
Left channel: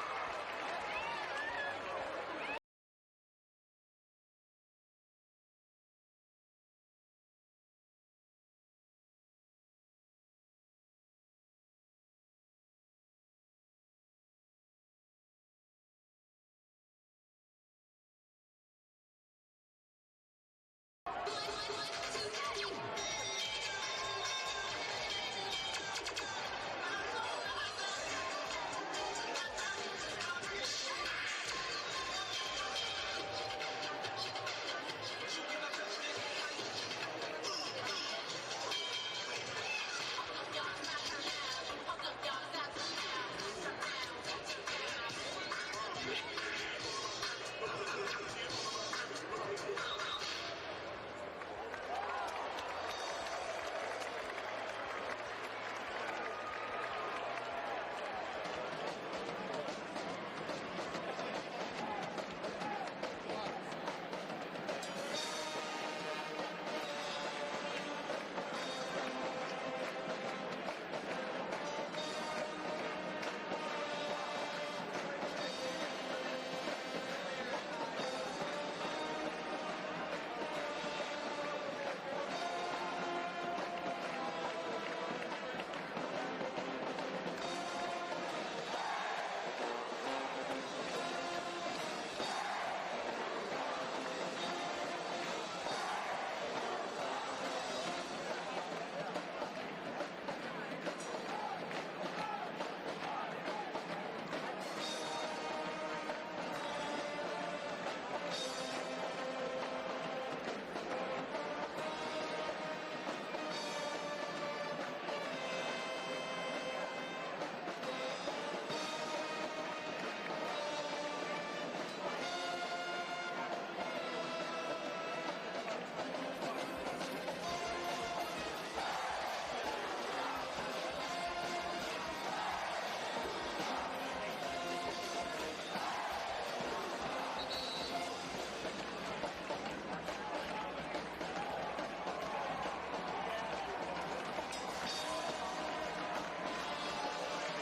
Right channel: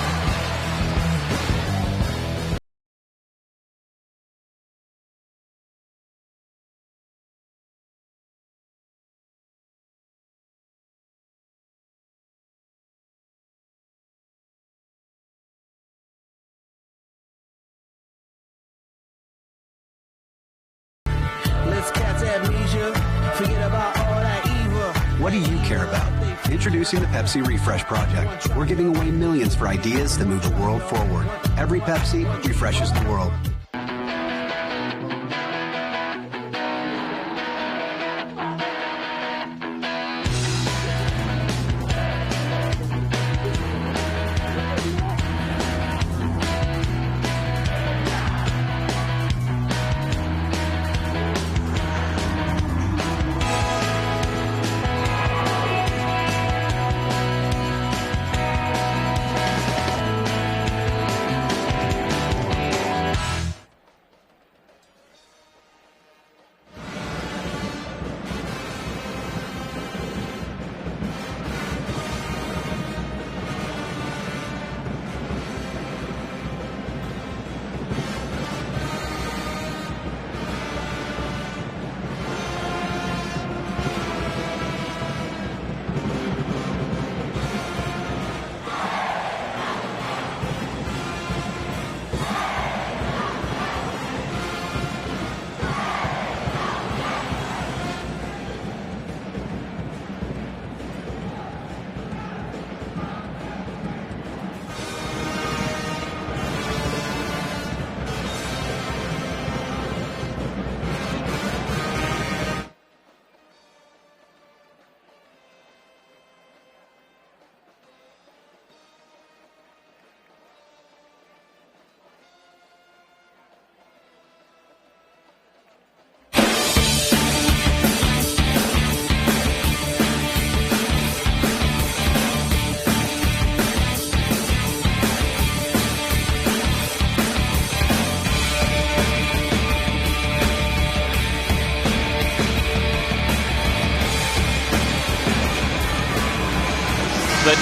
What do you care about? Introducing the Pepsi Refresh Project. We're giving away millions for ideas that move the world forward. Every Pepsi refreshes the world.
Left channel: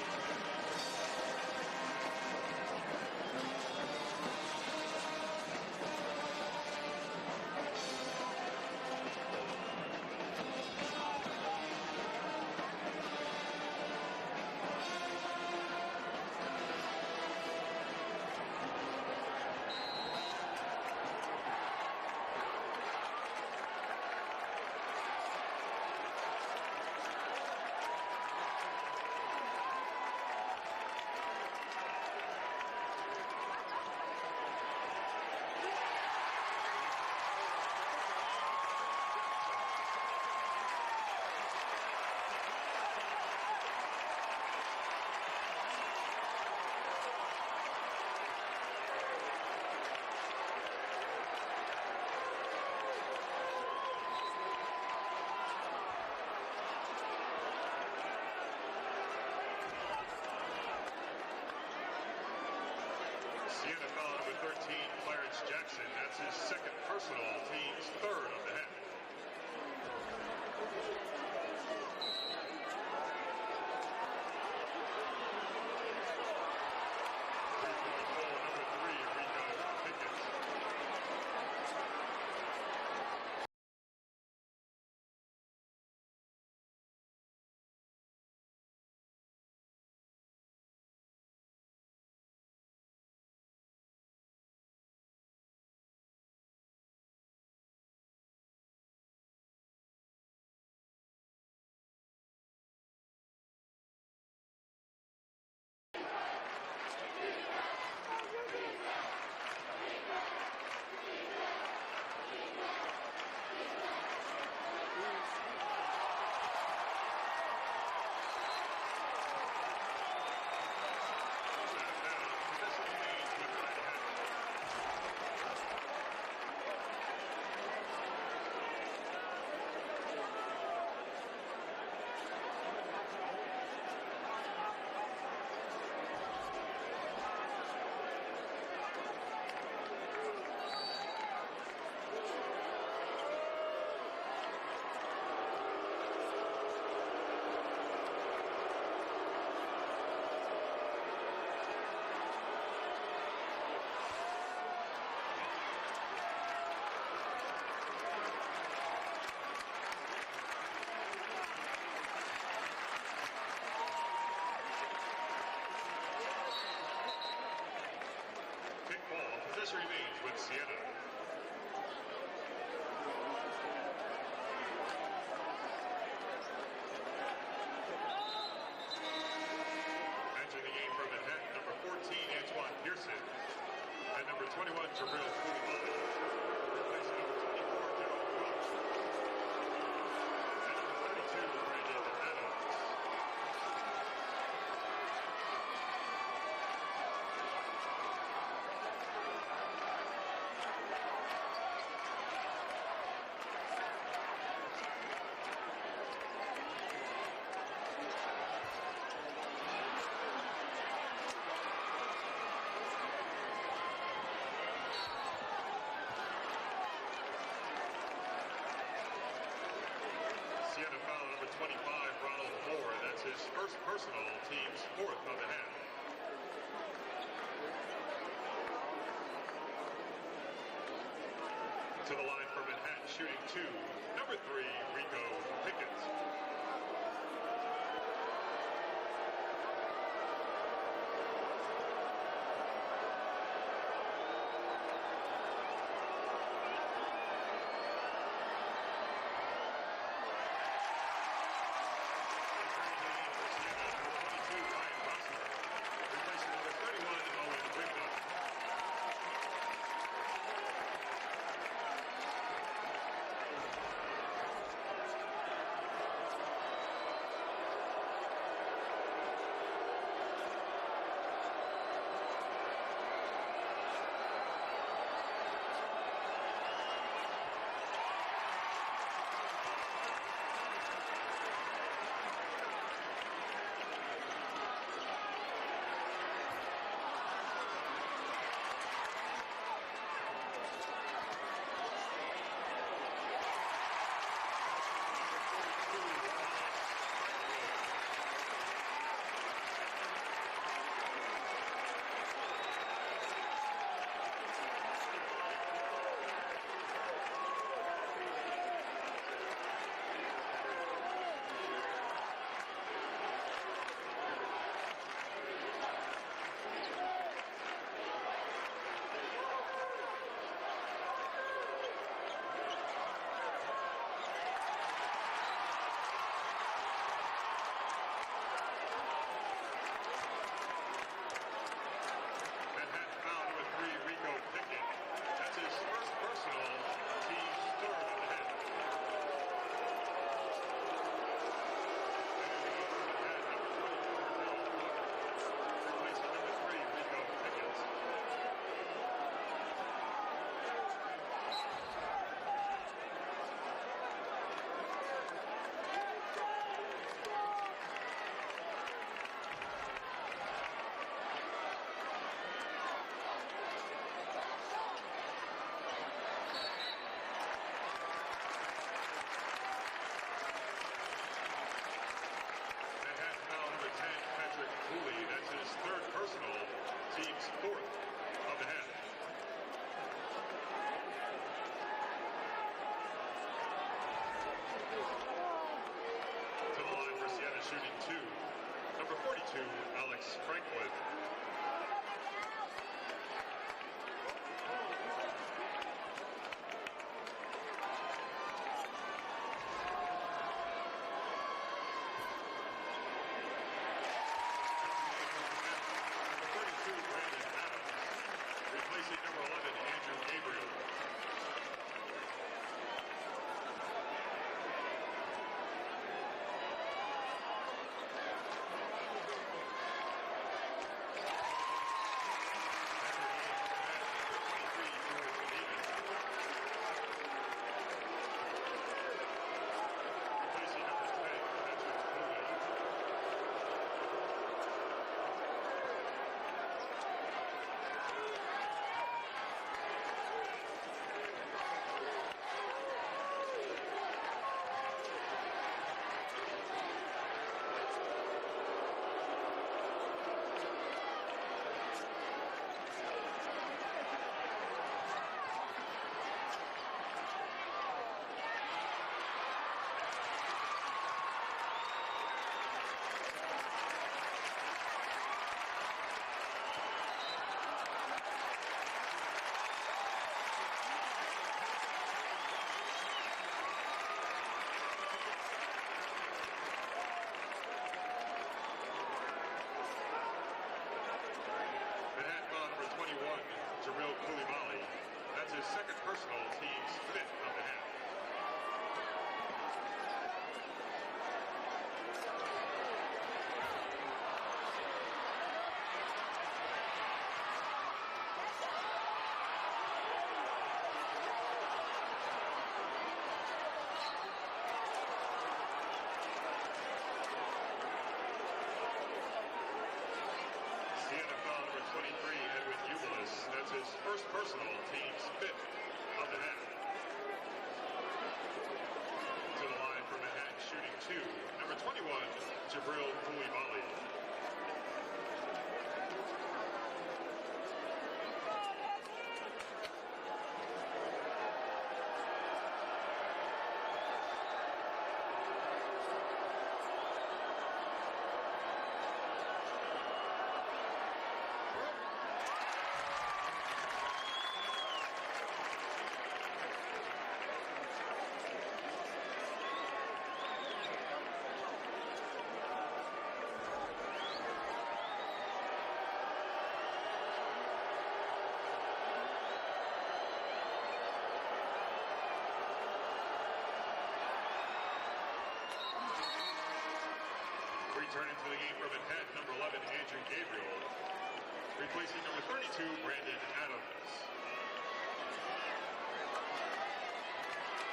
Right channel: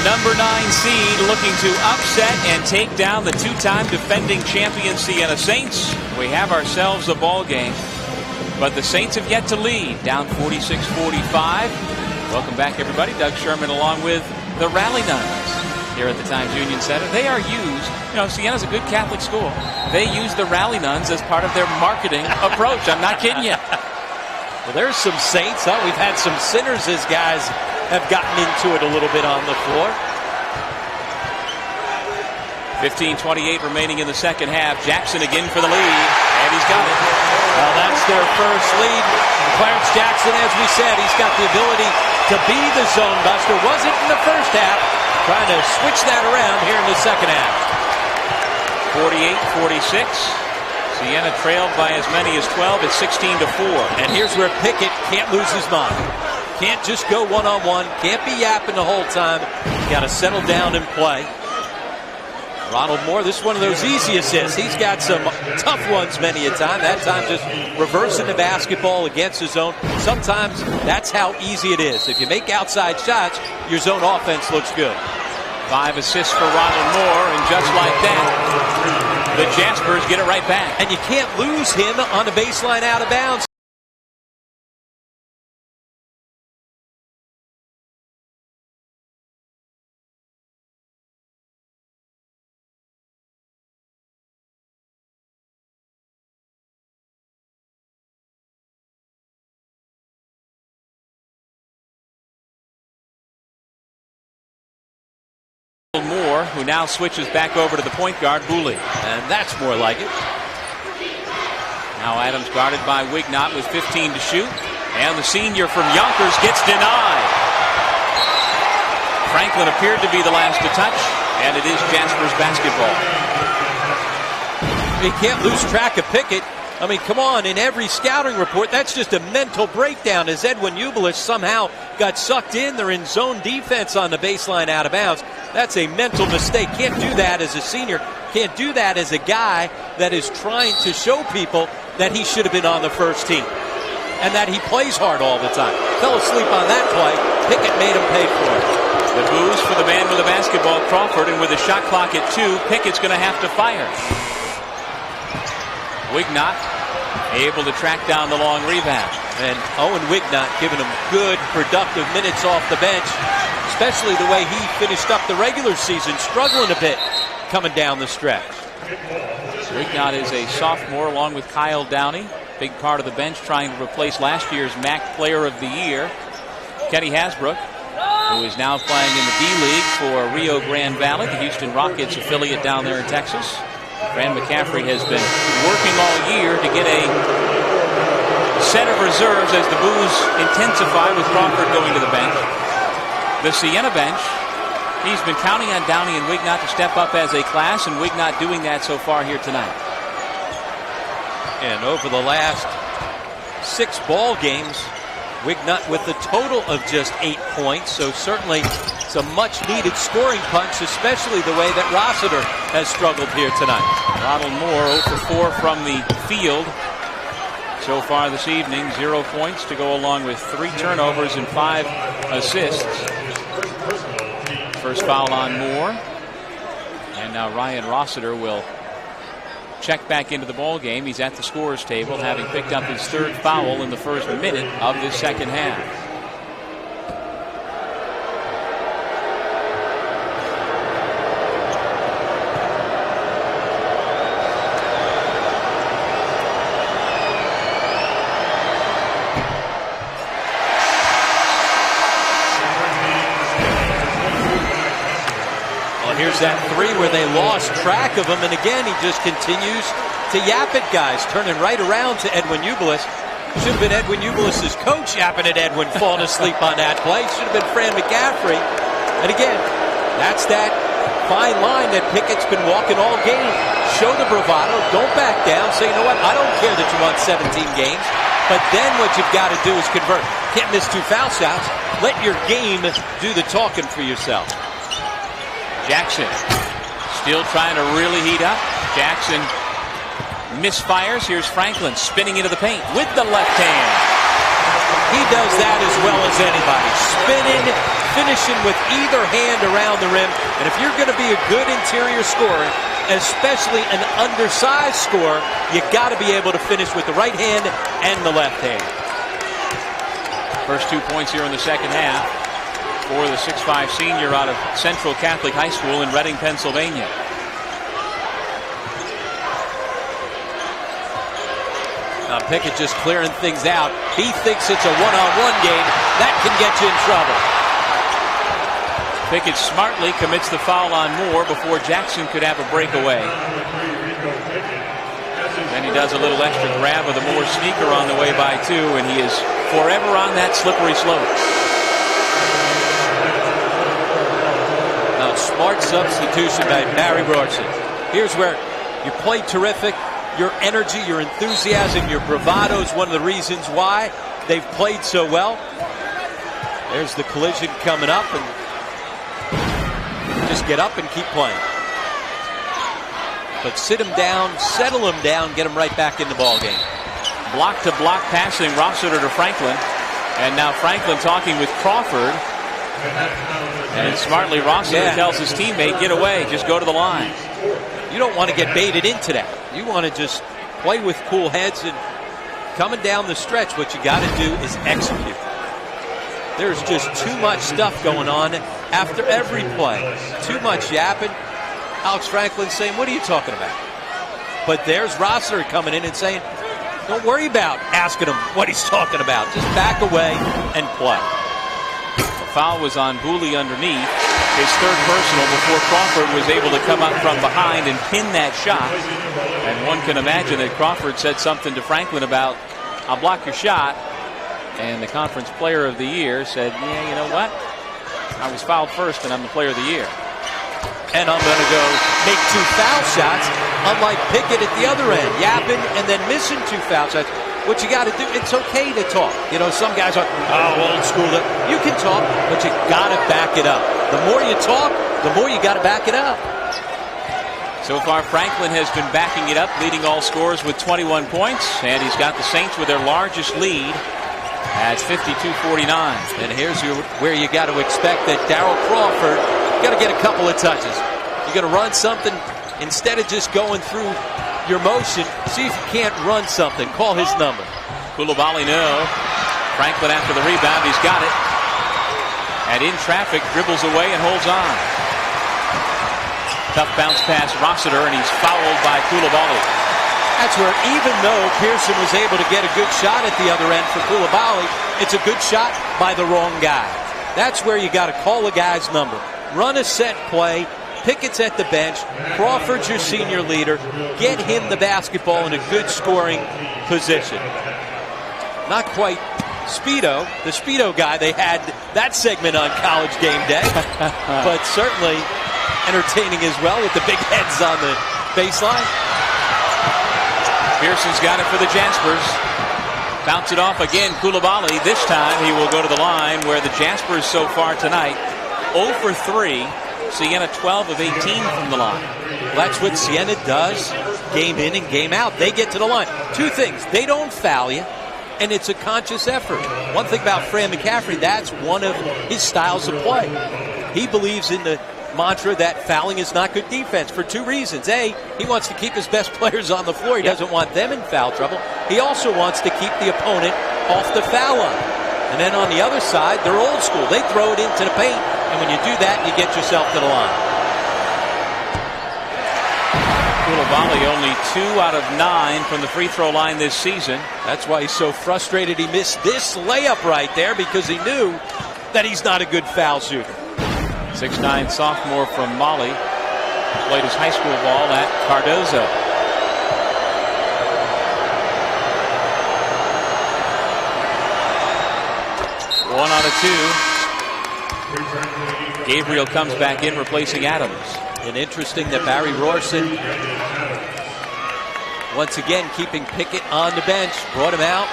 number 9 seed looking to upset and take down the 2-time defending champion Siena Saints. We have ourselves a ball game, but the Saints have yet to lead, down 46-45. Welcome back, everybody. Doug Sherman along with the Rally Nuns here at the Times Union Center. They are used, Siena's a good Catholic school. They use the Rally Nuns as part of their marketing approach. I'm not kidding you. Well, there's some Saints. We've had some sinners as guys have gotten into it a little bit on the floor. 15:28 remaining in the second half. Jackson again for the lead, and he's got it. Well, that's their first lead. Clarence Jackson, as we said, he's got the ability to be the zone buster. Wasn't in the first half. Trying to switch that around here in the second half. 48-46. Siena trailed by as many as 12 at 16-4. And here's where Pickett can't lose his mind. Can't just go one-on-one. Can't be yapping the whole time. Got to settle down and play. Ronald Moore, this is one of those easy assists. He's got some tough ones many a time. That time just reversing the basketball against his own. Sometimes that's how easy it is. If you make outside shots, your zone offense looks good. 5 assists for Ronald Moore, and just like that, the Jaspers get it right back. And you can't lose him on the baseline out of bounds. Moore, who now switches back over to the point guard, Booley. And that's more like it. Now Adams guarded by Wignott with 15 to shoot. And the senior from Yonkers gets denied. Franklin appeared to be the last to touch, and it is Jaspers basketball. You can't lose track of Pickett. I mean, come on, in every scouting report, that's just a mental breakdown as Edwin Ubelis somehow got sucked in. They're in zone defense on the baseline out of bounds. That's a mental mistake. Can't do that as a senior. Can't do that as a guy that is trying to show people that he should have been on the first team and that he plays hard all the time. Fell asleep on that play. Pickett made him pay for it. The booze for the man with the basketball, Crawford, and with a shot clock at 2, Pickett's going to have to fire. Wignott able to track down the long rebound. And Owen Wignott giving him good, productive minutes off the bench, especially the way he finished up the regular season, struggling a bit coming down the stretch. Wignott is a sophomore along with Kyle Downey. Big part of the bench trying to replace last year's MAAC Player of the Year, Kenny Hasbrook, who is now playing in the D-League for Rio Grande Valley, the Houston Rockets affiliate down there in Texas. Fran McCaffrey has been working all year to get a set of reserves as the booze intensify with Crawford going to the bench. The Siena bench, he's been counting on Downey and Wignott to step up as a class, and Wignott doing that so far here tonight. And over the last 6 ball games, Wignott with a total of just 8 points, so certainly it's a much-needed scoring punch, especially the way that Rossiter has struggled here tonight. Ronald Moore 0 for 4 from the field so far this evening. 0 points to go along with 3 turnovers and 5 assists. First foul on Moore. And now Ryan Rossiter will check back into the ball game. He's at the scorer's table, having picked up his 3rd foul in the first minute of this second half. Here's that 3 where they lost track of him, and again he just continues to yap at guys, turning right around to Edwin Ubelis. Should have been Edwin Ubelis' coach yapping at Edwin, falling asleep on that play. Should have been Fran McCaffrey. And again, that's that fine line that Pickett's been walking all game. Show the bravado, don't back down, say, you know what, I don't care that you won 17 games, but then what you've got to do is convert. Can't miss 2 foul shots. Let your game do the talking for yourself. Jackson still trying to really heat up. Jackson misfires. Here's Franklin spinning into the paint with the left hand. He does that as well as anybody. Spinning, finishing with either hand around the rim. And if you're going to be a good interior scorer, especially an undersized scorer, you got to be able to finish with the right hand and the left hand. First 2 points here in the second half for the 6'5" senior out of Central Catholic High School in Reading, Pennsylvania. Now Pickett just clearing things out. He thinks it's a one-on-one game. That can get you in trouble. Pickett smartly commits the foul on Moore before Jackson could have a breakaway. Then he does a little extra grab with a Moore sneaker on the way by 2, and he is forever on that slippery slope. Now, smart substitution by Barry Robertson. Here's where you play terrific. Your energy, your enthusiasm, your bravado is one of the reasons why they've played so well. There's the collision coming up, and just get up and keep playing. But sit him down, settle him down, get him right back in the ball game. Block-to-block passing, Rossiter to Franklin. And now Franklin talking with Crawford. And smartly Rossiter tells his teammate, get away, just go to the line. You don't want to get baited into that. You want to just play with cool heads, and coming down the stretch, what you got to do is execute. There's just too much stuff going on after every play. Too much yapping. Alex Franklin saying, what are you talking about? But there's Rossiter coming in and saying, don't worry about asking him what he's talking about. Just back away and play. The foul was on Booley underneath. His third personal before Crawford was able to come up from behind and pin that shot. And one can imagine that Crawford said something to Franklin about, I'll block your shot. And the conference player of the year said, yeah, you know what? I was fouled first and I'm the player of the year. And I'm going to go make 2 foul shots, unlike Pickett at the other end, yapping and then missing 2 foul shots. What you got to do, it's okay to talk. You know, some guys are, oh, old school. You can talk, but you got to back it up. The more you talk, the more you got to back it up. So far, Franklin has been backing it up, leading all scorers with 21 points. And he's got the Saints with their largest lead at 52-49. And here's where you got to expect that Darryl Crawford got to get a couple of touches. You're going to run something instead of just going through your motion. See if you can't run something. Call his number. Koulibaly, no. Franklin after the rebound. He's got it. And in traffic, dribbles away and holds on. Tough bounce pass Rossiter, and he's fouled by Koulibaly. That's where, even though Pearson was able to get a good shot at the other end for Koulibaly, it's a good shot by the wrong guy. That's where you got to call a guy's number. Run a set play. Pickett's at the bench. Crawford's your senior leader. Get him the basketball in a good scoring position. Not quite Speedo, the Speedo guy. They had that segment on College Game Day. But certainly entertaining as well with the big heads on the baseline. Pearson's got it for the Jaspers. Bounce it off again. Koulibaly. This time he will go to the line, where the Jaspers so far tonight 0 for 3. Siena 12 of 18 from the line. Well, that's what Siena does game in and game out. They get to the line. 2 things. They don't foul you, and it's a conscious effort. One thing about Fran McCaffrey, that's one of his styles of play. He believes in the mantra that fouling is not good defense for 2 reasons. A, he wants to keep his best players on the floor. He doesn't want them in foul trouble. He also wants to keep the opponent off the foul line. And then on the other side, they're old school. They throw it into the paint. And when you do that, you get yourself to the line. Koulibaly only 2 out of 9 from the free throw line this season. That's why he's so frustrated he missed this layup right there, because he knew that he's not a good foul shooter. 6'9" sophomore from Mali. Played his high school ball at Cardozo. One out of 2. Gabriel comes back in, replacing Adams. And interesting that Barry Robertson, once again, keeping Pickett on the bench, brought him out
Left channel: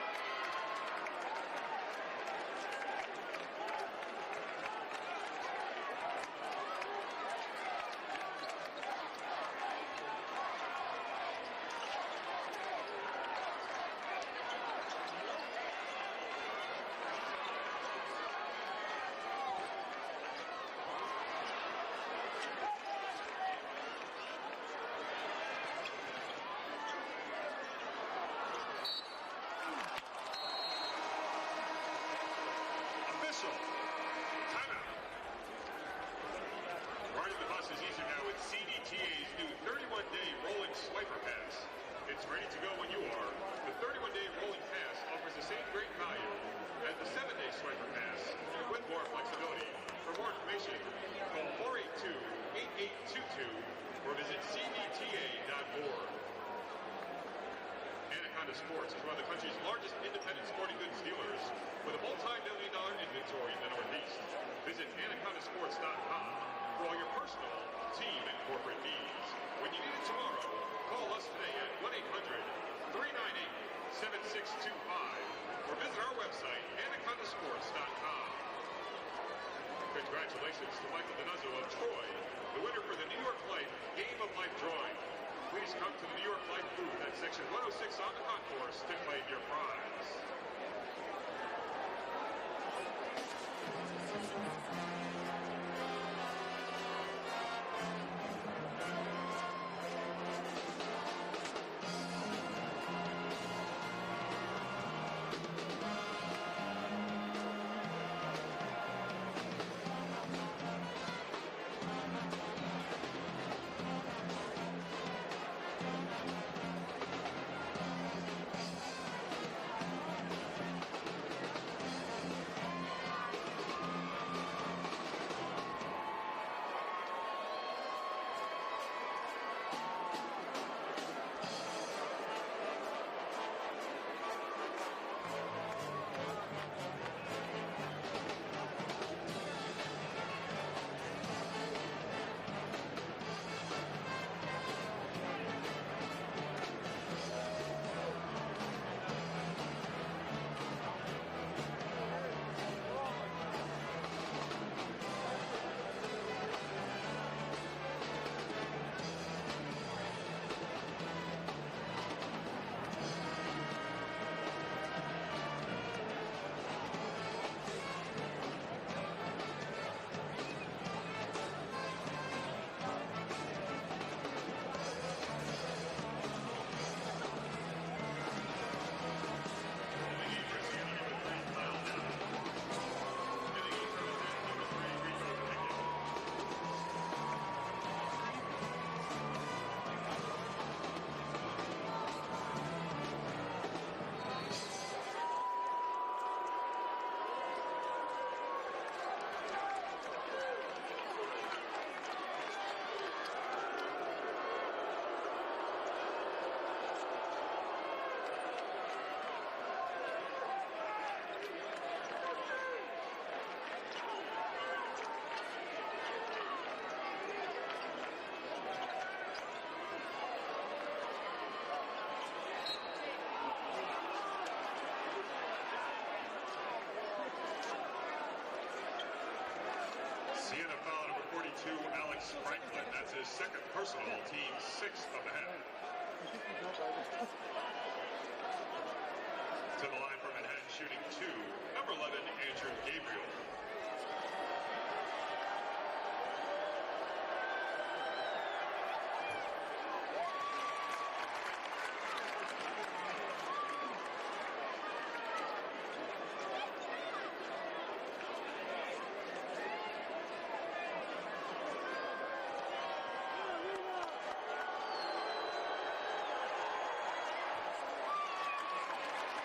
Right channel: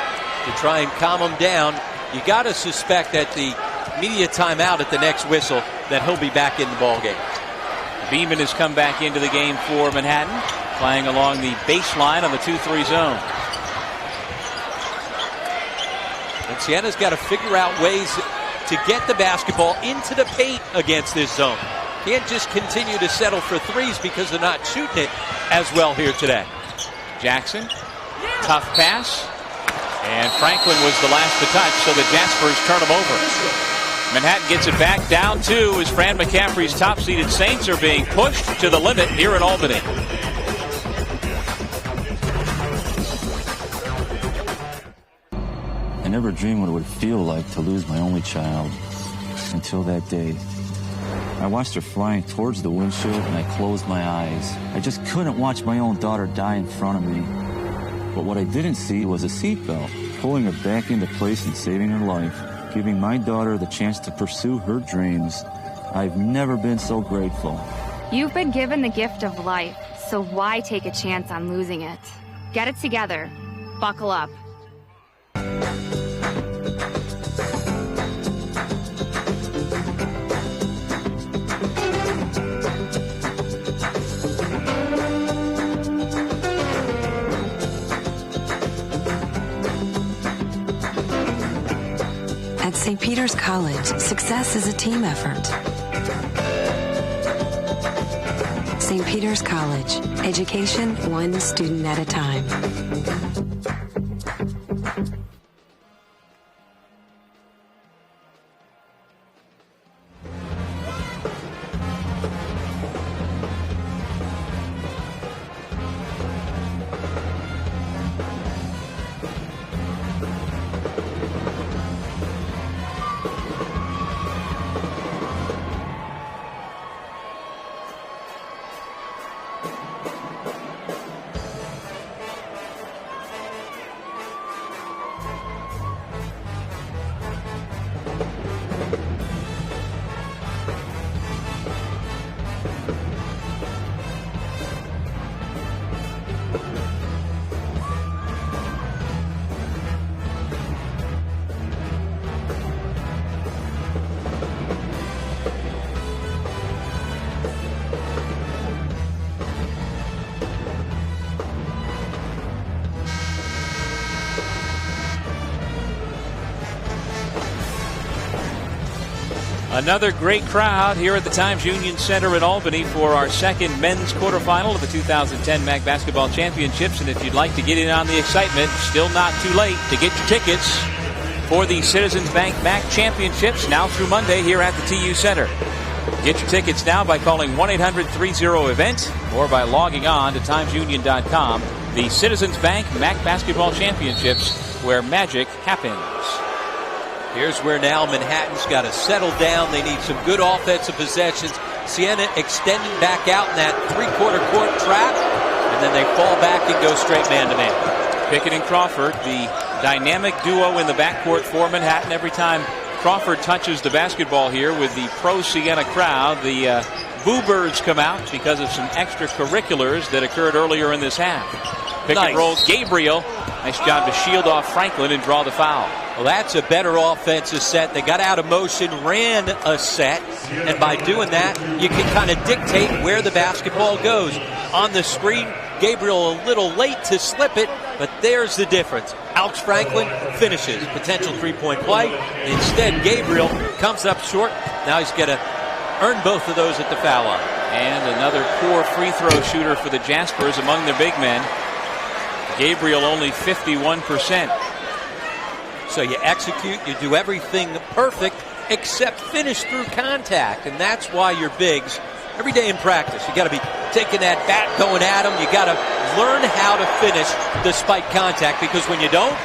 to try and calm him down. You got to suspect that the media timeout at the next whistle that he'll be back in the ball game. Beeman has come back into the game for Manhattan, playing along the baseline on the 2-3 zone. And Siena's got to figure out ways to get the basketball into the paint against this zone. Can't just continue to settle for threes because they're not shooting it as well here today. Jackson, tough pass. And Franklin was the last to touch, so the Jaspers turn them over. Manhattan gets it back down 2 as Fran McCaffrey's top-seeded Saints are being pushed to the limit here in Albany. I never dreamed what it would feel like to lose my only child until that day. I watched her flying towards the windshield and I closed my eyes. I just couldn't watch my own daughter die in front of me. But what I didn't see was a seatbelt, pulling her back into place and saving her life, giving my daughter the chance to pursue her dreams. I've never been so grateful. You've been given the gift of life, so why take a chance on losing it? Get it together. Buckle up. At St. Peter's College, success is a team effort. St. Peter's College, education one student at a time. Another great crowd here at the Times Union Center in Albany for our second men's quarterfinal of the 2010 MAAC Basketball Championships. And if you'd like to get in on the excitement, still not too late to get your tickets for the Citizens Bank MAAC Championships now through Monday here at the TU Center. Get your tickets now by calling 1-800-30-EVENT or by logging on to timesunion.com. The Citizens Bank MAAC Basketball Championships, where magic happens. Here's where now Manhattan's got to settle down. They need some good offensive possessions. Siena extending back out in that three-quarter court trap, and then they fall back and go straight man-to-man. Pickett and Crawford, the dynamic duo in the backcourt for Manhattan. Every time Crawford touches the basketball here with the pro-Siena crowd, the Boo Birds come out because of some extracurriculars that occurred earlier in this half. Pick and roll, Gabriel. Nice job to shield off Franklin and draw the foul. Well, that's a better offensive set. They got out of motion, ran a set, and by doing that, you can kind of dictate where the basketball goes. On the screen, Gabriel a little late to slip it, but there's the difference. Alex Franklin finishes. Potential three-point play. Instead, Gabriel comes up short. Now he's got to earn both of those at the foul line. And another poor free throw shooter for the Jaspers among their big men. Gabriel only 51%. So you execute, you do everything perfect except finish through contact. And that's why your bigs, every day in practice, you got to be taking that bat, going at them. You got to learn how to finish despite contact, because when you don't,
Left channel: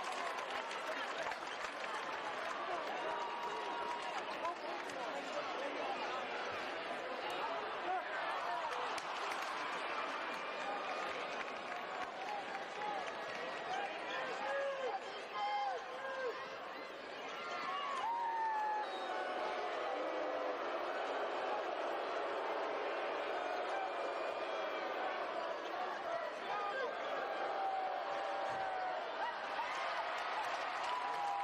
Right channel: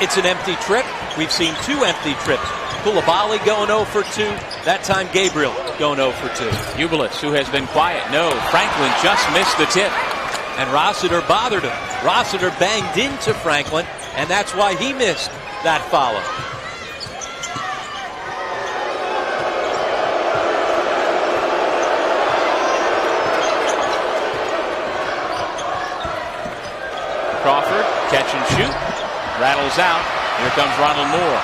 it's an empty trip. We've seen 2 empty trips. Koulibaly going 0 for 2. That time Gabriel going 0 for 2. Ubelis, who has been quiet. No, Franklin just missed the tip. And Rossiter bothered him. Rossiter banged into Franklin, and that's why he missed that follow. Crawford, catch and shoot. Rattles out. Here comes Ronald Moore.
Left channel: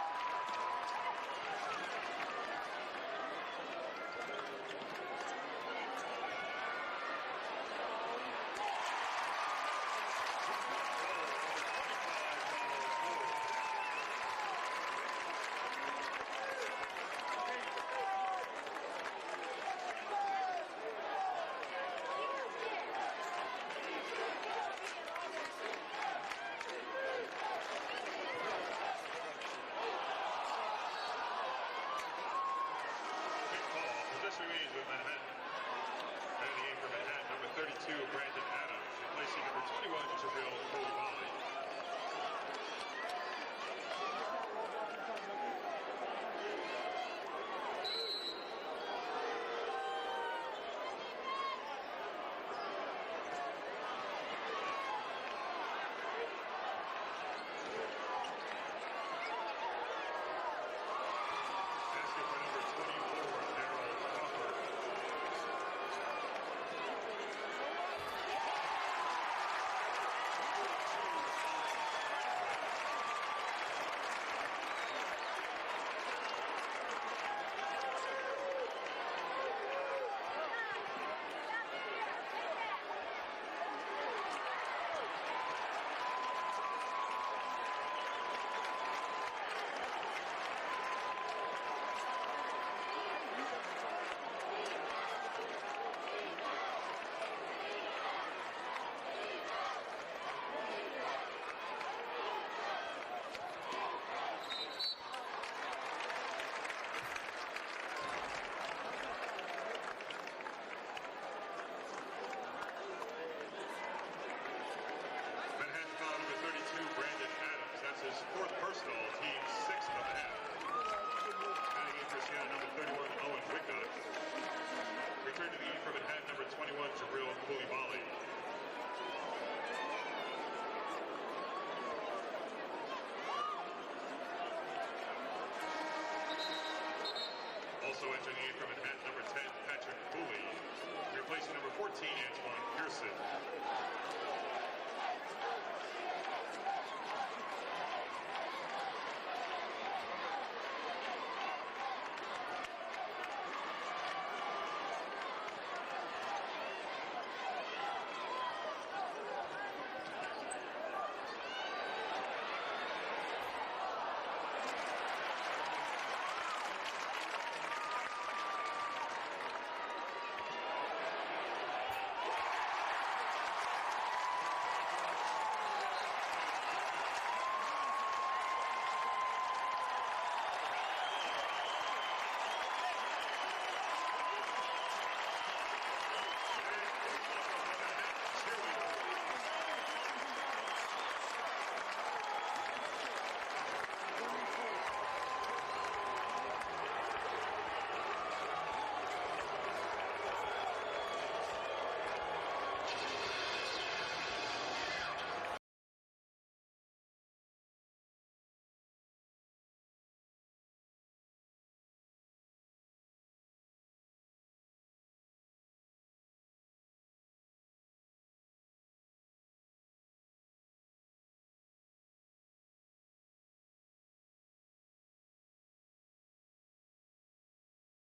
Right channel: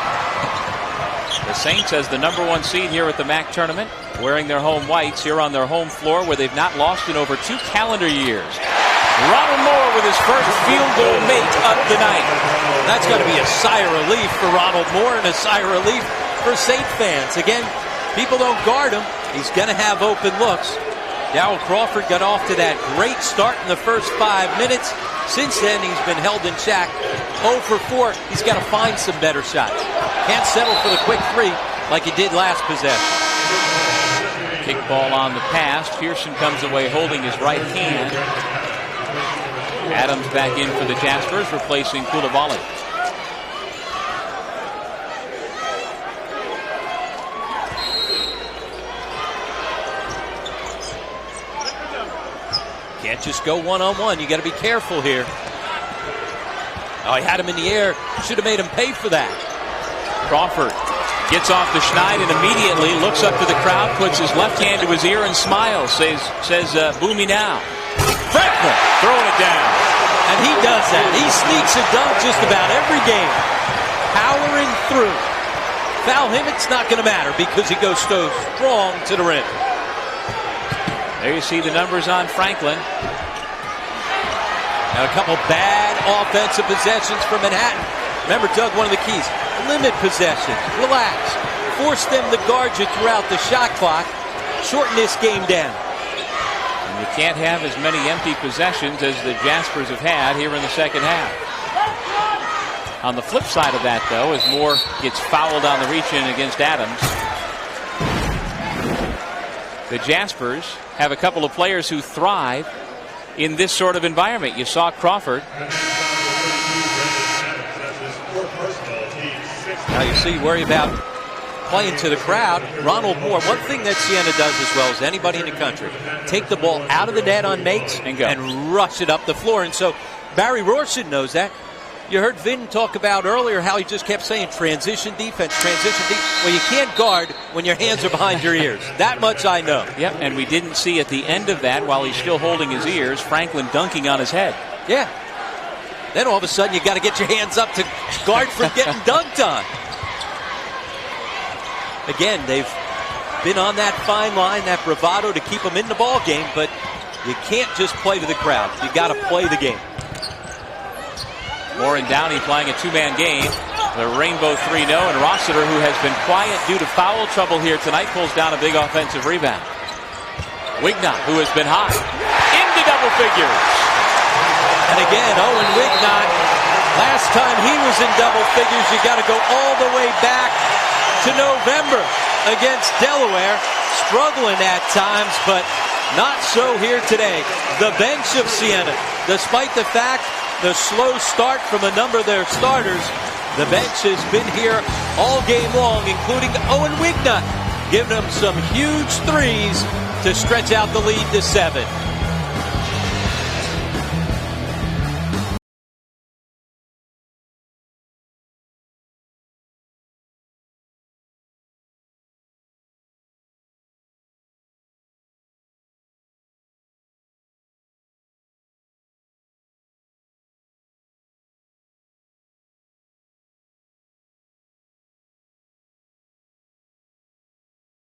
The Saints as the #1 seed here at the MAAC tournament, wearing their home whites here on their home floor where they've not lost in over 2 calendar years. Ronald Moore with his first field goal make of the night. That's got to be a sigh of relief for Ronald Moore and a sigh of relief for Saint fans. Again, people don't guard him. He's going to have open looks. Darrell Crawford got off to that great start in the first 5 minutes. Since then, he's been held in check. 0 for 4. He's got to find some better shots. Can't settle for the quick three like he did last possession. Kick ball on the pass. Pearson comes away holding his right hand. Adams back in for the Jaspers, replacing Koulibaly. Can't just go one-on-one. You got to be careful here. Oh, he had him in the air. Should have made him pay for that. Crawford gets off the schneid and immediately looks up to the crowd, puts his left hand to his ear and smiles, says boo me now. Franklin throwing it down. And he does that. He sneaks a dunk just about every game. Powering through. Foul him, it's not going to matter because he goes so strong to the rim. There you see the numbers on Franklin. Now a couple bad offensive possessions for Manhattan. Remember, Doug, one of the keys, limit possessions, relax, force them to guard you throughout the shot clock, shorten this game down. And you can't have as many empty possessions as the Jaspers have had here in the second half. On the flip side of that, though, as Moore gets fouled on the reach-in against Adams, the Jaspers have a couple of players who thrive in this sort of environment. You saw Crawford. Now you see, worry about playing to the crowd. Ronald Moore, one thing that Siena does as well as anybody in the country, take the ball out of the net on makes and rush it up the floor. And so Barry Rorson knows that. You heard Vin talk about earlier how he just kept saying transition defense, transition defense. Well, you can't guard when your hands are behind your ears. That much I know. Yep, and we didn't see at the end of that, while he's still holding his ears, Franklin dunking on his head. Yeah. Then all of a sudden you got to get your hands up to guard for getting dunked on. Again, they've been on that fine line, that bravado to keep them in the ball game, but you can't just play to the crowd. You got to play the game. Moore and Downey playing a two-man game. The Rainbow 3-0, and Rossiter, who has been quiet due to foul trouble here tonight, pulls down a big offensive rebound. Wignot, who has been hot, into double figures. And again, Owen Wignot, last time he was in double figures, you got to go all the way back to November against Delaware. Struggling at times, but not so here today. The bench of Siena, despite the fact the slow start from a number of their starters, the bench has been here all game long, including Owen Wignot, giving them some huge threes to stretch out the lead to 7.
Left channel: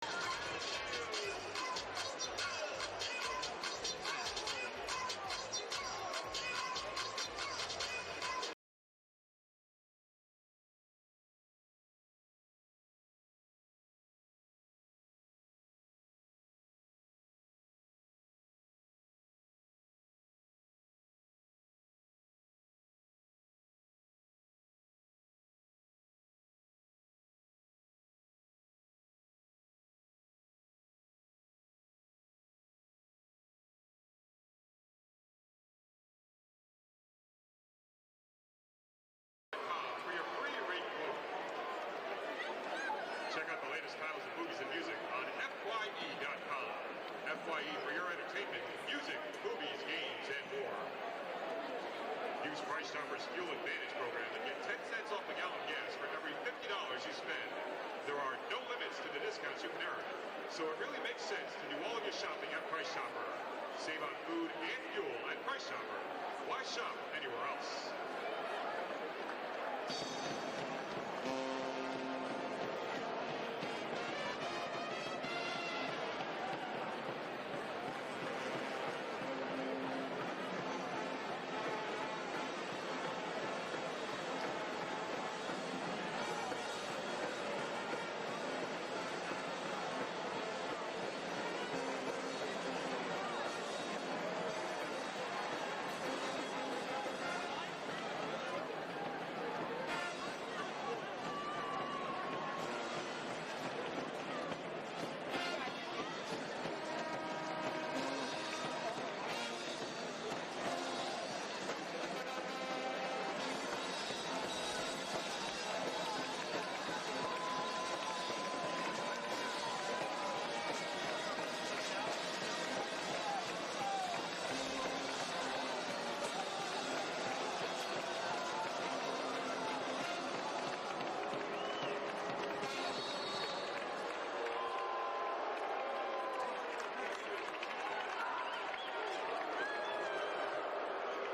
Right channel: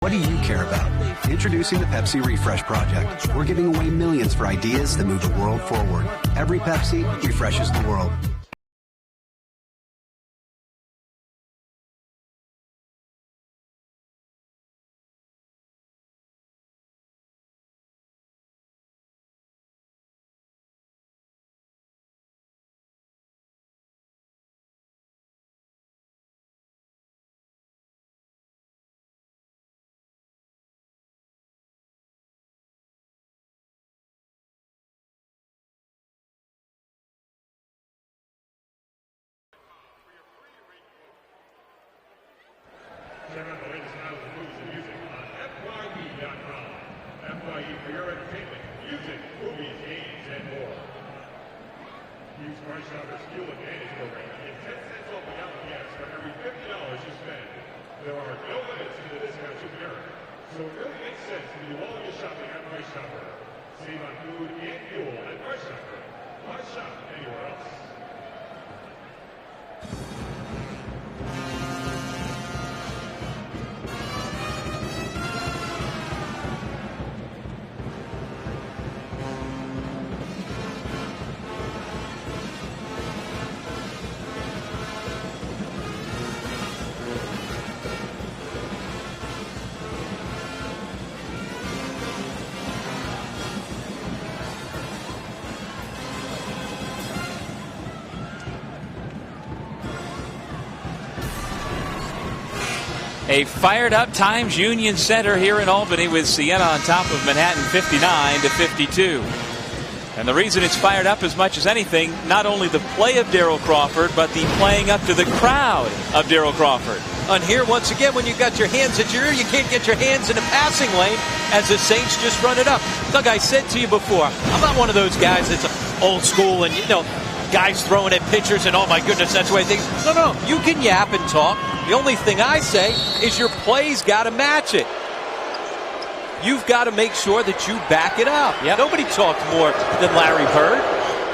What do you care about? Introducing the Pepsi Refresh Project. We're giving away millions for ideas that move the world forward. Every Pepsi refreshes the world. Check out the latest titles of movies and music on FYE.com. FYE for your entertainment, music, movies, games, and more. Use Price Chopper's Fuel Advantage program to get 10 cents off a gallon gas for every $50 you spend. There are no limits to the discounts you can earn, so it really makes sense to do all your shopping at Price Chopper. Save on food and fuel at Price Chopper. Why shop anywhere else? A fired-up Times Union Center here in Albany with Siena on top of Manhattan 59-52. And the reason it's fired up as much as anything, not only the play of Daryl Crawford, but the playing up to the crowd of Daryl Crawford. And here, once again, when you've got your hands at your ear, you can't get your hands in a passing lane as the Saints just run it up. Doug, I said to you before, I'm not one of those guys that's old school and, guys throwing at pitchers and, oh, my goodness, that's the way things. No, you can yap and talk. The only thing I say is your play's got to match it. You've got to make sure that you back it up. Yep. Nobody talked more than Larry Bird,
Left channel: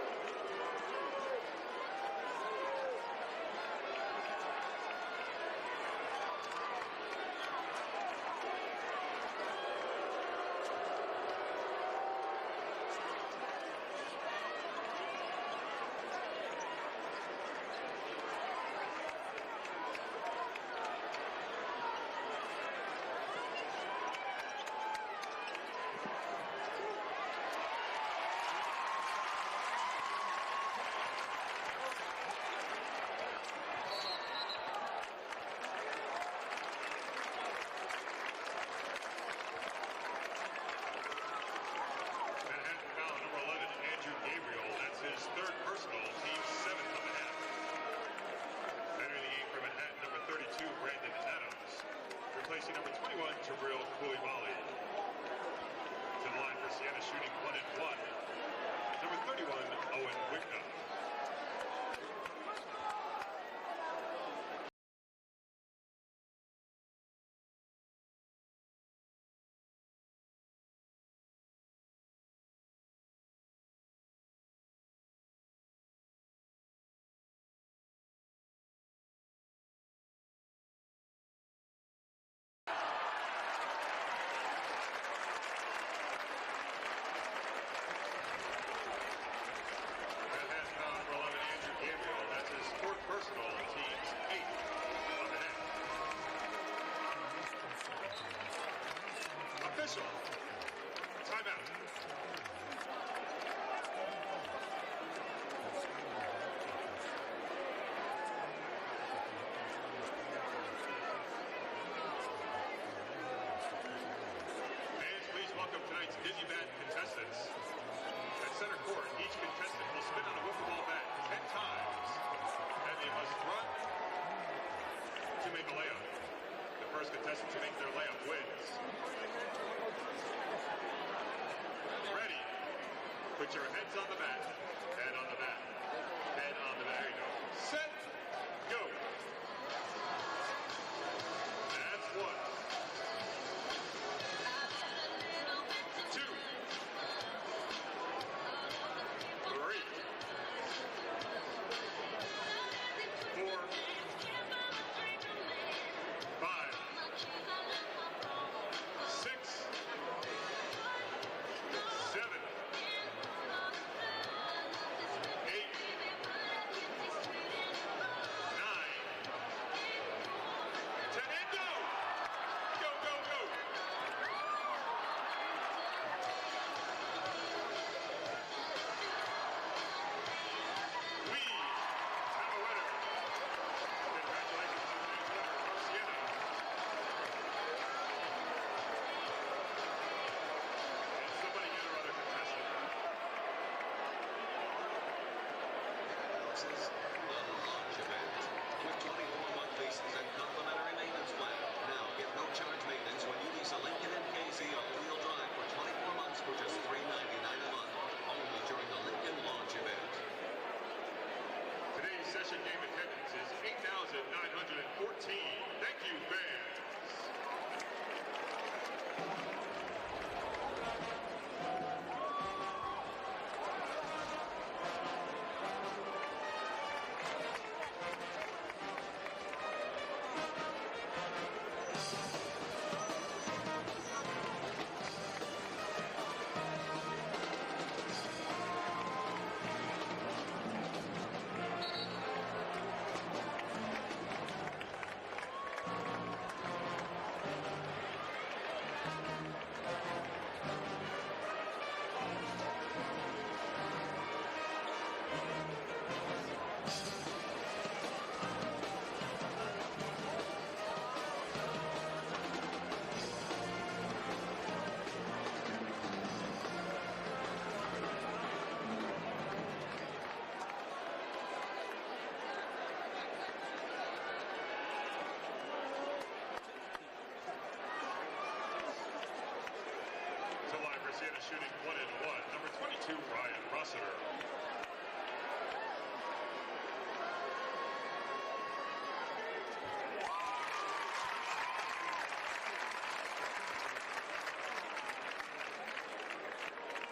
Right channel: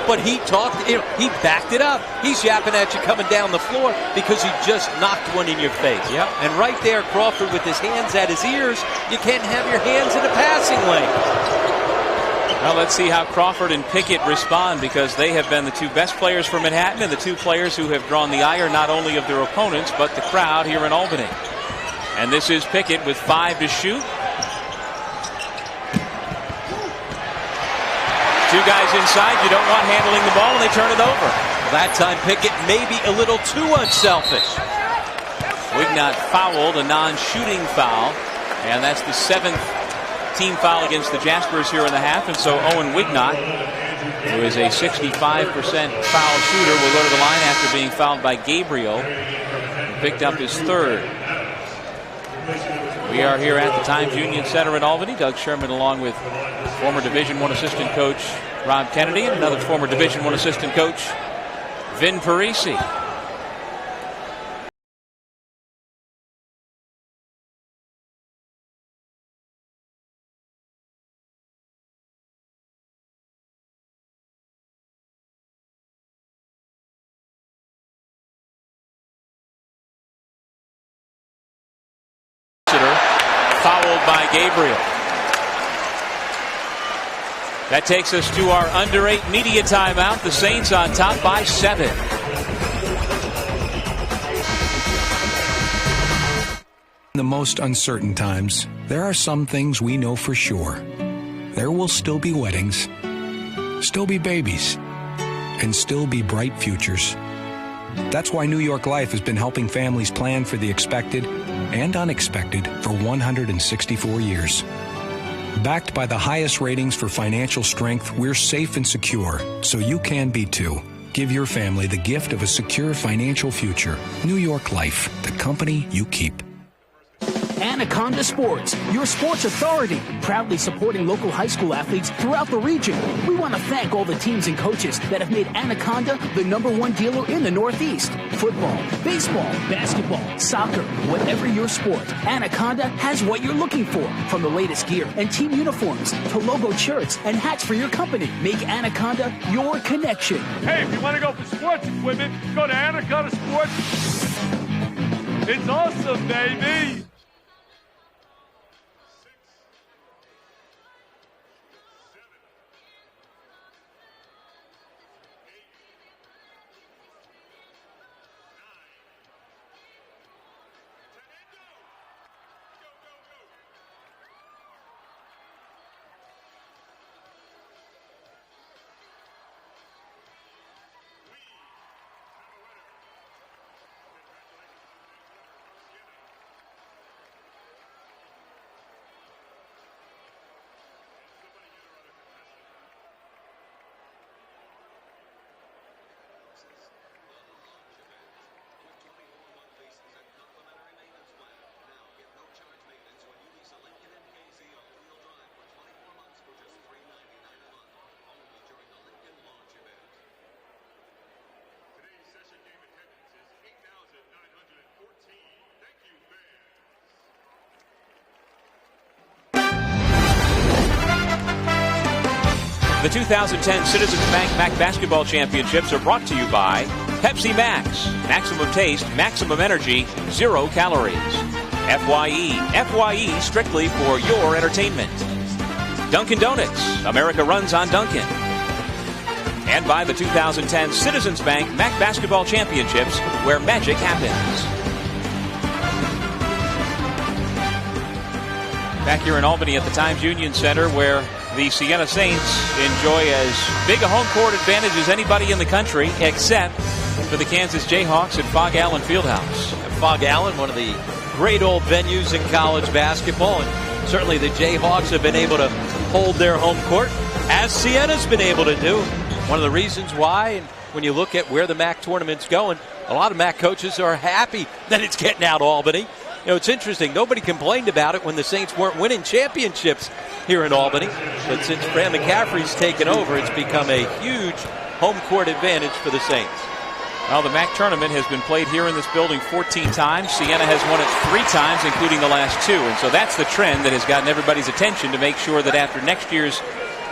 but he talked, he backed it up. He's yapping at you coming down the floor because he just knocked one in your face. Yep. And right there, Crawford with his hands at his ears, you can't have your hands in a passing lane. Well, let's see how Crawford and Pickett respond, because they have been the two best players for Manhattan and the two players who have drawn the ire not only of their opponents but the crowd here in Albany. And this is Pickett with 5 to shoot. 2 guys inside. You don't want handling the ball, and they turn it over. That time Pickett maybe a little too unselfish. Wignott fouled, a non-shooting foul, and that's the 7th team foul against the Jaspers here in the half. And so Owen Wignott, who is a 65% foul shooter, will go to the line after being fouled by Gabriel, who picked up his 3rd. We are here at the Times Union Center in Albany. Doug Sherman along with former Division I assistant coach Rob Kennedy and another former Division I assistant coach Vin Parisi. Fouled by Gabriel. That takes us to our under 8 media timeout. The Saints on top by 7. In the most uncertain times, there are some things we know for sure. There will still be weddings, still be babies, and still be bright futures. That's why New York Life has been helping families plan for the expected and unexpected for 164 years. Backed by the highest ratings for financial strength, we're safe and secure, so you can be too. Give your family the gift of a secure financial future. New York Life, the company you keep. Anaconda Sports, your sports authority, proudly supporting local high school athletes throughout the region. We want to thank all the teams and coaches that have made Anaconda the #1 dealer in the Northeast. Football, baseball, basketball, soccer, whatever your sport, Anaconda has what you're looking for. From the latest gear and team uniforms to logo shirts and hats for your company. Make Anaconda your connection. Hey, if you want to go for sports equipment, go to Anaconda Sports. It's awesome, baby. The 2010 Citizens Bank MAAC Basketball Championships are brought to you by Pepsi Max. Maximum taste, maximum energy, 0 calories. FYE strictly for your entertainment. Dunkin' Donuts. America runs on Dunkin'. And by the 2010 Citizens Bank MAAC Basketball Championships, where magic happens. Back here in Albany at the Times Union Center, where the Siena Saints enjoy as big a home court advantage as anybody in the country, except for the Kansas Jayhawks at Fog Allen Fieldhouse. Fog Allen, one of the great old venues in college basketball, and certainly the Jayhawks have been able to hold their home court, as Siena's been able to do. One of the reasons why, and when you look at where the MAAC tournament's going, a lot of MAAC coaches are happy that it's getting out Albany. You know, it's interesting. Nobody complained about it when the Saints weren't winning championships here in Albany. But since Fran McCaffrey's taken over, it's become a huge home court advantage for the Saints. Well, the MAAC tournament has been played here in this building 14 times. Siena has won it 3 times, including the last 2. And so that's the trend that has gotten everybody's attention to make sure that after next year's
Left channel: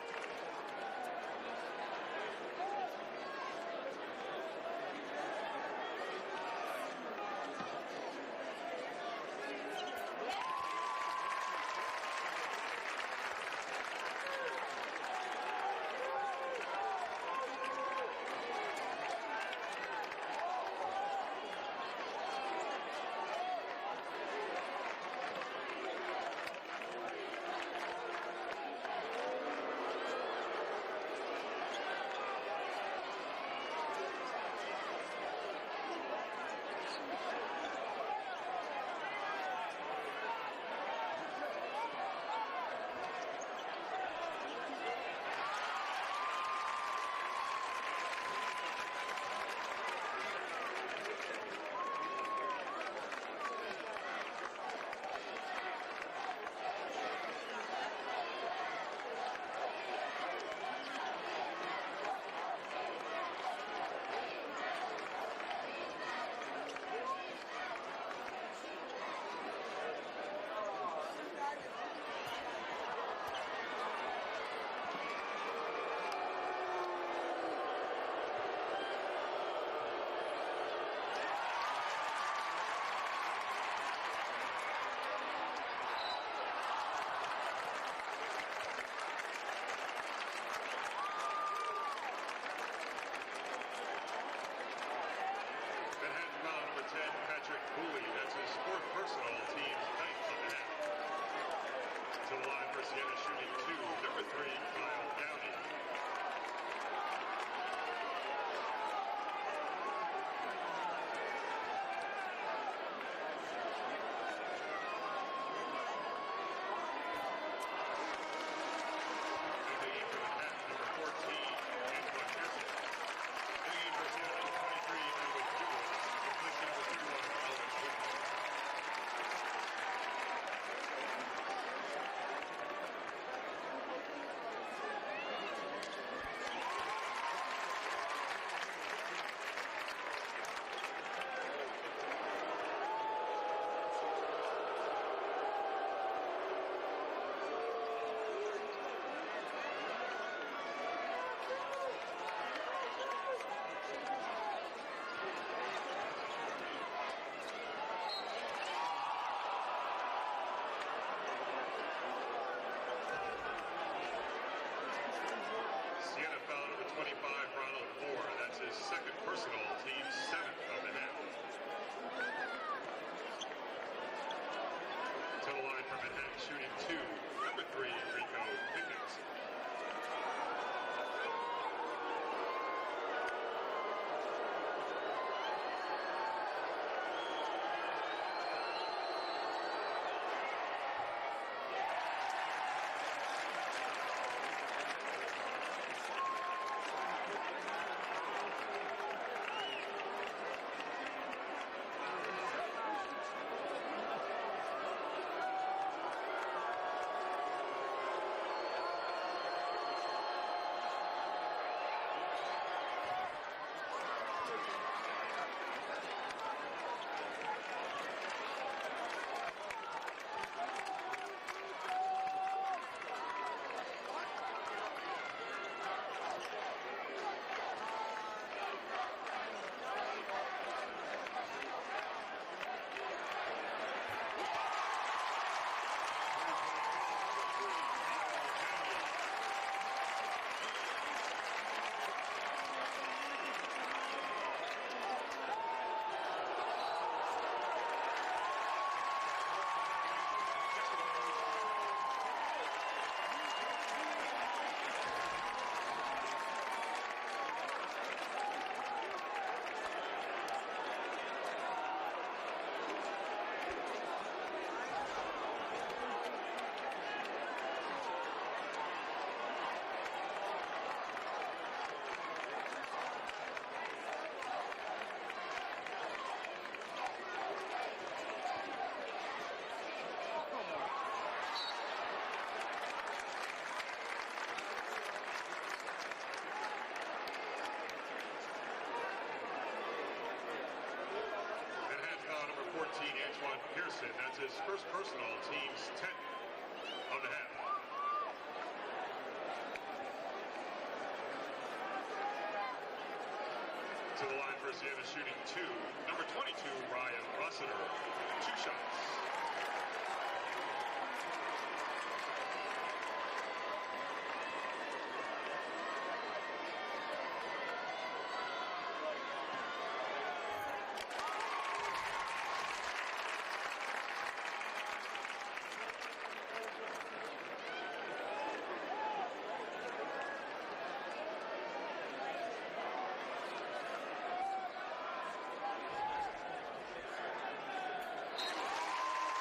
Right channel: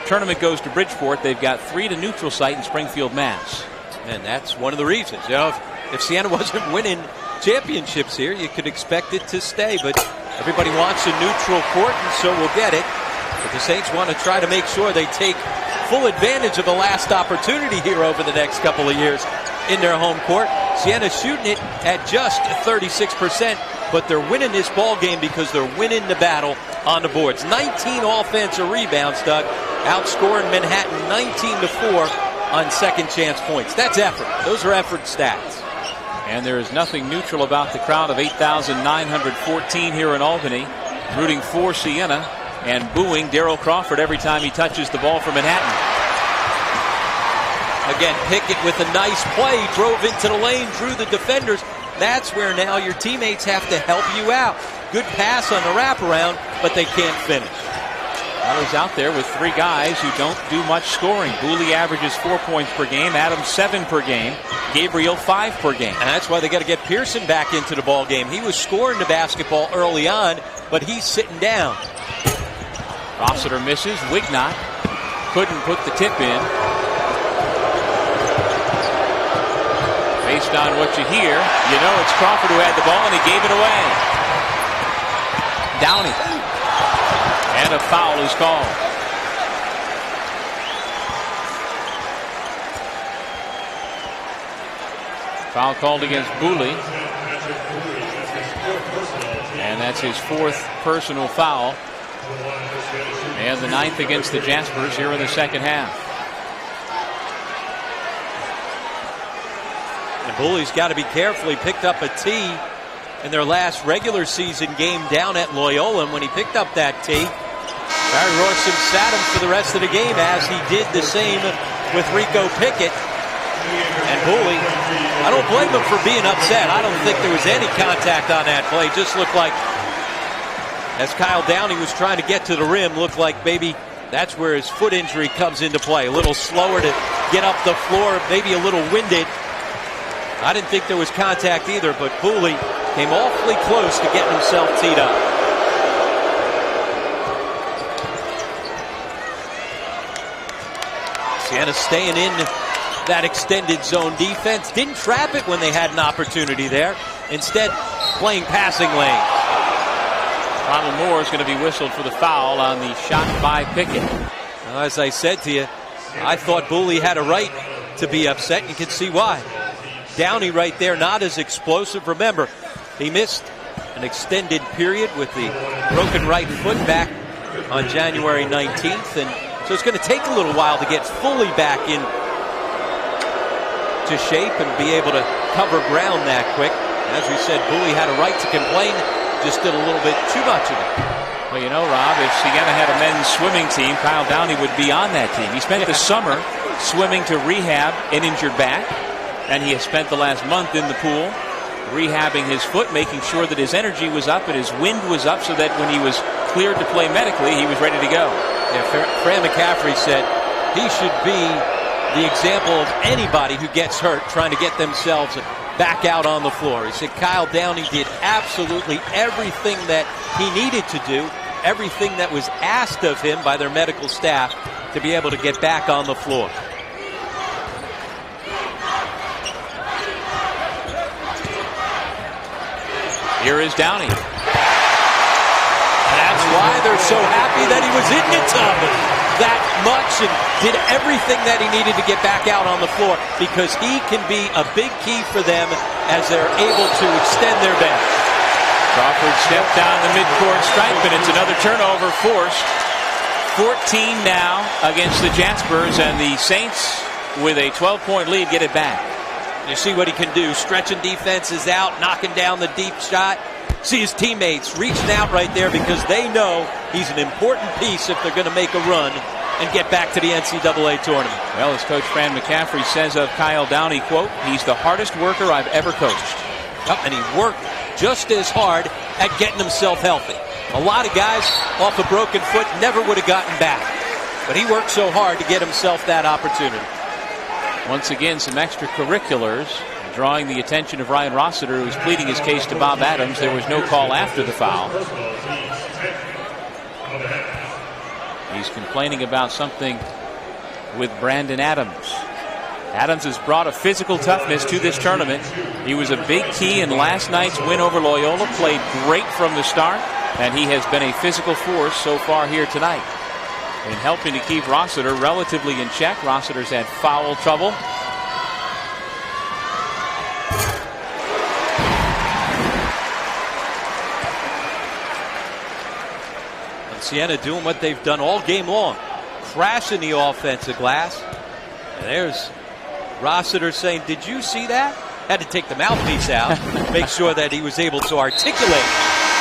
tournament goes to Bridgeport, they've got 3 at a neutral site in Springfield, Mass. And that's one of the reasons. You know, if Siena wasn't winning championships here, you could expect it to stay. But everybody wants a neutral court, and so we'll get it. But the Saints want to try to make sure they take full advantage of the last opportunity here over the next couple of years in their home court. Siena's shooting it at just 36%, but they're winning this ball game because they're winning the battle on the boards. 19 offensive rebounds, Doug, outscoring Manhattan 19-4 on second chance points. That's effort. Those are effort stats. And there is nothing neutral about the crowd of 8,914 here in Albany, rooting for Siena and booing Darryl Crawford every time he touches the ball for Manhattan. Again, Pickett with a nice play, drove into the lane, drew the defenders. That's where now your teammates have to help you out. Good pass on the wraparound, but they can't finish. Well, he's out there with 3 guys who don't do much scoring. Booley averages 4 points per game, Adams 7 per game, Gabriel 5 per game. And that's why they got to get Pearson back into the ball game. He was scoring the basketball early on, but he's sitting down. Rossiter misses. Wignott couldn't put the tip in. Based on what you hear, you know it's Crawford who had the ball and he gave it away. Downey. And a foul is called. Foul called against Booley. And that's his 4th personal foul. And the 9th against the Jaspers here in the second half. And Booley's got to be careful. He picked up a tee in their last regular season game down at Loyola. And when he picked up that tee, Barry Royston sat him for the rest of the game, as he did the same with Rico Pickett. And Booley, I don't blame him for being upset. I don't think there was any contact on that play. Just looked like, as Kyle Downey was trying to get to the rim, looked like maybe that's where his foot injury comes into play. A little slower to get up the floor, maybe a little winded. I didn't think there was contact either, but Booley came awfully close to getting himself teed up. Siena staying in that extended zone defense. Didn't trap it when they had an opportunity there. Instead, playing passing lane. Ronald Moore is going to be whistled for the foul on the shot by Pickett. Well, as I said to you, I thought Booley had a right to be upset. You can see why. Downey right there, not as explosive. Remember, he missed an extended period with the broken right foot back on January 19th. And so it's going to take a little while to get fully back in to shape and be able to cover ground that quick. As we said, Booley had a right to complain, just did a little bit too much of it. Well, you know, Rob, if Siena had a men's swimming team, Kyle Downey would be on that team. He spent the summer swimming to rehab an injured back, and he has spent the last month in the pool rehabbing his foot, making sure that his energy was up and his wind was up so that when he was cleared to play medically, he was ready to go. Yeah, Fran McCaffrey said he should be the example of anybody who gets hurt trying to get themselves back out on the floor. He said Kyle Downey did absolutely everything that he needed to do, everything that was asked of him by their medical staff to be able to get back on the floor. Here is Downey. That's why they're so happy that he was in the tub that much and did everything that he needed to get back out on the floor, because he can be a big key for them as they're able to extend their bench. Crawford stepped down the midcourt stripe, and it's another turnover forced. 14 now against the Jaspers, and the Saints with a 12-point lead get it back. You see what he can do, stretching defenses out, knocking down the deep shot. See his teammates reaching out right there because they know he's an important piece if they're going to make a run and get back to the NCAA tournament. Well, as Coach Fran McCaffrey says of Kyle Downey, quote, he's the hardest worker I've ever coached. Yep, and he worked just as hard at getting himself healthy. A lot of guys off a broken foot never would have gotten back. But he worked so hard to get himself that opportunity. Once again, some extracurriculars drawing the attention of Ryan Rossiter, who was pleading his case to Bob Adams. There was no call after the foul. He's complaining about something with Brandon Adams. Adams has brought a physical toughness to this tournament. He was a big key in last night's win over Loyola, played great from the start, and he has been a physical force so far here tonight. In helping to keep Rossiter relatively in check. Rossiter's had foul trouble. And Siena doing what they've done all game long. Crashing the offensive glass. And there's Rossiter saying, did you see that? Had to take the mouthpiece out. Make sure that he was able to articulate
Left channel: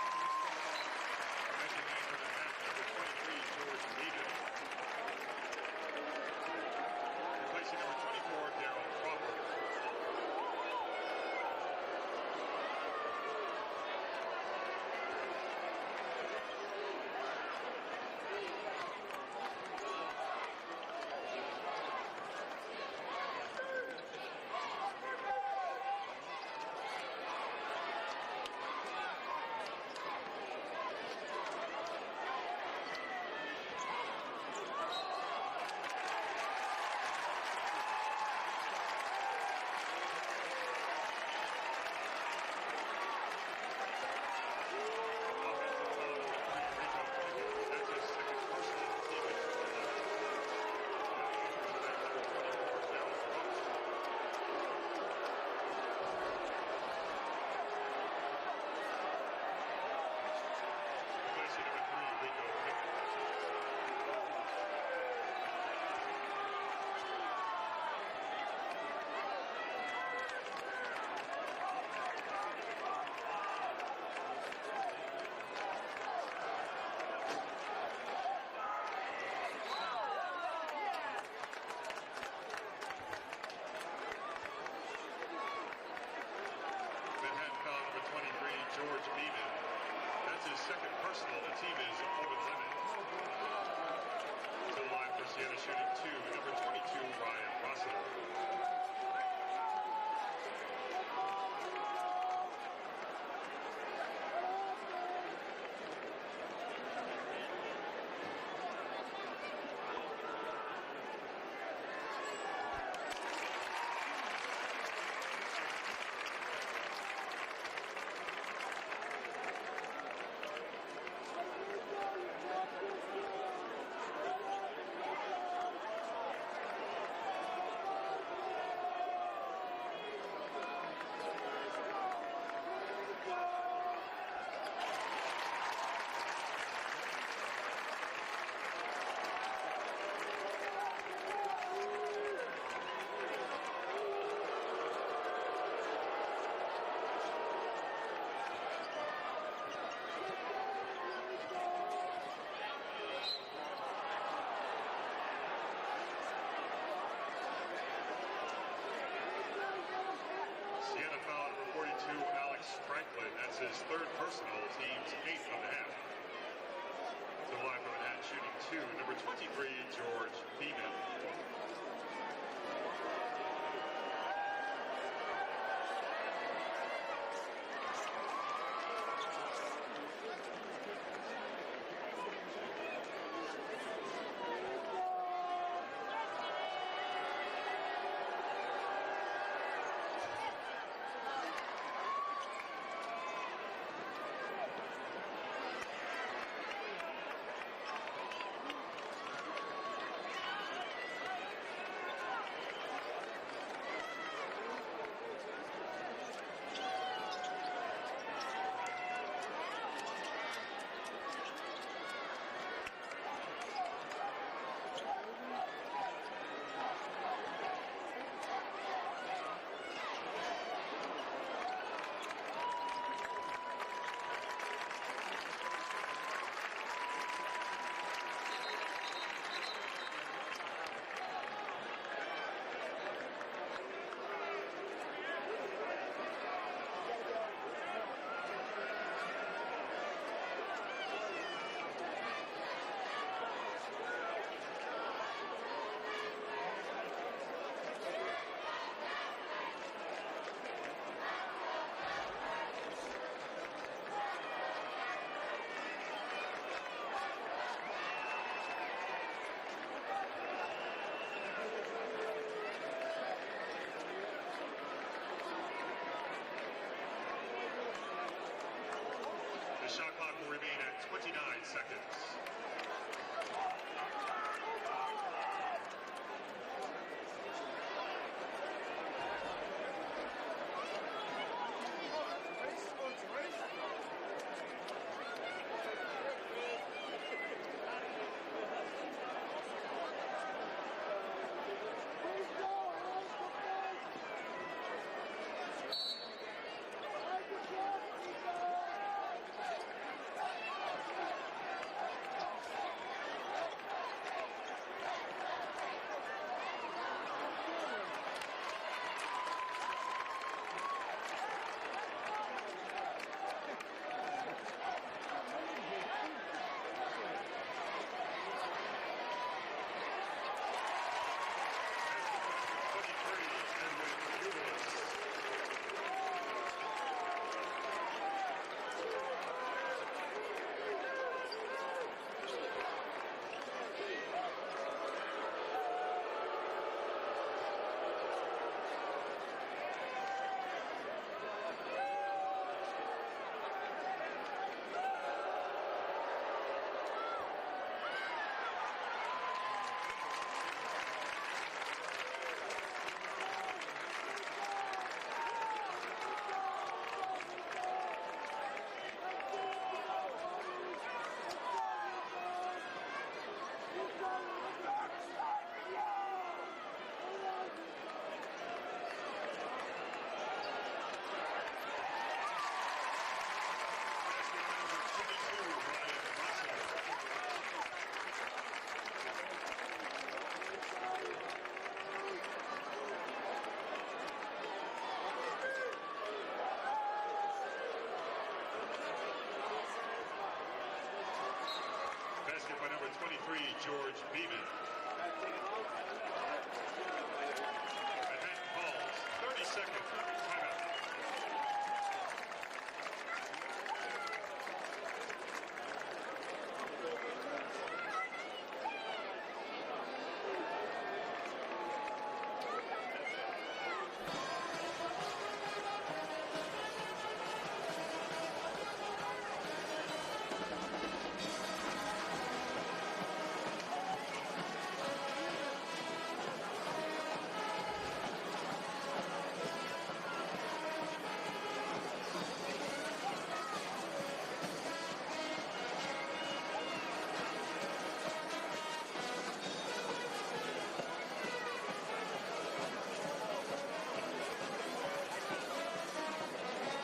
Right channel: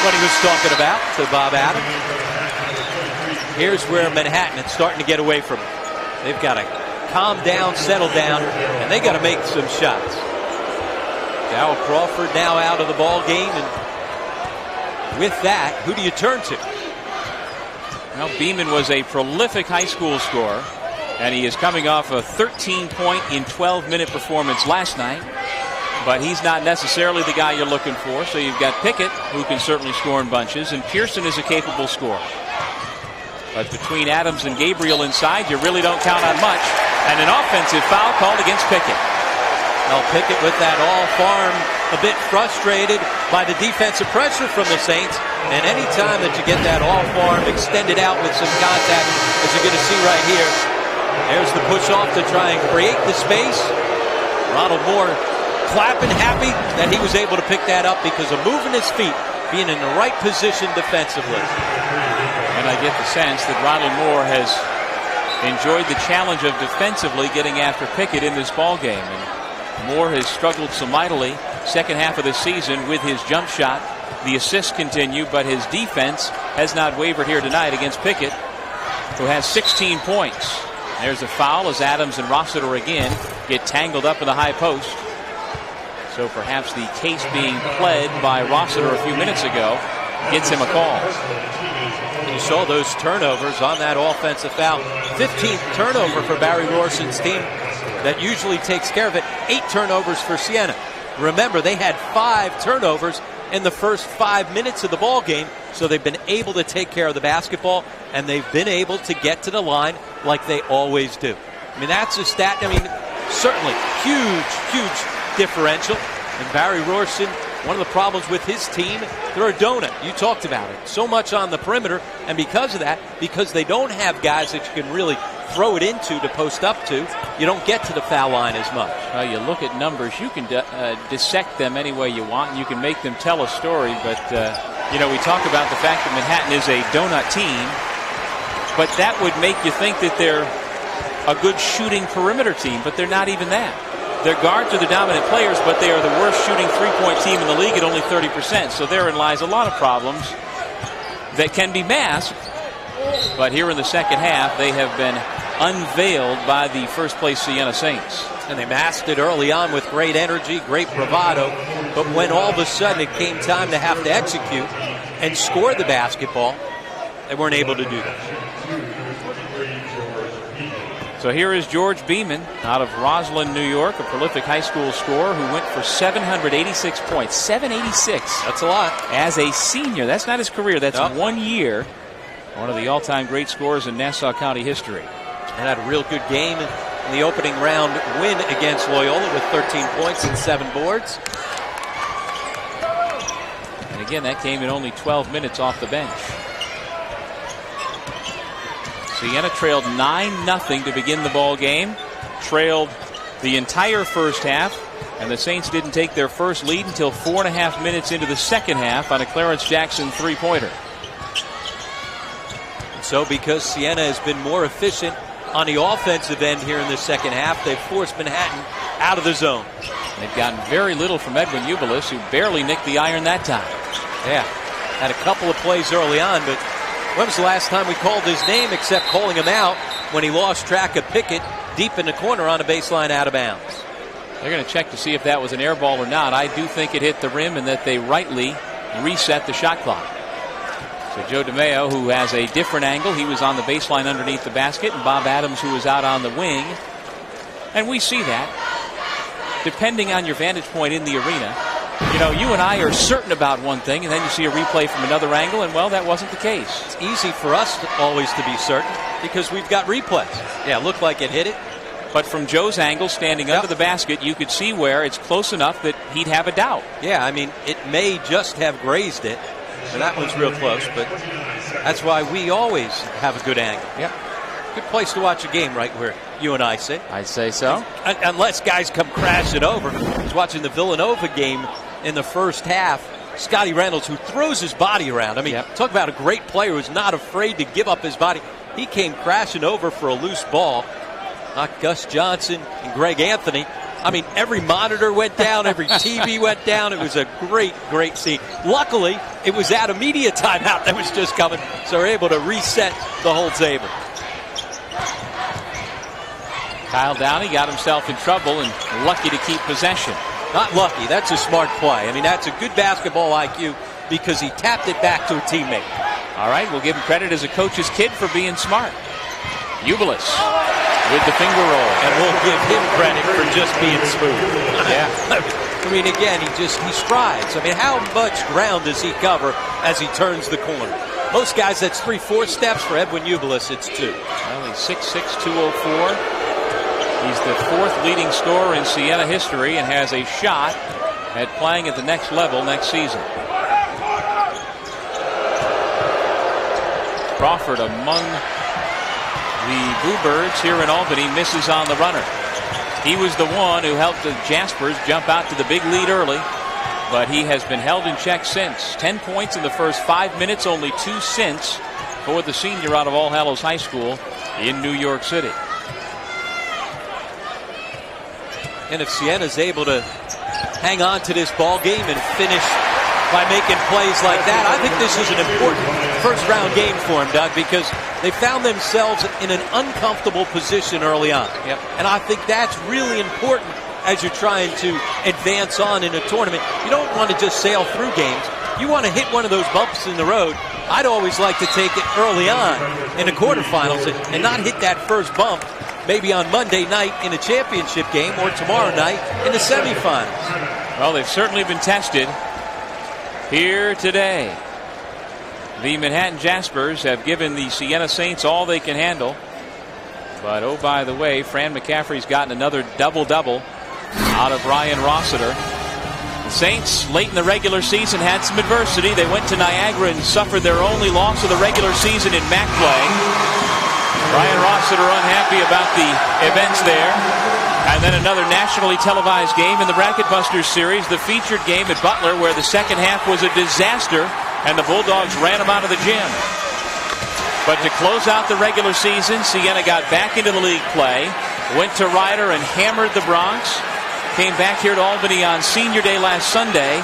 what he was talking about to Bob Adams. Here's where Manhattan is starting to get away from him. They've got to calm down, settle down, and they got to make some shots. Dow Crawford now out of the ball game, and with that, who do you turn to? Well, Beeman was a prolific high school scorer, and he is coming off a 13-point in 12-minute performance last night. But he's not necessarily the guy you're looking for. So you've got Pickett, who can certainly score in bunches, and Pearson is a capable scorer. But between Adams and Gabriel inside, you really don't count on much. And an offensive foul called against Pickett. Well, Pickett with that all farm, a bit frustrated by the defensive pressure from the Saints. And any time that you get that all farm extended out with some contact, as you're going to see right here, there's the push off to try and create the space. Ronald Moore clapping, happy that he was able to pick that up because of moving his feet, being in the right position defensively. And I get the sense that Ronald Moore has enjoyed the challenge of defensively getting after Pickett in this ball game. And Moore has struggled so mightily second half of the season with his jump shot. The assists continue, but his defense has not wavered here tonight against Pickett, who has 16 points. There's a foul as Adams and Rossiter again get tangled up in the high post. So perhaps the case being pled by Rossiter a few minutes ago gets him a call. You saw those turnovers on that offensive foul. 15th turnover for Barry Rorson's team that usually takes care of it. 8 turnovers for Siena. Remember, they had 5 turnovers in the first 5 minutes of the ball game, so they've been able to take care of the basketball, and they've been able to get to the line like they always do. I mean, that's a stat. I mean, certainly huge differential. And Barry Rorson, one of the problems with his team, they're a donut. You talked about it. So much on the perimeter, and because of that, because they don't have guys that you can really throw it into to post up to, you don't get to the foul line as much. Well, you look at numbers, you can dissect them any way you want, and you can make them tell a story. But, you know, we talk about the fact that Manhattan is a donut team, but that would make you think that they're a good shooting perimeter team, but they're not even that. Their guards are the dominant players, but they are the worst shooting three-point team in the league at only 30%. So therein lies a lot of problems that can be masked. But here in the second half, they have been unveiled by the first-place Siena Saints. And they masked it early on with great energy, great bravado. But when all of a sudden it came time to have to execute and score the basketball, they weren't able to do that. So here is George Beeman out of Roslyn, New York, a prolific high school scorer who went for 786 points. 786. That's a lot. As a senior. That's not his career. That's 1 year. One of the all-time great scorers in Nassau County history. And had a real good game in the opening round win against Loyola with 13 points and 7 boards. And again, that came in only 12 minutes off the bench. Siena trailed 9-0 to begin the ball game. Trailed the entire first half. And the Saints didn't take their first lead until 4.5 minutes into the second half on a Clarence Jackson three-pointer. So because Siena has been more efficient on the offensive end here in the second half, they've forced Manhattan out of the zone. They've gotten very little from Edwin Ubilis, who barely nicked the iron that time. Yeah, had a couple of plays early on, but when was the last time we called his name except calling him out when he lost track of Pickett deep in the corner on a baseline out of bounds? They're going to check to see if that was an air ball or not. I do think it hit the rim and that they rightly reset the shot clock. So Joe DeMeo, who has a different angle, he was on the baseline underneath the basket, and Bob Adams, who was out on the wing. And we see that, depending on your vantage point in the arena. You know, you and I are certain about one thing, and then you see a replay from another angle, and, well, that wasn't the case. It's easy for us always to be certain because we've got replays. Yeah, it looked like it hit it. But from Joe's angle, standing under the basket, you could see where it's close enough that he'd have a doubt. Yeah, I mean, it may just have grazed it, and that one's real close, but that's why we always have a good angle. Yeah. Good place to watch a game, right where you and I sit. I'd say so. Unless guys come crashing over. I was watching the Villanova game in the first half. Scotty Reynolds, who throws his body around. I mean, talk about a great player who's not afraid to give up his body. He came crashing over for a loose ball. Not Gus Johnson and Greg Anthony. I mean, every monitor went down, every TV went down. It was a great, great scene. Luckily, it was at a media timeout that was just coming, so we're able to reset the whole table. Kyle Downey got himself in trouble and lucky to keep possession. Not lucky. That's a smart play. I mean, that's a good basketball IQ because he tapped it back to a teammate. All right, we'll give him credit as a coach's kid for being smart. Ubilis with the finger roll. And we'll give him credit for just being smooth. Yeah. I mean, again, he strides. I mean, how much ground does he cover as he turns the corner? Most guys, that's 3-4 steps. For Edwin Ubilis, it's 2. Well, he's 6'6", 204. He's the 4th leading scorer in Siena history and has a shot at playing at the next level next season. Crawford among the Bluebirds here in Albany misses on the runner. He was the one who helped the Jaspers jump out to the big lead early, but he has been held in check since. 10 points in the first 5 minutes, only 2 since for the senior out of All Hallows High School in New York City. And if Siena's able to hang on to this ball game and finish by making plays like that, I think this is an important first-round game for them, Doug, because they found themselves in an uncomfortable position early on. Yep. And I think that's really important as you're trying to advance on in a tournament. You don't want to just sail through games. You want to hit one of those bumps in the road. I'd always like to take it early on in the quarterfinals and not hit that first bump maybe on Monday night in a championship game or tomorrow night in the semifinals. Well, they've certainly been tested here today. The Manhattan Jaspers have given the Siena Saints all they can handle. But, oh, by the way, Fran McCaffrey's gotten another double-double out of Ryan Rossiter. The Saints, late in the regular season, had some adversity. They went to Niagara and suffered their only loss of the regular season in MAAC play. Ryan Rossiter unhappy about the events there. And then another nationally televised game in the Bracket Busters series, the featured game at Butler, where the second half was a disaster and the Bulldogs ran them out of the gym. But to close out the regular season, Siena got back into the league play, went to Ryder and hammered the Bronx, came back here to Albany on Senior Day last Sunday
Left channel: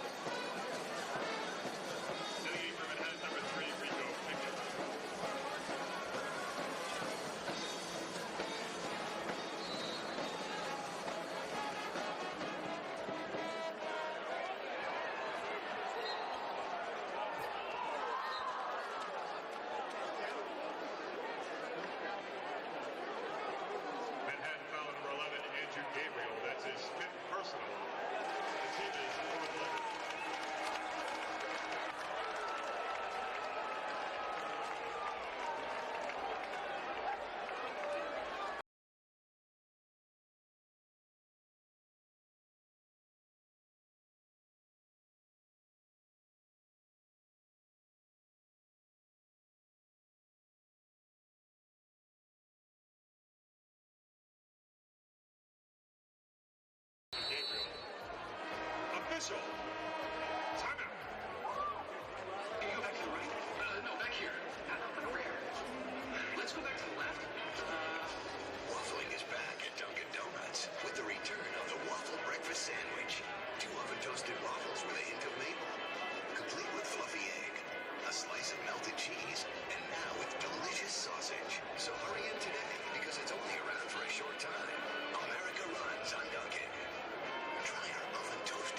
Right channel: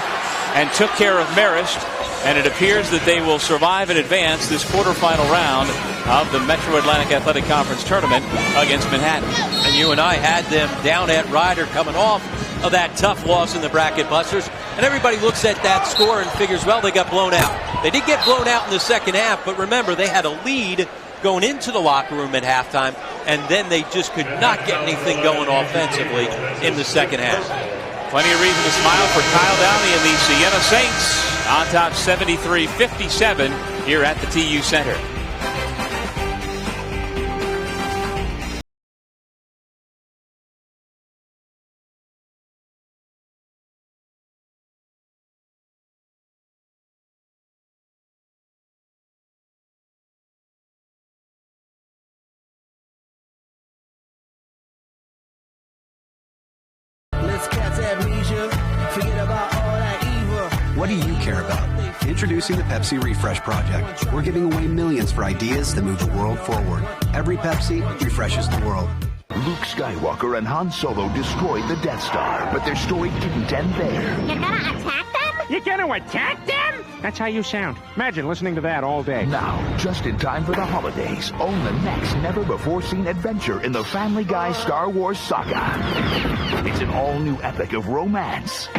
and took care of Marist. And it appears that they will survive and advance this quarterfinal round of the Metro Atlantic Athletic Conference tournament against Manhattan. And you and I had them down at Ryder coming off of that tough loss in the Bracket Busters. And everybody looks at that score and figures, well, they got blown out. They did get blown out in the second half, but remember, they had a lead going into the locker room at halftime, and then they just could not get anything going offensively in the second half. Plenty of reason to smile for Kyle Downey and the Siena Saints on top 73-57 here at the TU Center. What do you care about? Introducing the Pepsi Refresh Project. We're giving away millions for ideas that move the world forward. Every Pepsi refreshes the world. Luke Skywalker and Han Solo destroyed the Death Star, but their story didn't end there. You're gonna attack them? You're gonna attack them? That's how you sound. Imagine listening to that all day. Now, just in time for the holidays, own the next never-before-seen adventure in the Family Guy Star Wars saga. It's an all-new epic of romance,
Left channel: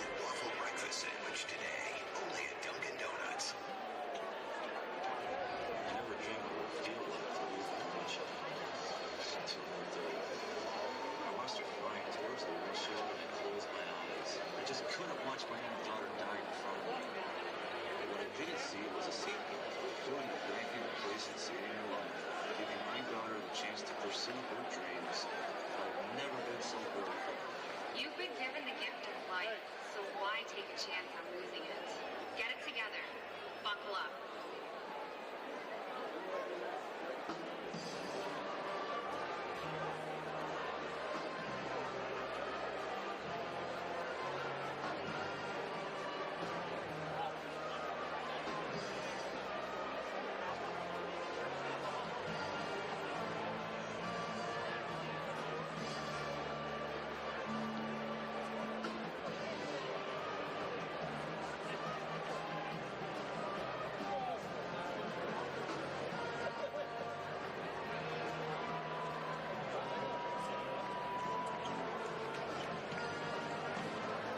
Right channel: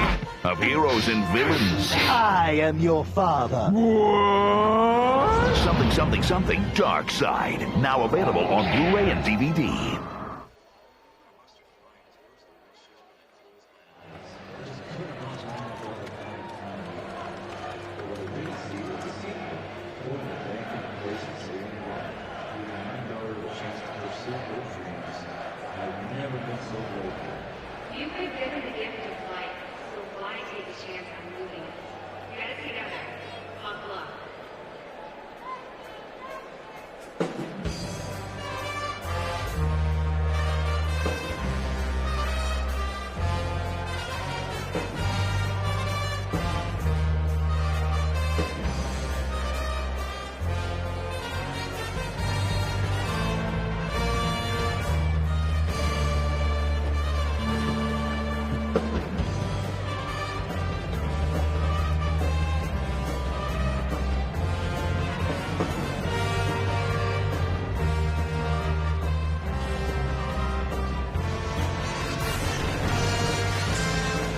of heroes and villains. I am your father. Something, something, something Dark Side. Now available on Blu-ray and DVD. You've been given the gift of life, so why take a chance on losing it? Get it together. Buckle up.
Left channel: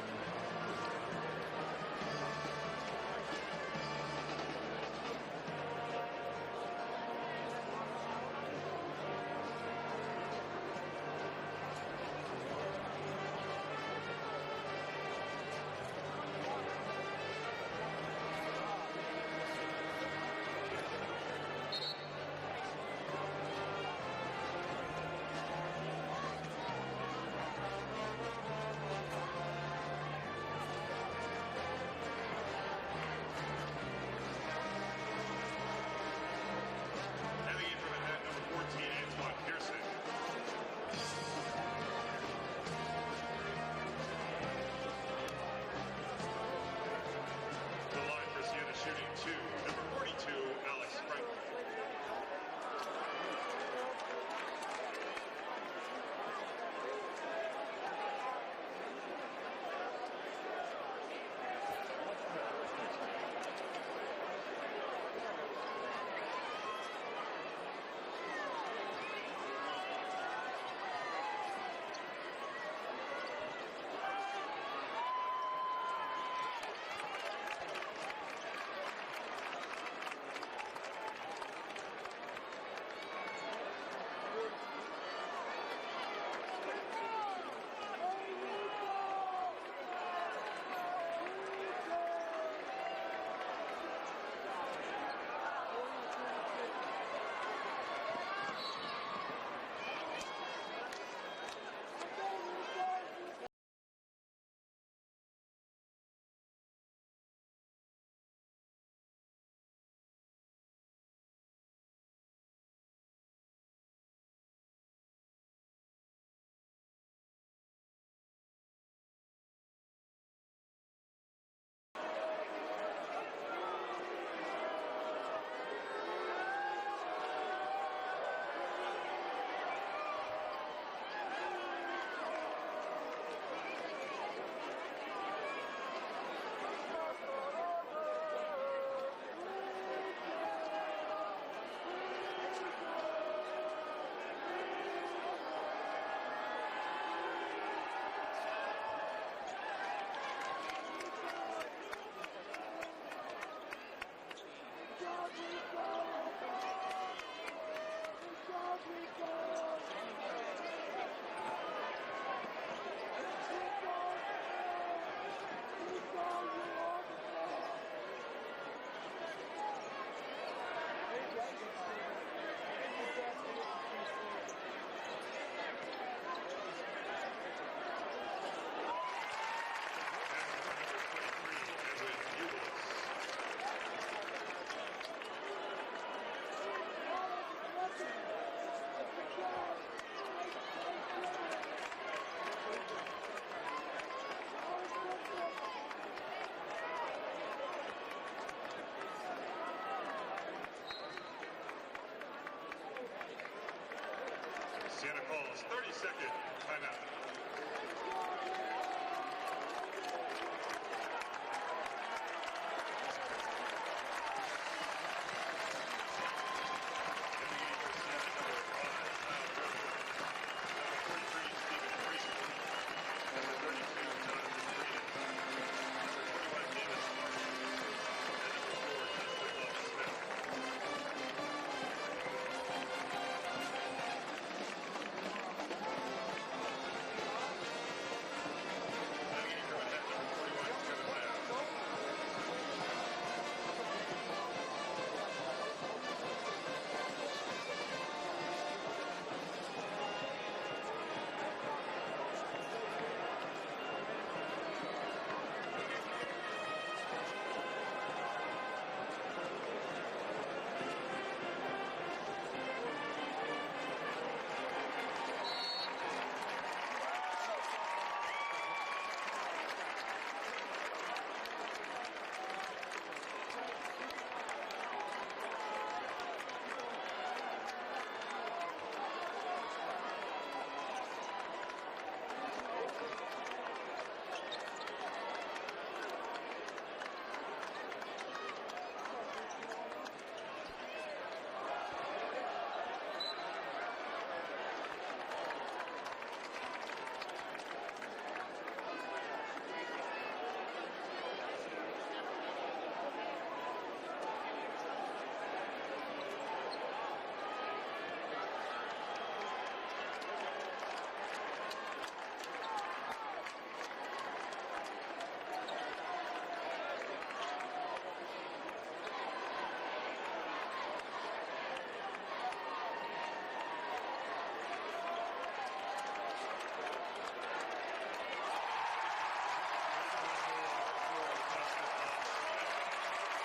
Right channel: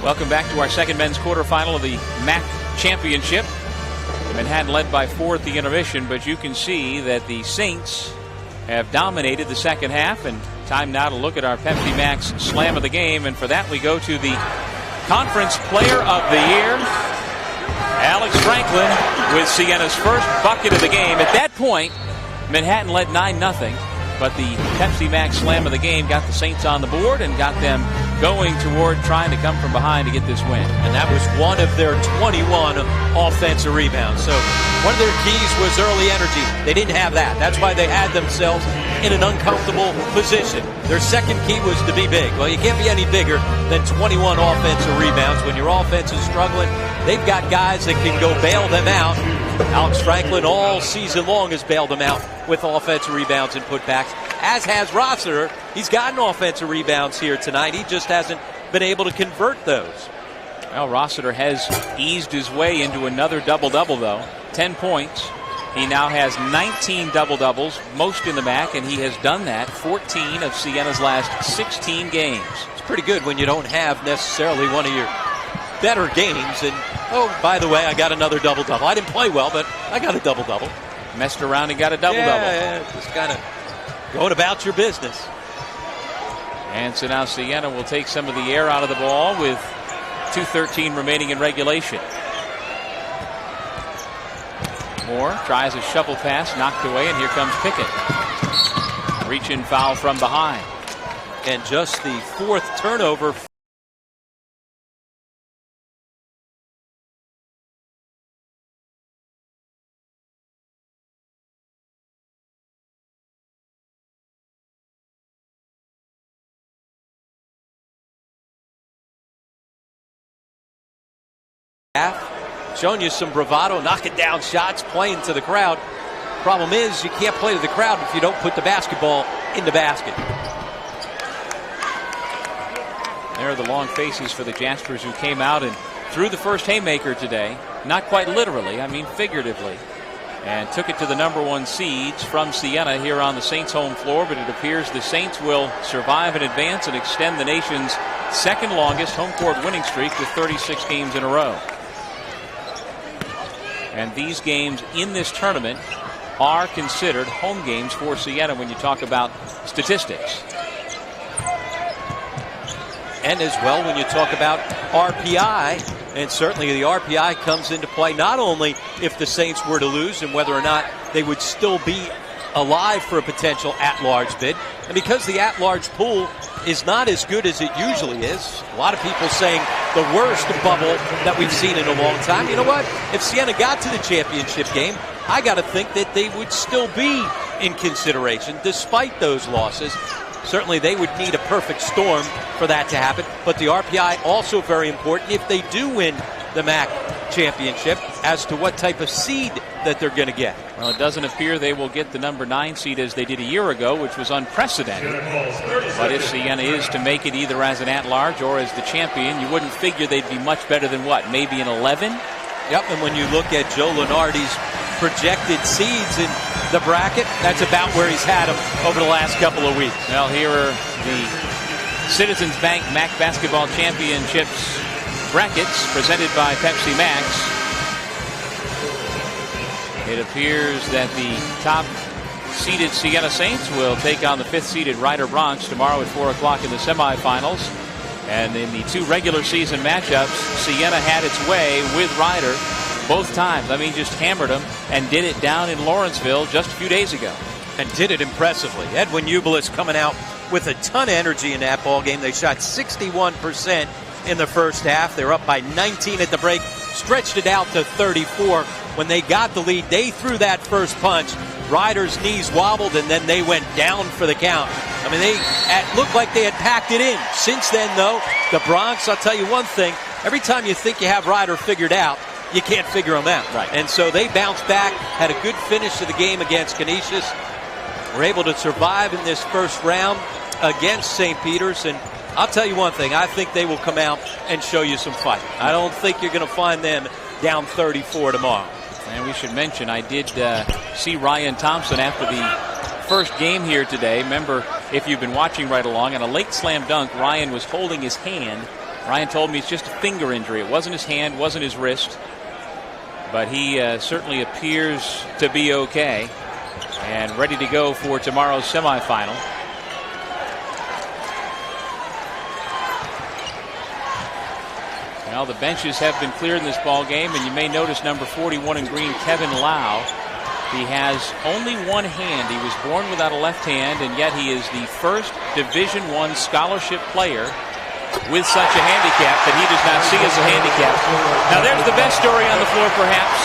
Welcome back to our second men's quarterfinal of the MAAC championship. Manhattan led by 4 at the intermission, but you can see that the Saints have dominated the second half. And time now to look at our Pepsi Max slam of the game. And for that, we go to the Conference Player of the Year, Alex Franklin, with Siena's first bucket of the game. At that point, Manhattan led 9-0. But the Pepsi Max slam of the game got the Saints on the board and got them going toward trying to come from behind to get this win. And that was one of their 21 offensive rebounds. So one of their keys was early energy. They didn't have that. That's why they had themselves in an uncomfortable position. Their second key was to be big. Well, you can't be any bigger than 21 offensive rebounds. When your offense is struggling, they've got guys that can go bail them out. Alex Franklin all season long has bailed them out with offensive rebounds and putbacks, as has Rossiter. He's gotten offensive rebounds here tonight. He just hasn't been able to convert those. Well, Rossiter has eased his way into another double-double, though. 10 points. He now has 19 double-doubles, most in the MAAC, and he has done that 14 of Siena's last 16 games. It's pretty good when you don't have necessarily one of your better games. And, oh, by the way, I got another double-double. I didn't play well, but I got a double-double. Messed around and got a double-double. Yeah, just kind of going about your business. And so now Siena will take some of the air out of the ball with 2:13 remaining in regulation. Moore tries a shovel pass, knocked away, and here comes Pickett. Reach-in foul from behind. And just the 4th turnover. Showing you some bravado, knocking down shots, playing to the crowd. Problem is, you can't play to the crowd if you don't put the basketball in the basket. There are the long faces for the Jaspers, who came out and threw the first haymaker today. Not quite literally, I mean figuratively. And took it to the #1 seeds from Siena here on the Saints' home floor. But it appears the Saints will survive and advance and extend the nation's second longest home court winning streak with 36 games in a row. And these games in this tournament are considered home games for Siena when you talk about statistics. And as well, when you talk about RPI, and certainly the RPI comes into play not only if the Saints were to lose and whether or not they would still be alive for a potential at-large bid. And because the at-large pool is not as good as it usually is, a lot of people saying the worst bubble that we've seen in a long time. You know what? If Siena got to the championship game, I got to think that they would still be in consideration despite those losses. Certainly they would need a perfect storm for that to happen. But the RPI also very important if they do win the MAAC championship as to what type of seed that they're going to get. Well, it doesn't appear they will get the #9 seed as they did a year ago, which was unprecedented. But if Siena is to make it either as an at-large or as the champion, you wouldn't figure they'd be much better than what, maybe an 11? Yep, and when you look at Joe Lunardi's projected seeds in the bracket, that's about where he's had them over the last couple of weeks. Well, here are the Citizens Bank MAAC Basketball Championships brackets presented by Pepsi Max. It appears that the top-seeded Siena Saints will take on the 5th-seeded Rider Bronx tomorrow at 4 o'clock in the semifinals. And in the 2 regular season matchups, Siena had its way with Rider both times. I mean, just hammered them and did it down in Lawrenceville just a few days ago. And did it impressively. Edwin Ubelis coming out with a ton of energy in that ball game. They shot 61% in the first half. They were up by 19 at the break, stretched it out to 34. When they got the lead, they threw that first punch. Rider's knees wobbled, and then they went down for the count. I mean, it looked like they had packed it in. Since then, though, the Bronx, I'll tell you one thing, every time you think you have Rider figured out, you can't figure them out. Right. And so they bounced back, had a good finish to the game against Canisius, were able to survive in this first round against St. Peter's. And I'll tell you one thing, I think they will come out and show you some fight. I don't think you're going to find them down 34 tomorrow. And we should mention, I did see Ryan Thompson after the first game here today. Remember, if you've been watching right along, on a late slam dunk, Ryan was holding his hand. Ryan told me it's just a finger injury. It wasn't his hand, wasn't his wrist. But he certainly appears to be okay and ready to go for tomorrow's semifinal. Well, the benches have been cleared in this ball game, and you may notice number 41 in green, Kevin Lau. He has only one hand. He was born without a left hand, and yet he is the first Division I scholarship player with such a handicap that he does not see as a handicap. Now, there's the best story on the floor, perhaps.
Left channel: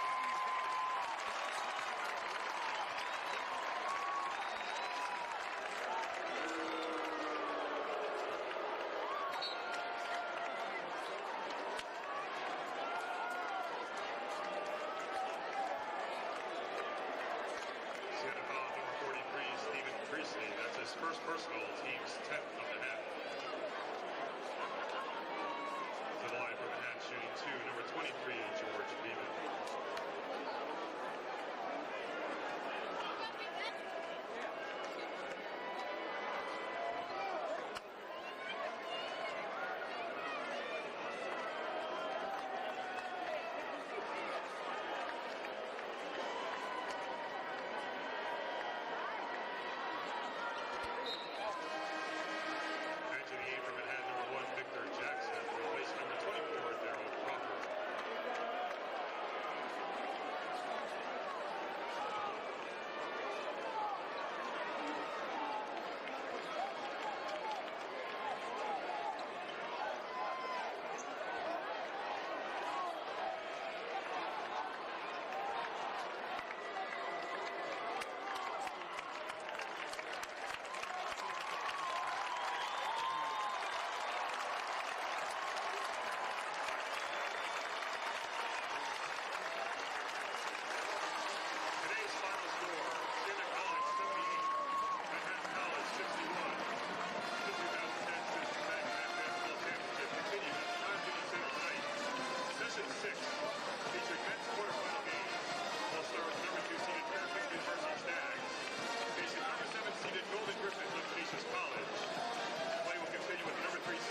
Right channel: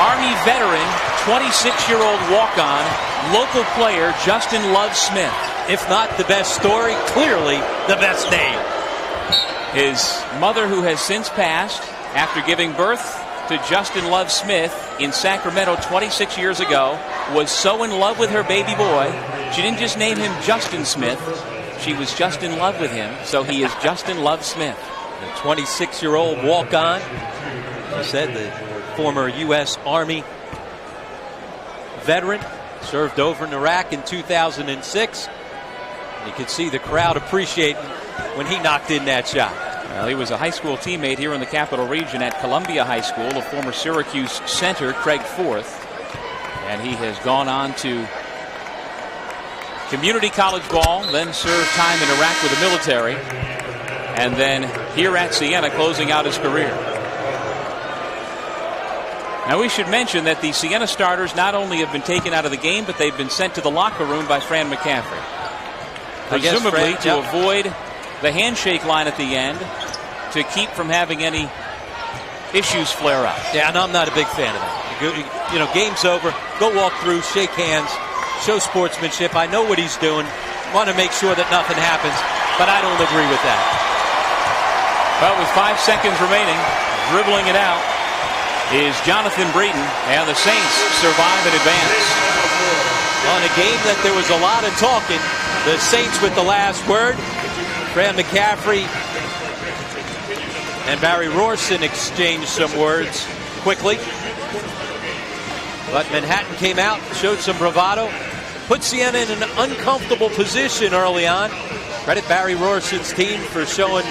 Army veteran, 26-year-old walk-on, local player, Justin Love Smith. If not the best story, clearly the best name. His mother, who has since passed after giving birth to Justin Love Smith in Sacramento 26 years ago, was so in love with her baby boy, she didn't just name him Justin Smith, she was just in love with him, so he is Justin Love Smith. The 26-year-old walk-on, said the former U.S. Army veteran, served over in Iraq in 2006. You could see the crowd appreciating when he knocked in that shot. Well, he was a high school teammate here in the Capital Region at Columbia High School, the former Syracuse center, Craig Forth. And he has gone on to community college ball, then served time in Iraq with the military, and then here at Siena, closing out his career. Now, we should mention that the Siena starters not only have been taken out of the game, but they've been sent to the locker room by Fran McCaffrey. Presumably to avoid the handshake line at the end, to keep from having any issues flare up. Yeah, and I'm not a big fan of that. You know, game's over. Go walk through, shake hands, show sportsmanship. I know what he's doing. Want to make sure that nothing happens, but I don't agree with that. Well, with 5 seconds remaining, dribbling it out is Jonathan Breeden, and the Saints survive and advance. On a game that there was a lot of talking, the Saints with the last word. Fran McCaffrey and Barry Rorson exchanged some words quickly. But Manhattan came out, showed some bravado, put Siena in an uncomfortable position early on. Credit Barry Rorson's team for showing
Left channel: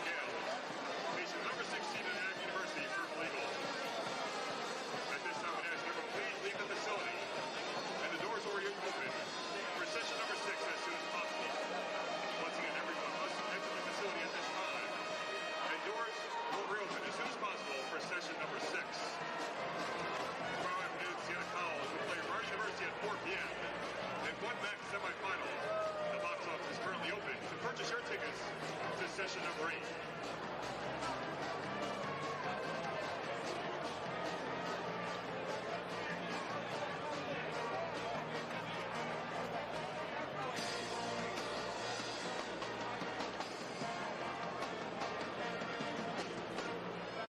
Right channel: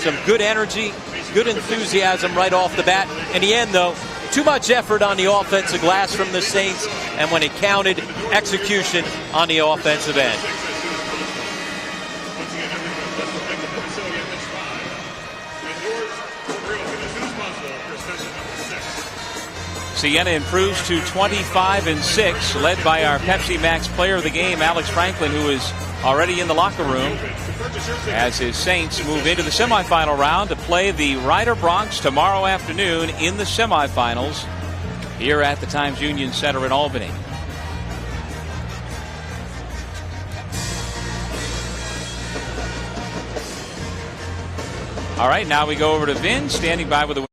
some good energy, good enthusiasm right off the bat. In the end, though, too much effort on the offensive glass from the Saints, and when it counted, execution on the offensive end. Siena improves to 25-6, led by our Pepsi Max player of the game, Alex Franklin, who is already in the locker room as his Saints move into the semifinal round to play the Rider Bronx tomorrow afternoon in the semifinals here at the Times Union Center in Albany. All right, now we go over to Vin, standing by with the